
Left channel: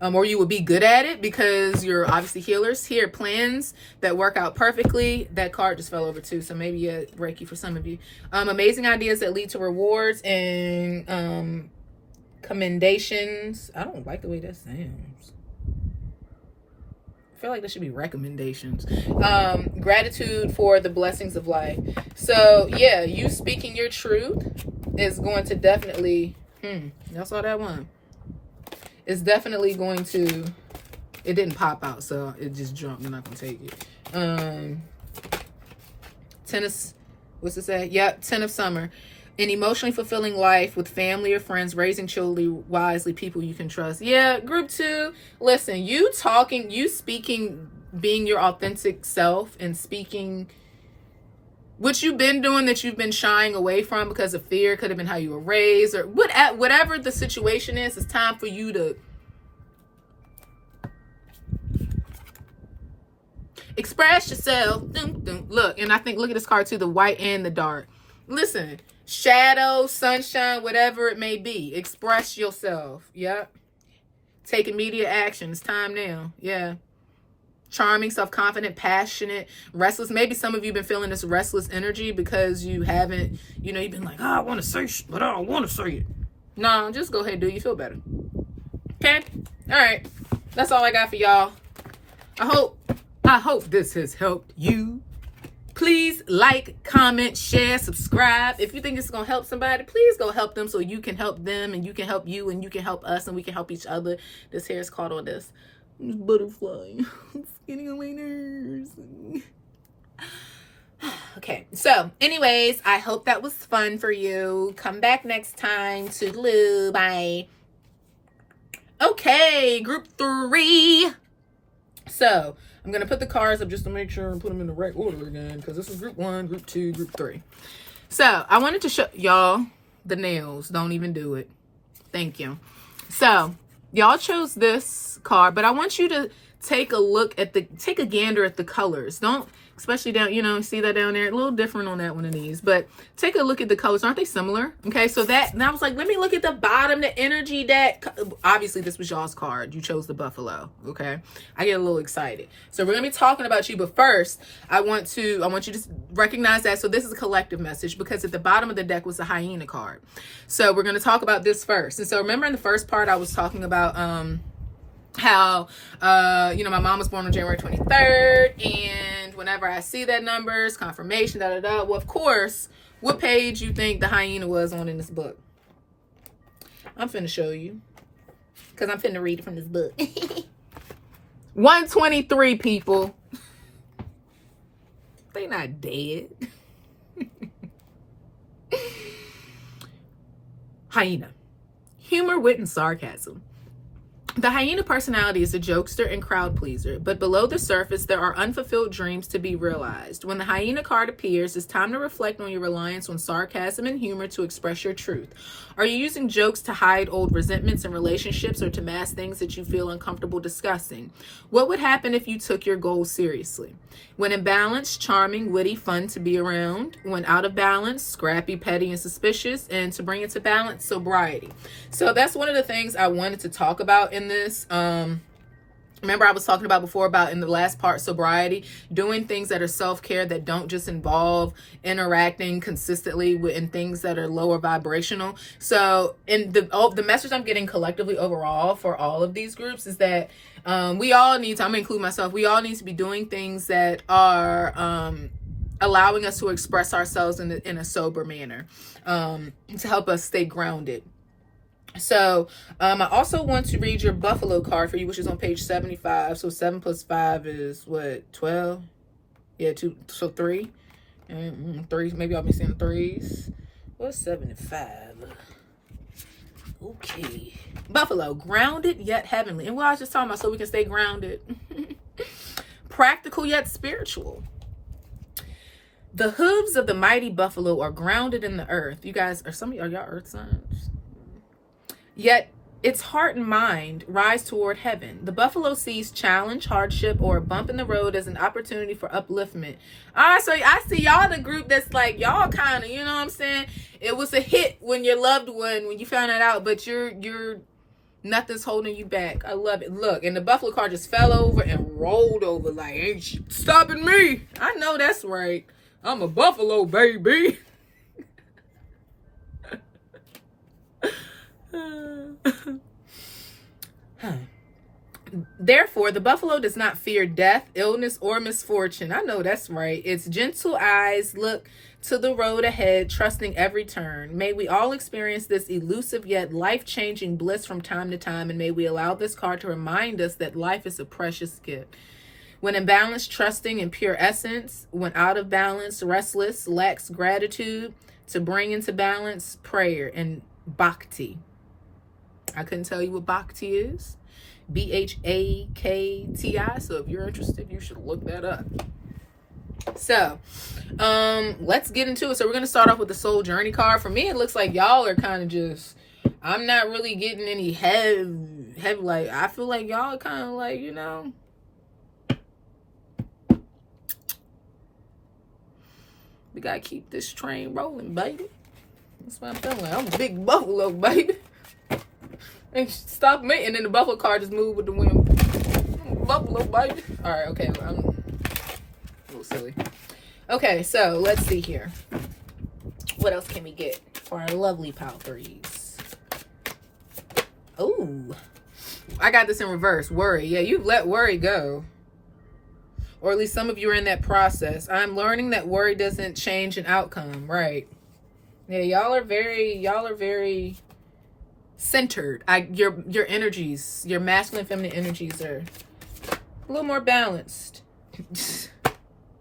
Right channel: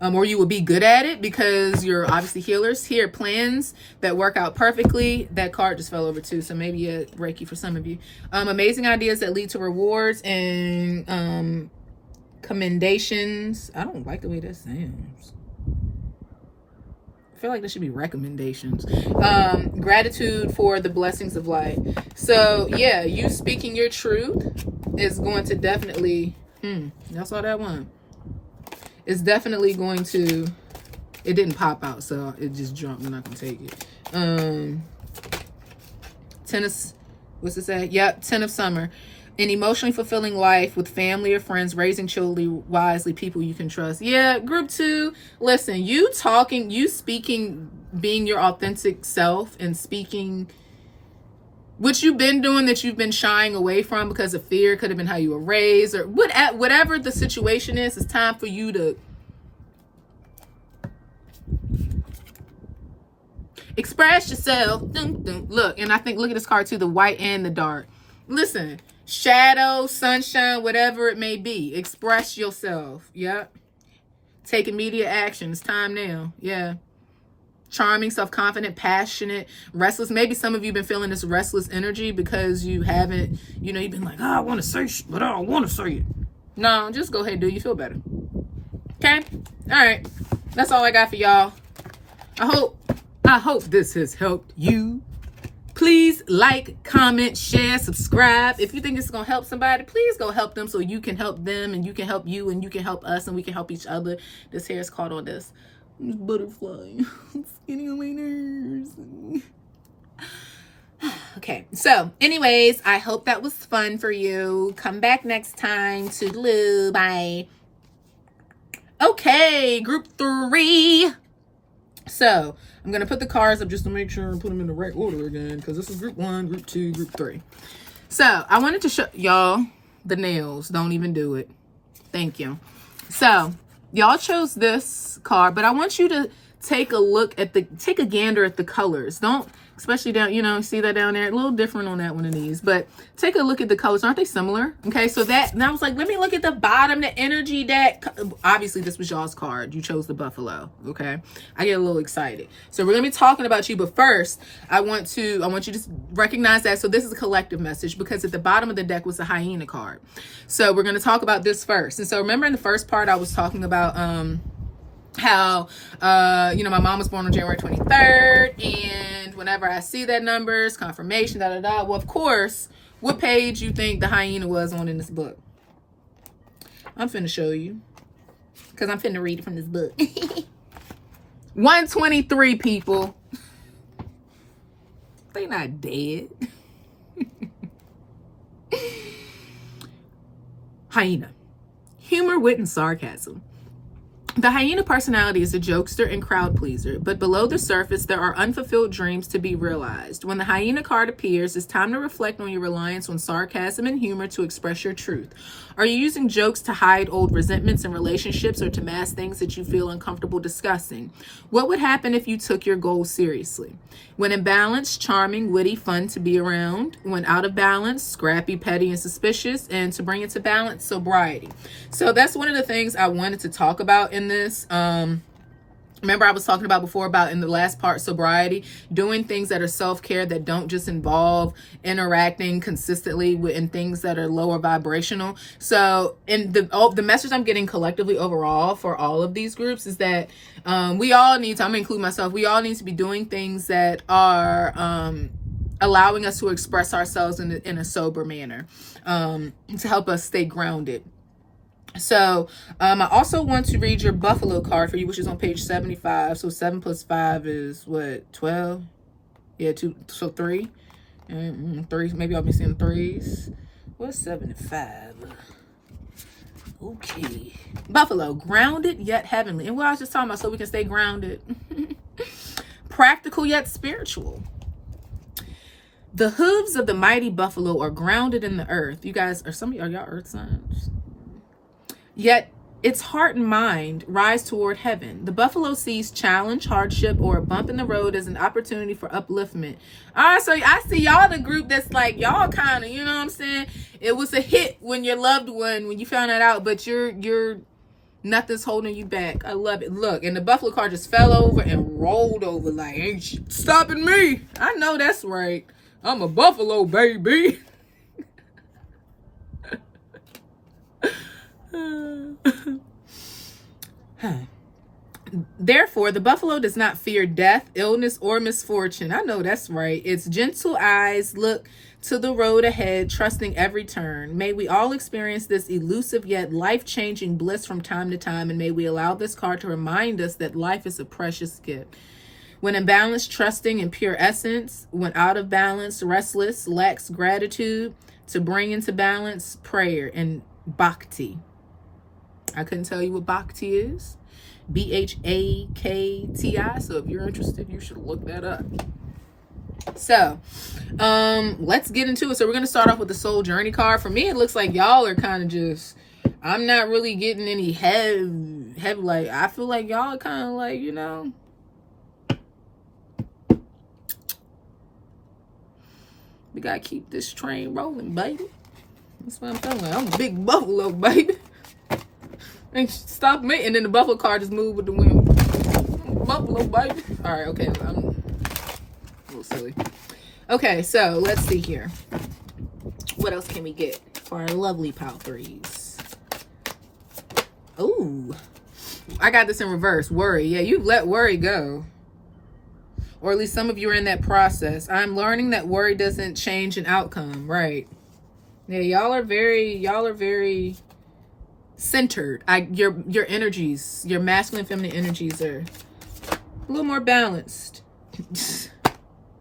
or you will be good at it because you're obviously healers. Here, plans that work out perfectly. That card just fell over too, so maybe Reiki for some of you. Amazing ideas that lead to rewards and commendations. I don't like the way that sounds. I feel like there should be recommendations. Gratitude for the blessings of life. So yeah, you speaking your truth is going to definitely y'all saw that one. It's definitely going to, it didn't pop out, so it just jumped. I'm not gonna take it. Tennis, what's it say? Yep, 10 of summer. An emotionally fulfilling life with family or friends, raising children wisely, people you can trust. Yeah, group 2. Listen, you speaking, being your authentic self and speaking what you've been doing that you've been shying away from because of fear. Could have been how you were raised or whatever the situation is. It's time for you to express yourself. Look, and I think, look at this card too, the white and the dark. Listen, shadow, sunshine, whatever it may be, express yourself. Yep. Take immediate action. It's time now. Yeah. Charming, self-confident, passionate, restless. Maybe some of you have been feeling this restless energy because you haven't, you've been like, I want to say shit, but I don't want to say it. No, just go ahead and do it. You feel better. Okay? All right. That's all I got for y'all. I hope this has helped you. Please like, comment, share, subscribe. If you think it's going to help somebody, please go help them so you can help them and you can help you and you can help us and we can help each other. This hair is caught on this butterfly. It's getting on my nerves. Okay, so anyways, I hope that was fun for you. Come back next time. Toodaloo. Bye. Okay, group 3. So I'm going to put the cards up just to make sure and put them in the right order again, because this is group 1, group 2, group 3. So I wanted to show y'all the nails. Don't even do it. Thank you. So y'all chose this card, but I want you to take a gander at the colors. Don't, especially down, see that down there? A little different on that one of these, but take a look at the colors. Aren't they similar? Okay, so and I was like, let me look at the bottom, the energy that, obviously this was y'all's card. You chose the buffalo, okay? I get a little excited. So we're gonna be talking about you, but first, I want you to recognize that. So this is a collective message because at the bottom of the deck was a hyena card. So we're gonna talk about this first. And so remember in the first part, I was talking about, how my mom was born on January 23rd, and whenever I see that numbers, confirmation, well, of course, what page you think the hyena was on in this book? I'm finna show you, because I'm finna read it from this book. 123, people. They not dead. Hyena. Humor, wit, and sarcasm. The hyena personality is a jokester and crowd pleaser, but below the surface, there are unfulfilled dreams to be realized. When the hyena card appears, it's time to reflect on your reliance on sarcasm and humor to express your truth. Are you using jokes to hide old resentments in relationships or to mask things that you feel uncomfortable discussing? What would happen if you took your goals seriously? When in balance, charming, witty, fun to be around. When out of balance, scrappy, petty, and suspicious. And to bring it to balance, sobriety. So that's one of the things I wanted to talk about in this. Remember, I was talking about before about in the last part, sobriety, doing things that are self-care that don't just involve interacting consistently with in things that are lower vibrational. So in the message I'm getting collectively overall for all of these groups is that we all need to, I'm gonna include myself, we all need to be doing things that are allowing us to express ourselves in a sober manner, to help us stay grounded. So I also want to read your Buffalo card for you, which is on page 75. So 7 plus 5 is what, 12? Yeah, 2, so 3. And 3, maybe I'll be seeing 3s. What's 7 and 5? Okay. Buffalo, grounded yet heavenly. And what I was just talking about, so we can stay grounded. Practical yet spiritual. The hooves of the mighty buffalo are grounded in the earth. You guys, are y'all earth signs? Yet its heart and mind rise toward heaven. The buffalo sees challenge, hardship, or a bump in the road as an opportunity for upliftment. All right, so I see y'all the group that's like, y'all kind of, you know what I'm saying? It was a hit when your loved one, when you found that out, but you're nothing's holding you back. I love it. Look, and the buffalo car just fell over and rolled over like, ain't stopping me. I know that's right. I'm a buffalo, baby. Therefore, the buffalo does not fear death, illness, or misfortune. I know that's right. Its gentle eyes look to the road ahead, trusting every turn. May we all experience this elusive yet life-changing bliss from time to time, and may we allow this card to remind us that life is a precious gift. When in balance, trusting in pure essence. When out of balance, restless, lacks gratitude. To bring into balance, prayer and bhakti. I couldn't tell you what bhakti is. Bhakti. So if you're interested, you should look that up. So let's get into it. So we're going to start off with the soul journey card. For me, it looks like y'all are kind of just, I'm not really getting any heavy, like, I feel like y'all are kind of like, you know, we got to keep this train rolling, baby. That's what I'm telling you. I'm a big buffalo, baby. And stop me. And then the buffalo car just moved with the wind. Buffalo, baby. All right, okay. I'm a little silly. Okay, so let's see here. What else can we get for our lovely pile threes? Oh, I got this in reverse. Worry. Yeah, you've let worry go. Or at least some of you are in that process. I'm learning that worry doesn't change an outcome. Right. Yeah, y'all are very centered. Your energies, your masculine and feminine energies are a little more balanced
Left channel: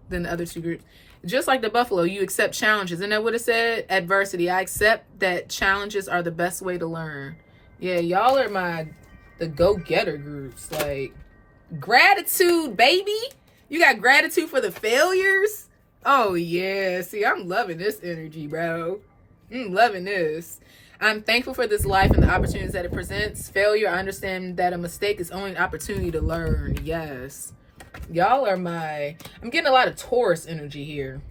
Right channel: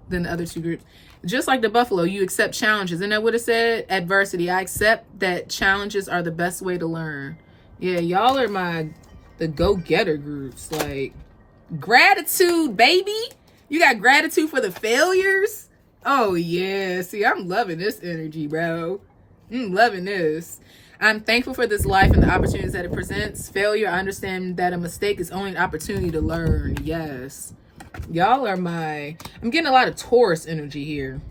than the other two groups. Just like the buffalo, you accept challenges. Isn't that what it said? Adversity. I accept that challenges are the best way to learn. Yeah, y'all are the go-getter groups. Like, gratitude, baby. You got gratitude for the failures? Oh, yeah. See, I'm loving this energy, bro. I'm loving this. I'm thankful for this life and the opportunities that it presents. Failure, I understand that a mistake is only an opportunity to learn. Yes. Y'all are I'm getting a lot of Taurus energy here.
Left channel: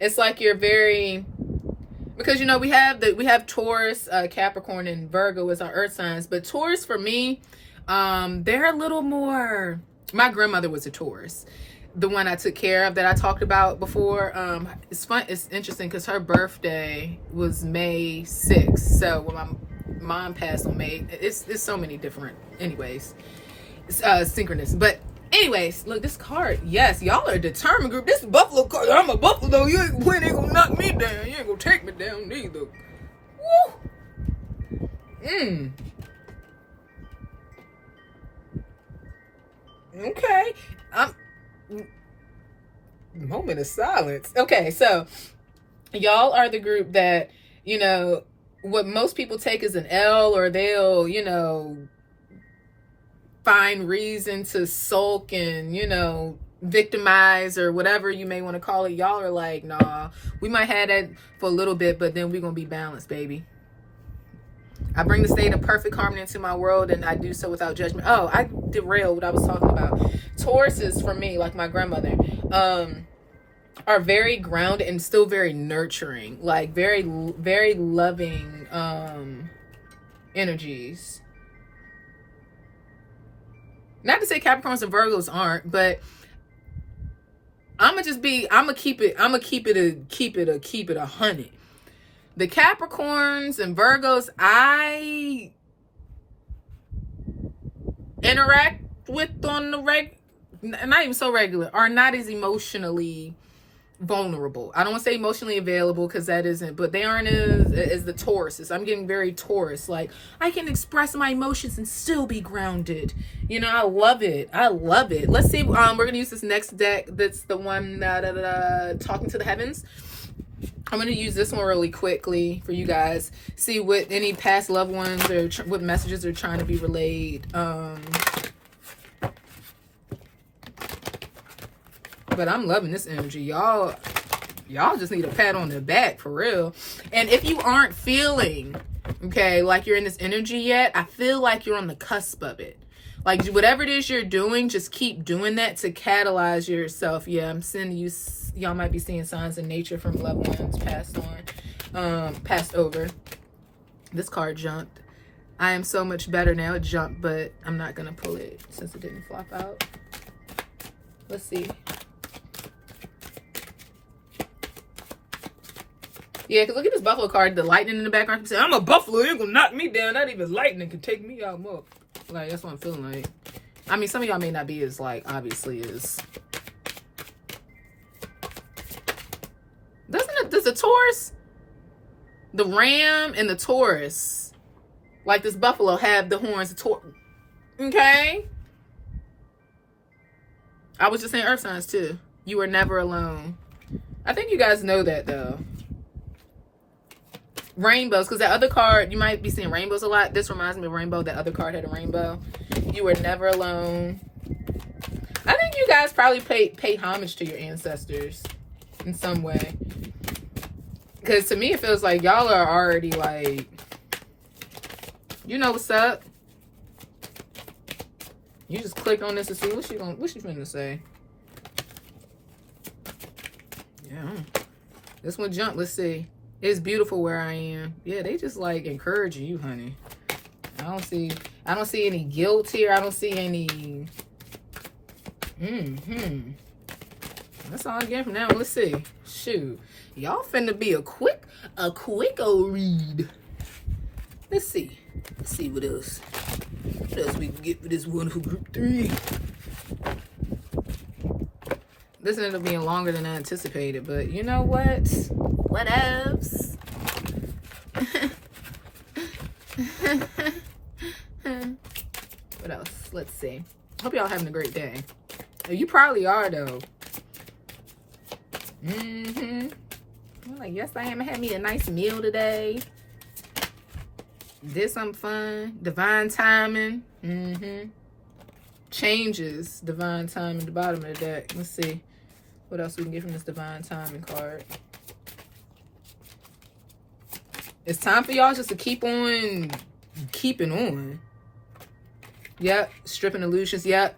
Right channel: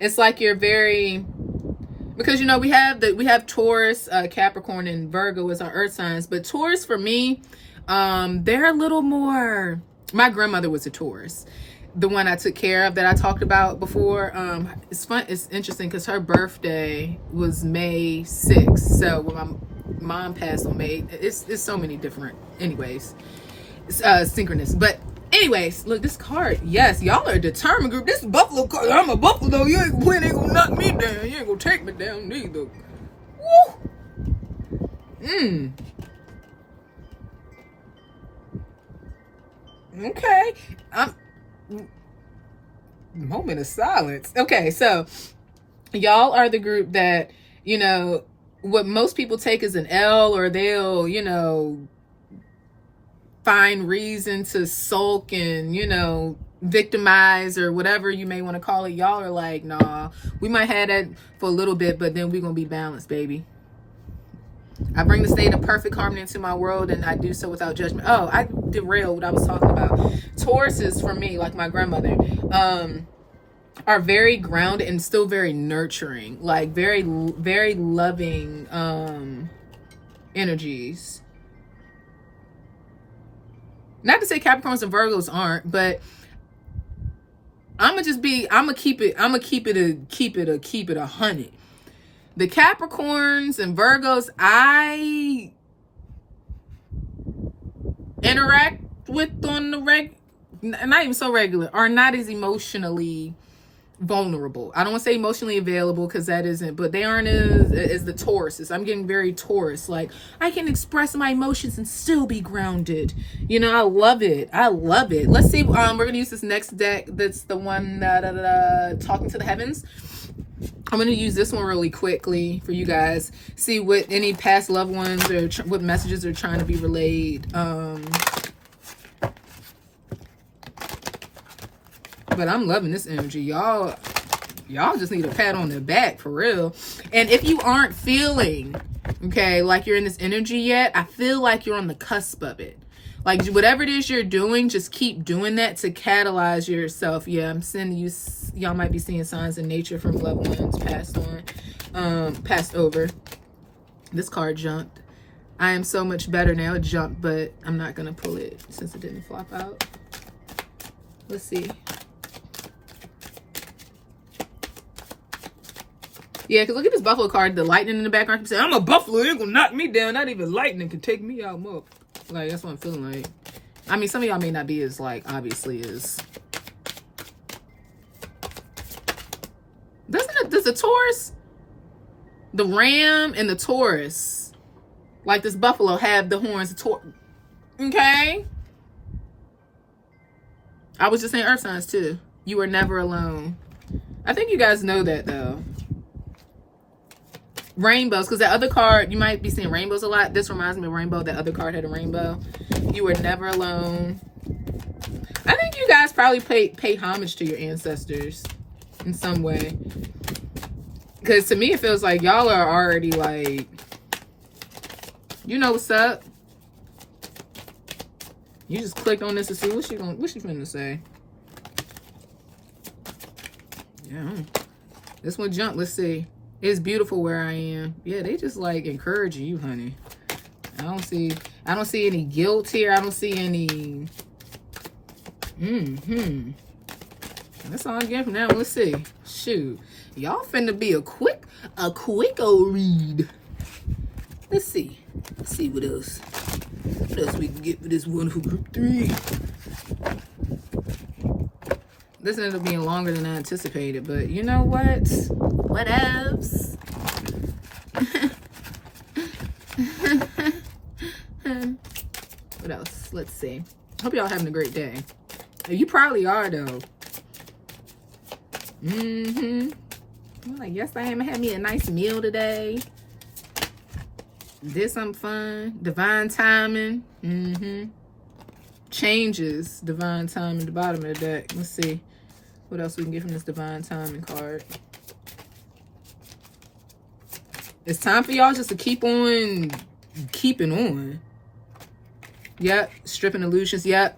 It's like you're very, because, you know, we have Taurus, Capricorn, and Virgo as our earth signs. But Taurus, for me, they're a little more, my grandmother was a Taurus. The one I took care of that I talked about before. It's fun. It's interesting because her birthday was May 6th. So when my mom passed on May, it's so many different, anyways, synchronous. But anyways, look, this card, yes, y'all are a determined group. This buffalo card, I'm a buffalo. You ain't gonna knock me down. You ain't gonna take me down neither. Woo. Okay. Moment of silence. Okay, so y'all are the group that, you know, what most people take as an L, or they'll, you know, find reason to sulk and, you know, victimize or whatever you may want to call it. Y'all are like, nah, we might have that for a little bit, but then we're gonna be balanced, baby. I bring the state of perfect harmony into my world, and I do so without judgment. Oh, I derailed what I was talking about. Tauruses, for me, like my grandmother, are very grounded and still very nurturing, like very, very loving energies. Not to say Capricorns and Virgos aren't, but I'm gonna keep it 100. The Capricorns and Virgos I interact with on the not even so regular, are not as emotionally vulnerable. I don't want to say emotionally available because that isn't, but they aren't as the Tauruses. I'm getting very Taurus. Like, I can express my emotions and still be grounded. You know, I love it. I love it. Let's see. We're gonna use this next deck. That's the one Talking to the Heavens. I'm gonna use this one really quickly for you guys. See what any past loved ones or what messages are trying to be relayed. But I'm loving this energy. Y'all just need a pat on the back for real. And if you aren't feeling, okay, like you're in this energy yet, I feel like you're on the cusp of it. Like, whatever it is you're doing, just keep doing that to catalyze yourself. Yeah, I'm sending you, y'all might be seeing signs in nature from loved ones passed over. This card jumped. I am so much better now. It jumped, but I'm not going to pull it since it didn't flop out. Let's see. Yeah, because look at this buffalo card. The lightning in the background. I'm saying, I'm a buffalo. You're going to knock me down. Not even lightning could take me out more. Like, that's what I'm feeling like. I mean, some of y'all may not be as, like, obviously as... Does the Taurus, the ram and the Taurus, like this buffalo, have the horns? Okay? I was just saying earth signs, too. You are never alone. I think you guys know that, though. Rainbows, because that other card, you might be seeing rainbows a lot. This reminds me of rainbow. That other card had a rainbow. You are never alone. I think you guys probably pay homage to your ancestors in some way. Because to me, it feels like y'all are already like, you know what's up. You just click on this to see what she finna say. Yeah. This one jumped. Let's see. It's beautiful where I am. Yeah, they just like encourage you, honey. I don't see any guilt here. I don't see any. That's all I get from now. Let's see. Shoot. Y'all finna be a quick old read. Let's see. Let's see what else. What else we can get for this wonderful group 3. This ended up being longer than I anticipated, but you know what? What else? What else? Let's see. Hope y'all having a great day. You probably are, though. I'm like, yes, I am. I had me a nice meal today. Did something fun. Divine timing. Changes. Divine timing at the bottom of the deck. Let's see what else we can get from this divine timing card. It's time for y'all just to keep on keeping on. Yep. Stripping illusions. Yep.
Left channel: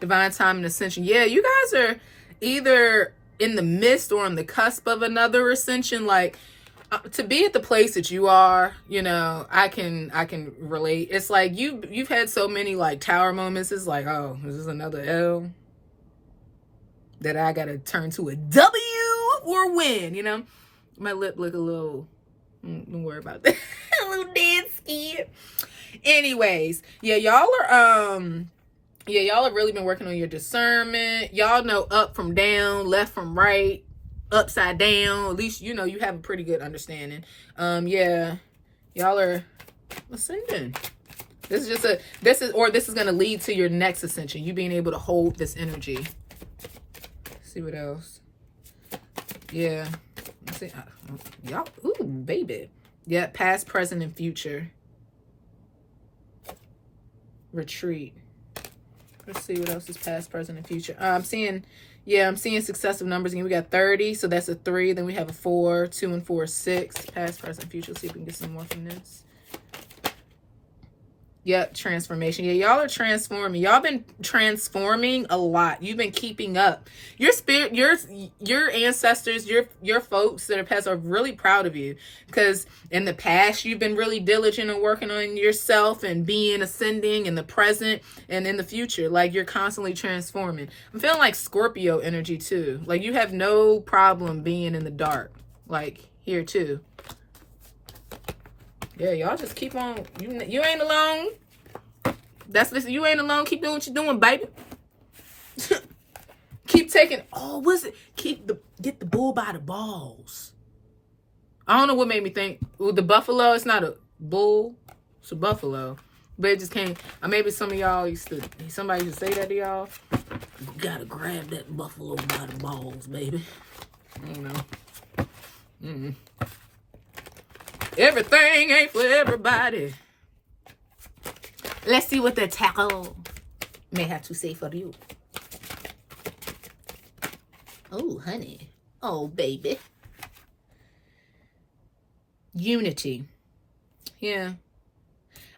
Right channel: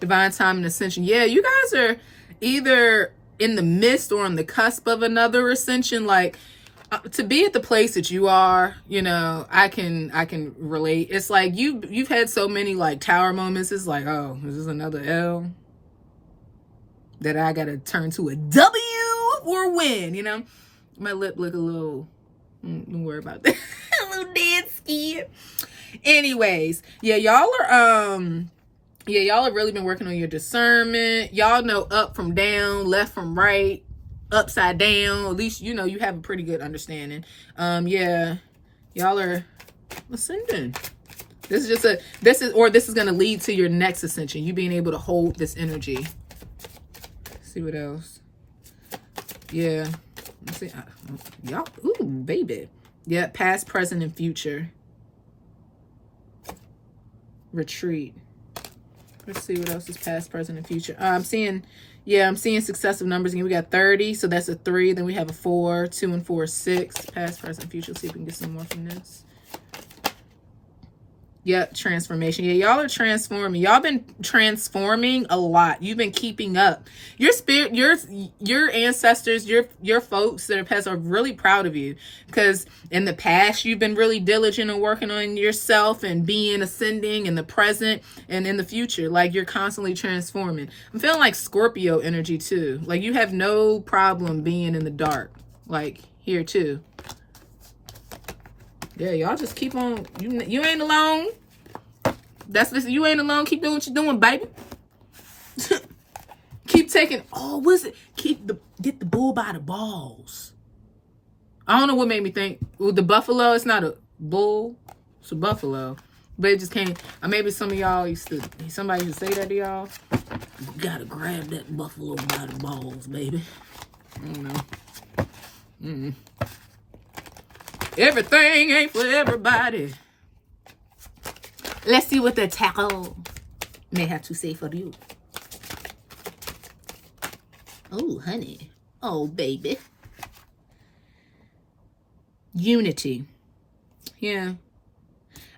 Divine timing ascension. Yeah, you guys are either in the midst or on the cusp of another ascension. Like, to be at the place that you are, you know, I can relate. It's like you've had so many like tower moments. It's like, oh, is this another L that I gotta turn to a W or win? You know, my lip look a little. Don't worry about that. A little dead skin. Anyways, yeah, y'all are y'all have really been working on your discernment. Y'all know up from down, left from right, upside down. At least, you know, you have a pretty good understanding. Yeah, y'all are ascending. This is going to lead to your next ascension. You being able to hold this energy. Let's see what else. Yeah. Let's see. Y'all, ooh, baby. Yeah, past, present, and future. Retreat. Let's see what else is past, present, and future. I'm seeing successive numbers. Again, we got 30, so that's a 3. Then we have a 4, 2 and 4, 6. Past, present, future. Let's see if we can get some more from this. Yep, transformation. Yeah, y'all are transforming. Y'all been transforming a lot. You've been keeping up. Your spirit, your ancestors, your folks that are past are really proud of you, because in the past you've been really diligent in working on yourself and being ascending in the present and in the future. Like, you're constantly transforming. I'm feeling like Scorpio energy too. Like, you have no problem being in the dark. Like, here too. Yeah, y'all just keep on. You ain't alone. You ain't alone. Keep doing what you're doing, baby. Keep taking. Oh, what's it? Get the bull by the balls. I don't know what made me think. Well, the buffalo. It's not a bull. It's a buffalo. But it just came. Maybe some of y'all somebody used to say that to y'all. You gotta grab that buffalo by the balls, baby. I don't know. Everything ain't for everybody. Let's see what the tarot may have to say for you. Oh, honey. Oh, baby. Unity. Yeah.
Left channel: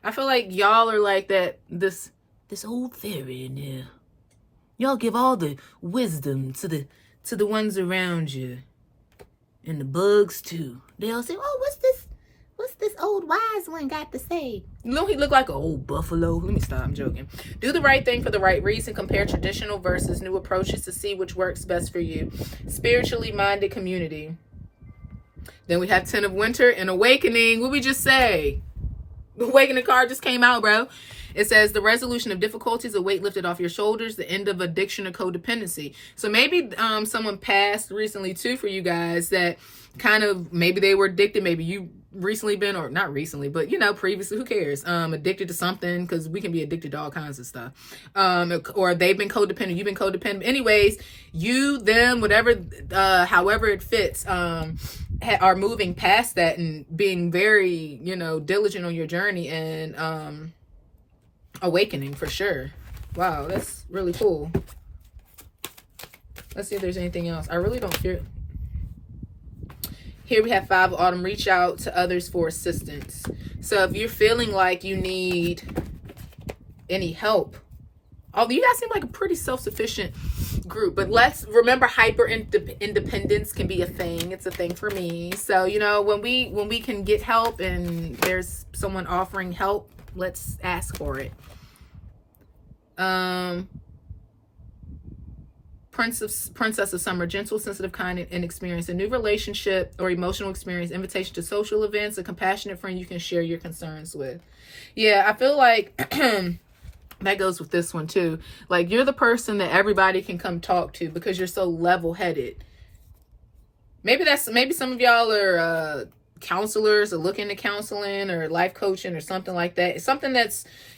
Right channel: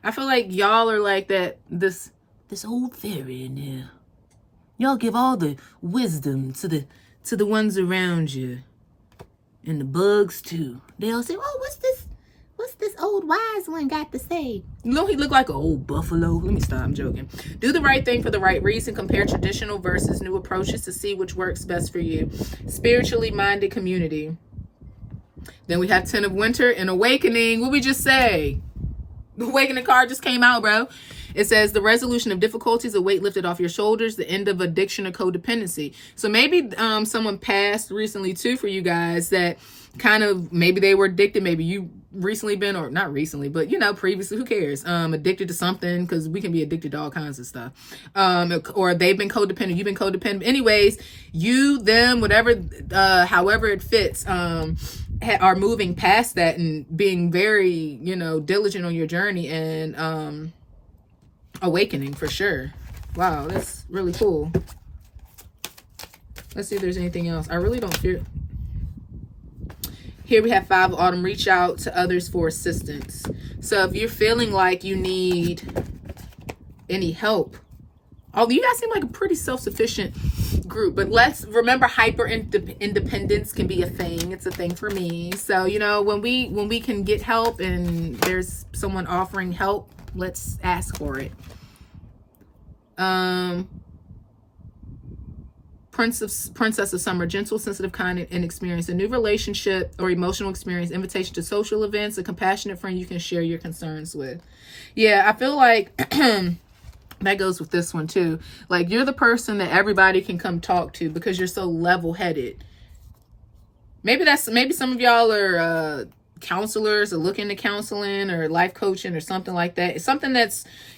I feel like y'all are like this old fairy in here. Y'all give all the wisdom to the ones around you. And the bugs too. They all say, oh, what's this old wise one got to say? You know, he looked like an old buffalo. Let me stop, I'm joking. Do the right thing for the right reason. Compare traditional versus new approaches to see which works best for you. Spiritually minded community. Then we have 10 of Winter and Awakening. What we just say? The Awakening card just came out, bro. It says the resolution of difficulties, a weight lifted off your shoulders, the end of addiction or codependency. So maybe someone passed recently too for you guys that kind of, maybe they were addicted. Maybe you recently been, or not recently, but previously, who cares? Addicted to something, because we can be addicted to all kinds of stuff. Or they've been codependent, you've been codependent. Anyways, you, them, whatever, however it fits, are moving past that and being very, diligent on your journey and awakening for sure. Wow, that's really cool. Let's see if there's anything else. I really don't fear. Here we have 5 of Autumn. Reach out to others for assistance. So if you're feeling like you need any help, although you guys seem like a pretty self-sufficient group, but let's remember, hyper independence can be a thing. It's a thing for me. So when we can get help and there's someone offering help, let's ask for it. Princess of Summer, gentle, sensitive, kind, and experienced. A new relationship or emotional experience, invitation to social events, a compassionate friend you can share your concerns with. Yeah, I feel like that goes with this one too. Like, you're the person that everybody can come talk to because you're so level-headed. Maybe some of y'all are counselors or looking to counseling or life coaching or something like that. It's something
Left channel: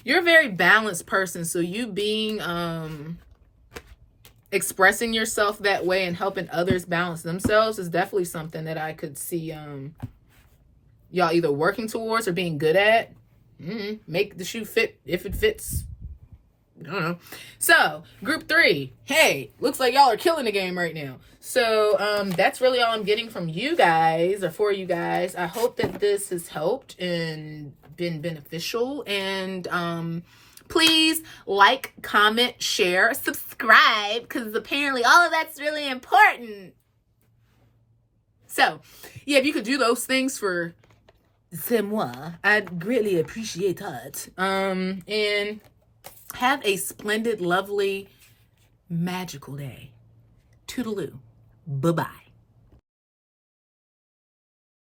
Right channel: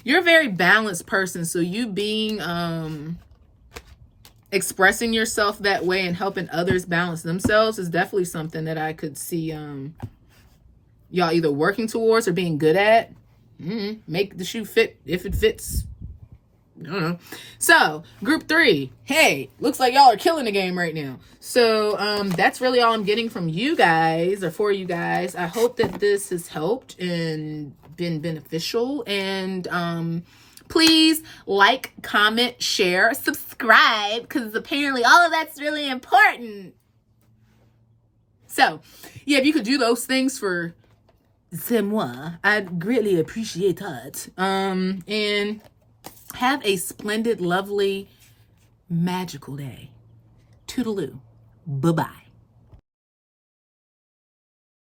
you're a very balanced person. So you being expressing yourself that way and helping others balance themselves is definitely something that I could see y'all either working towards or being good at. Make the shoe fit if it fits. I don't know. So group 3, hey, looks like y'all are killing the game right now. So that's really all I'm getting from you guys, or for you guys. I hope that this has helped and been beneficial, and please like, comment, share, subscribe, because apparently all of that's really important. So yeah, if you could do those things for moi, I'd greatly appreciate that. And have a splendid, lovely, magical day. Toodaloo. Bye-bye.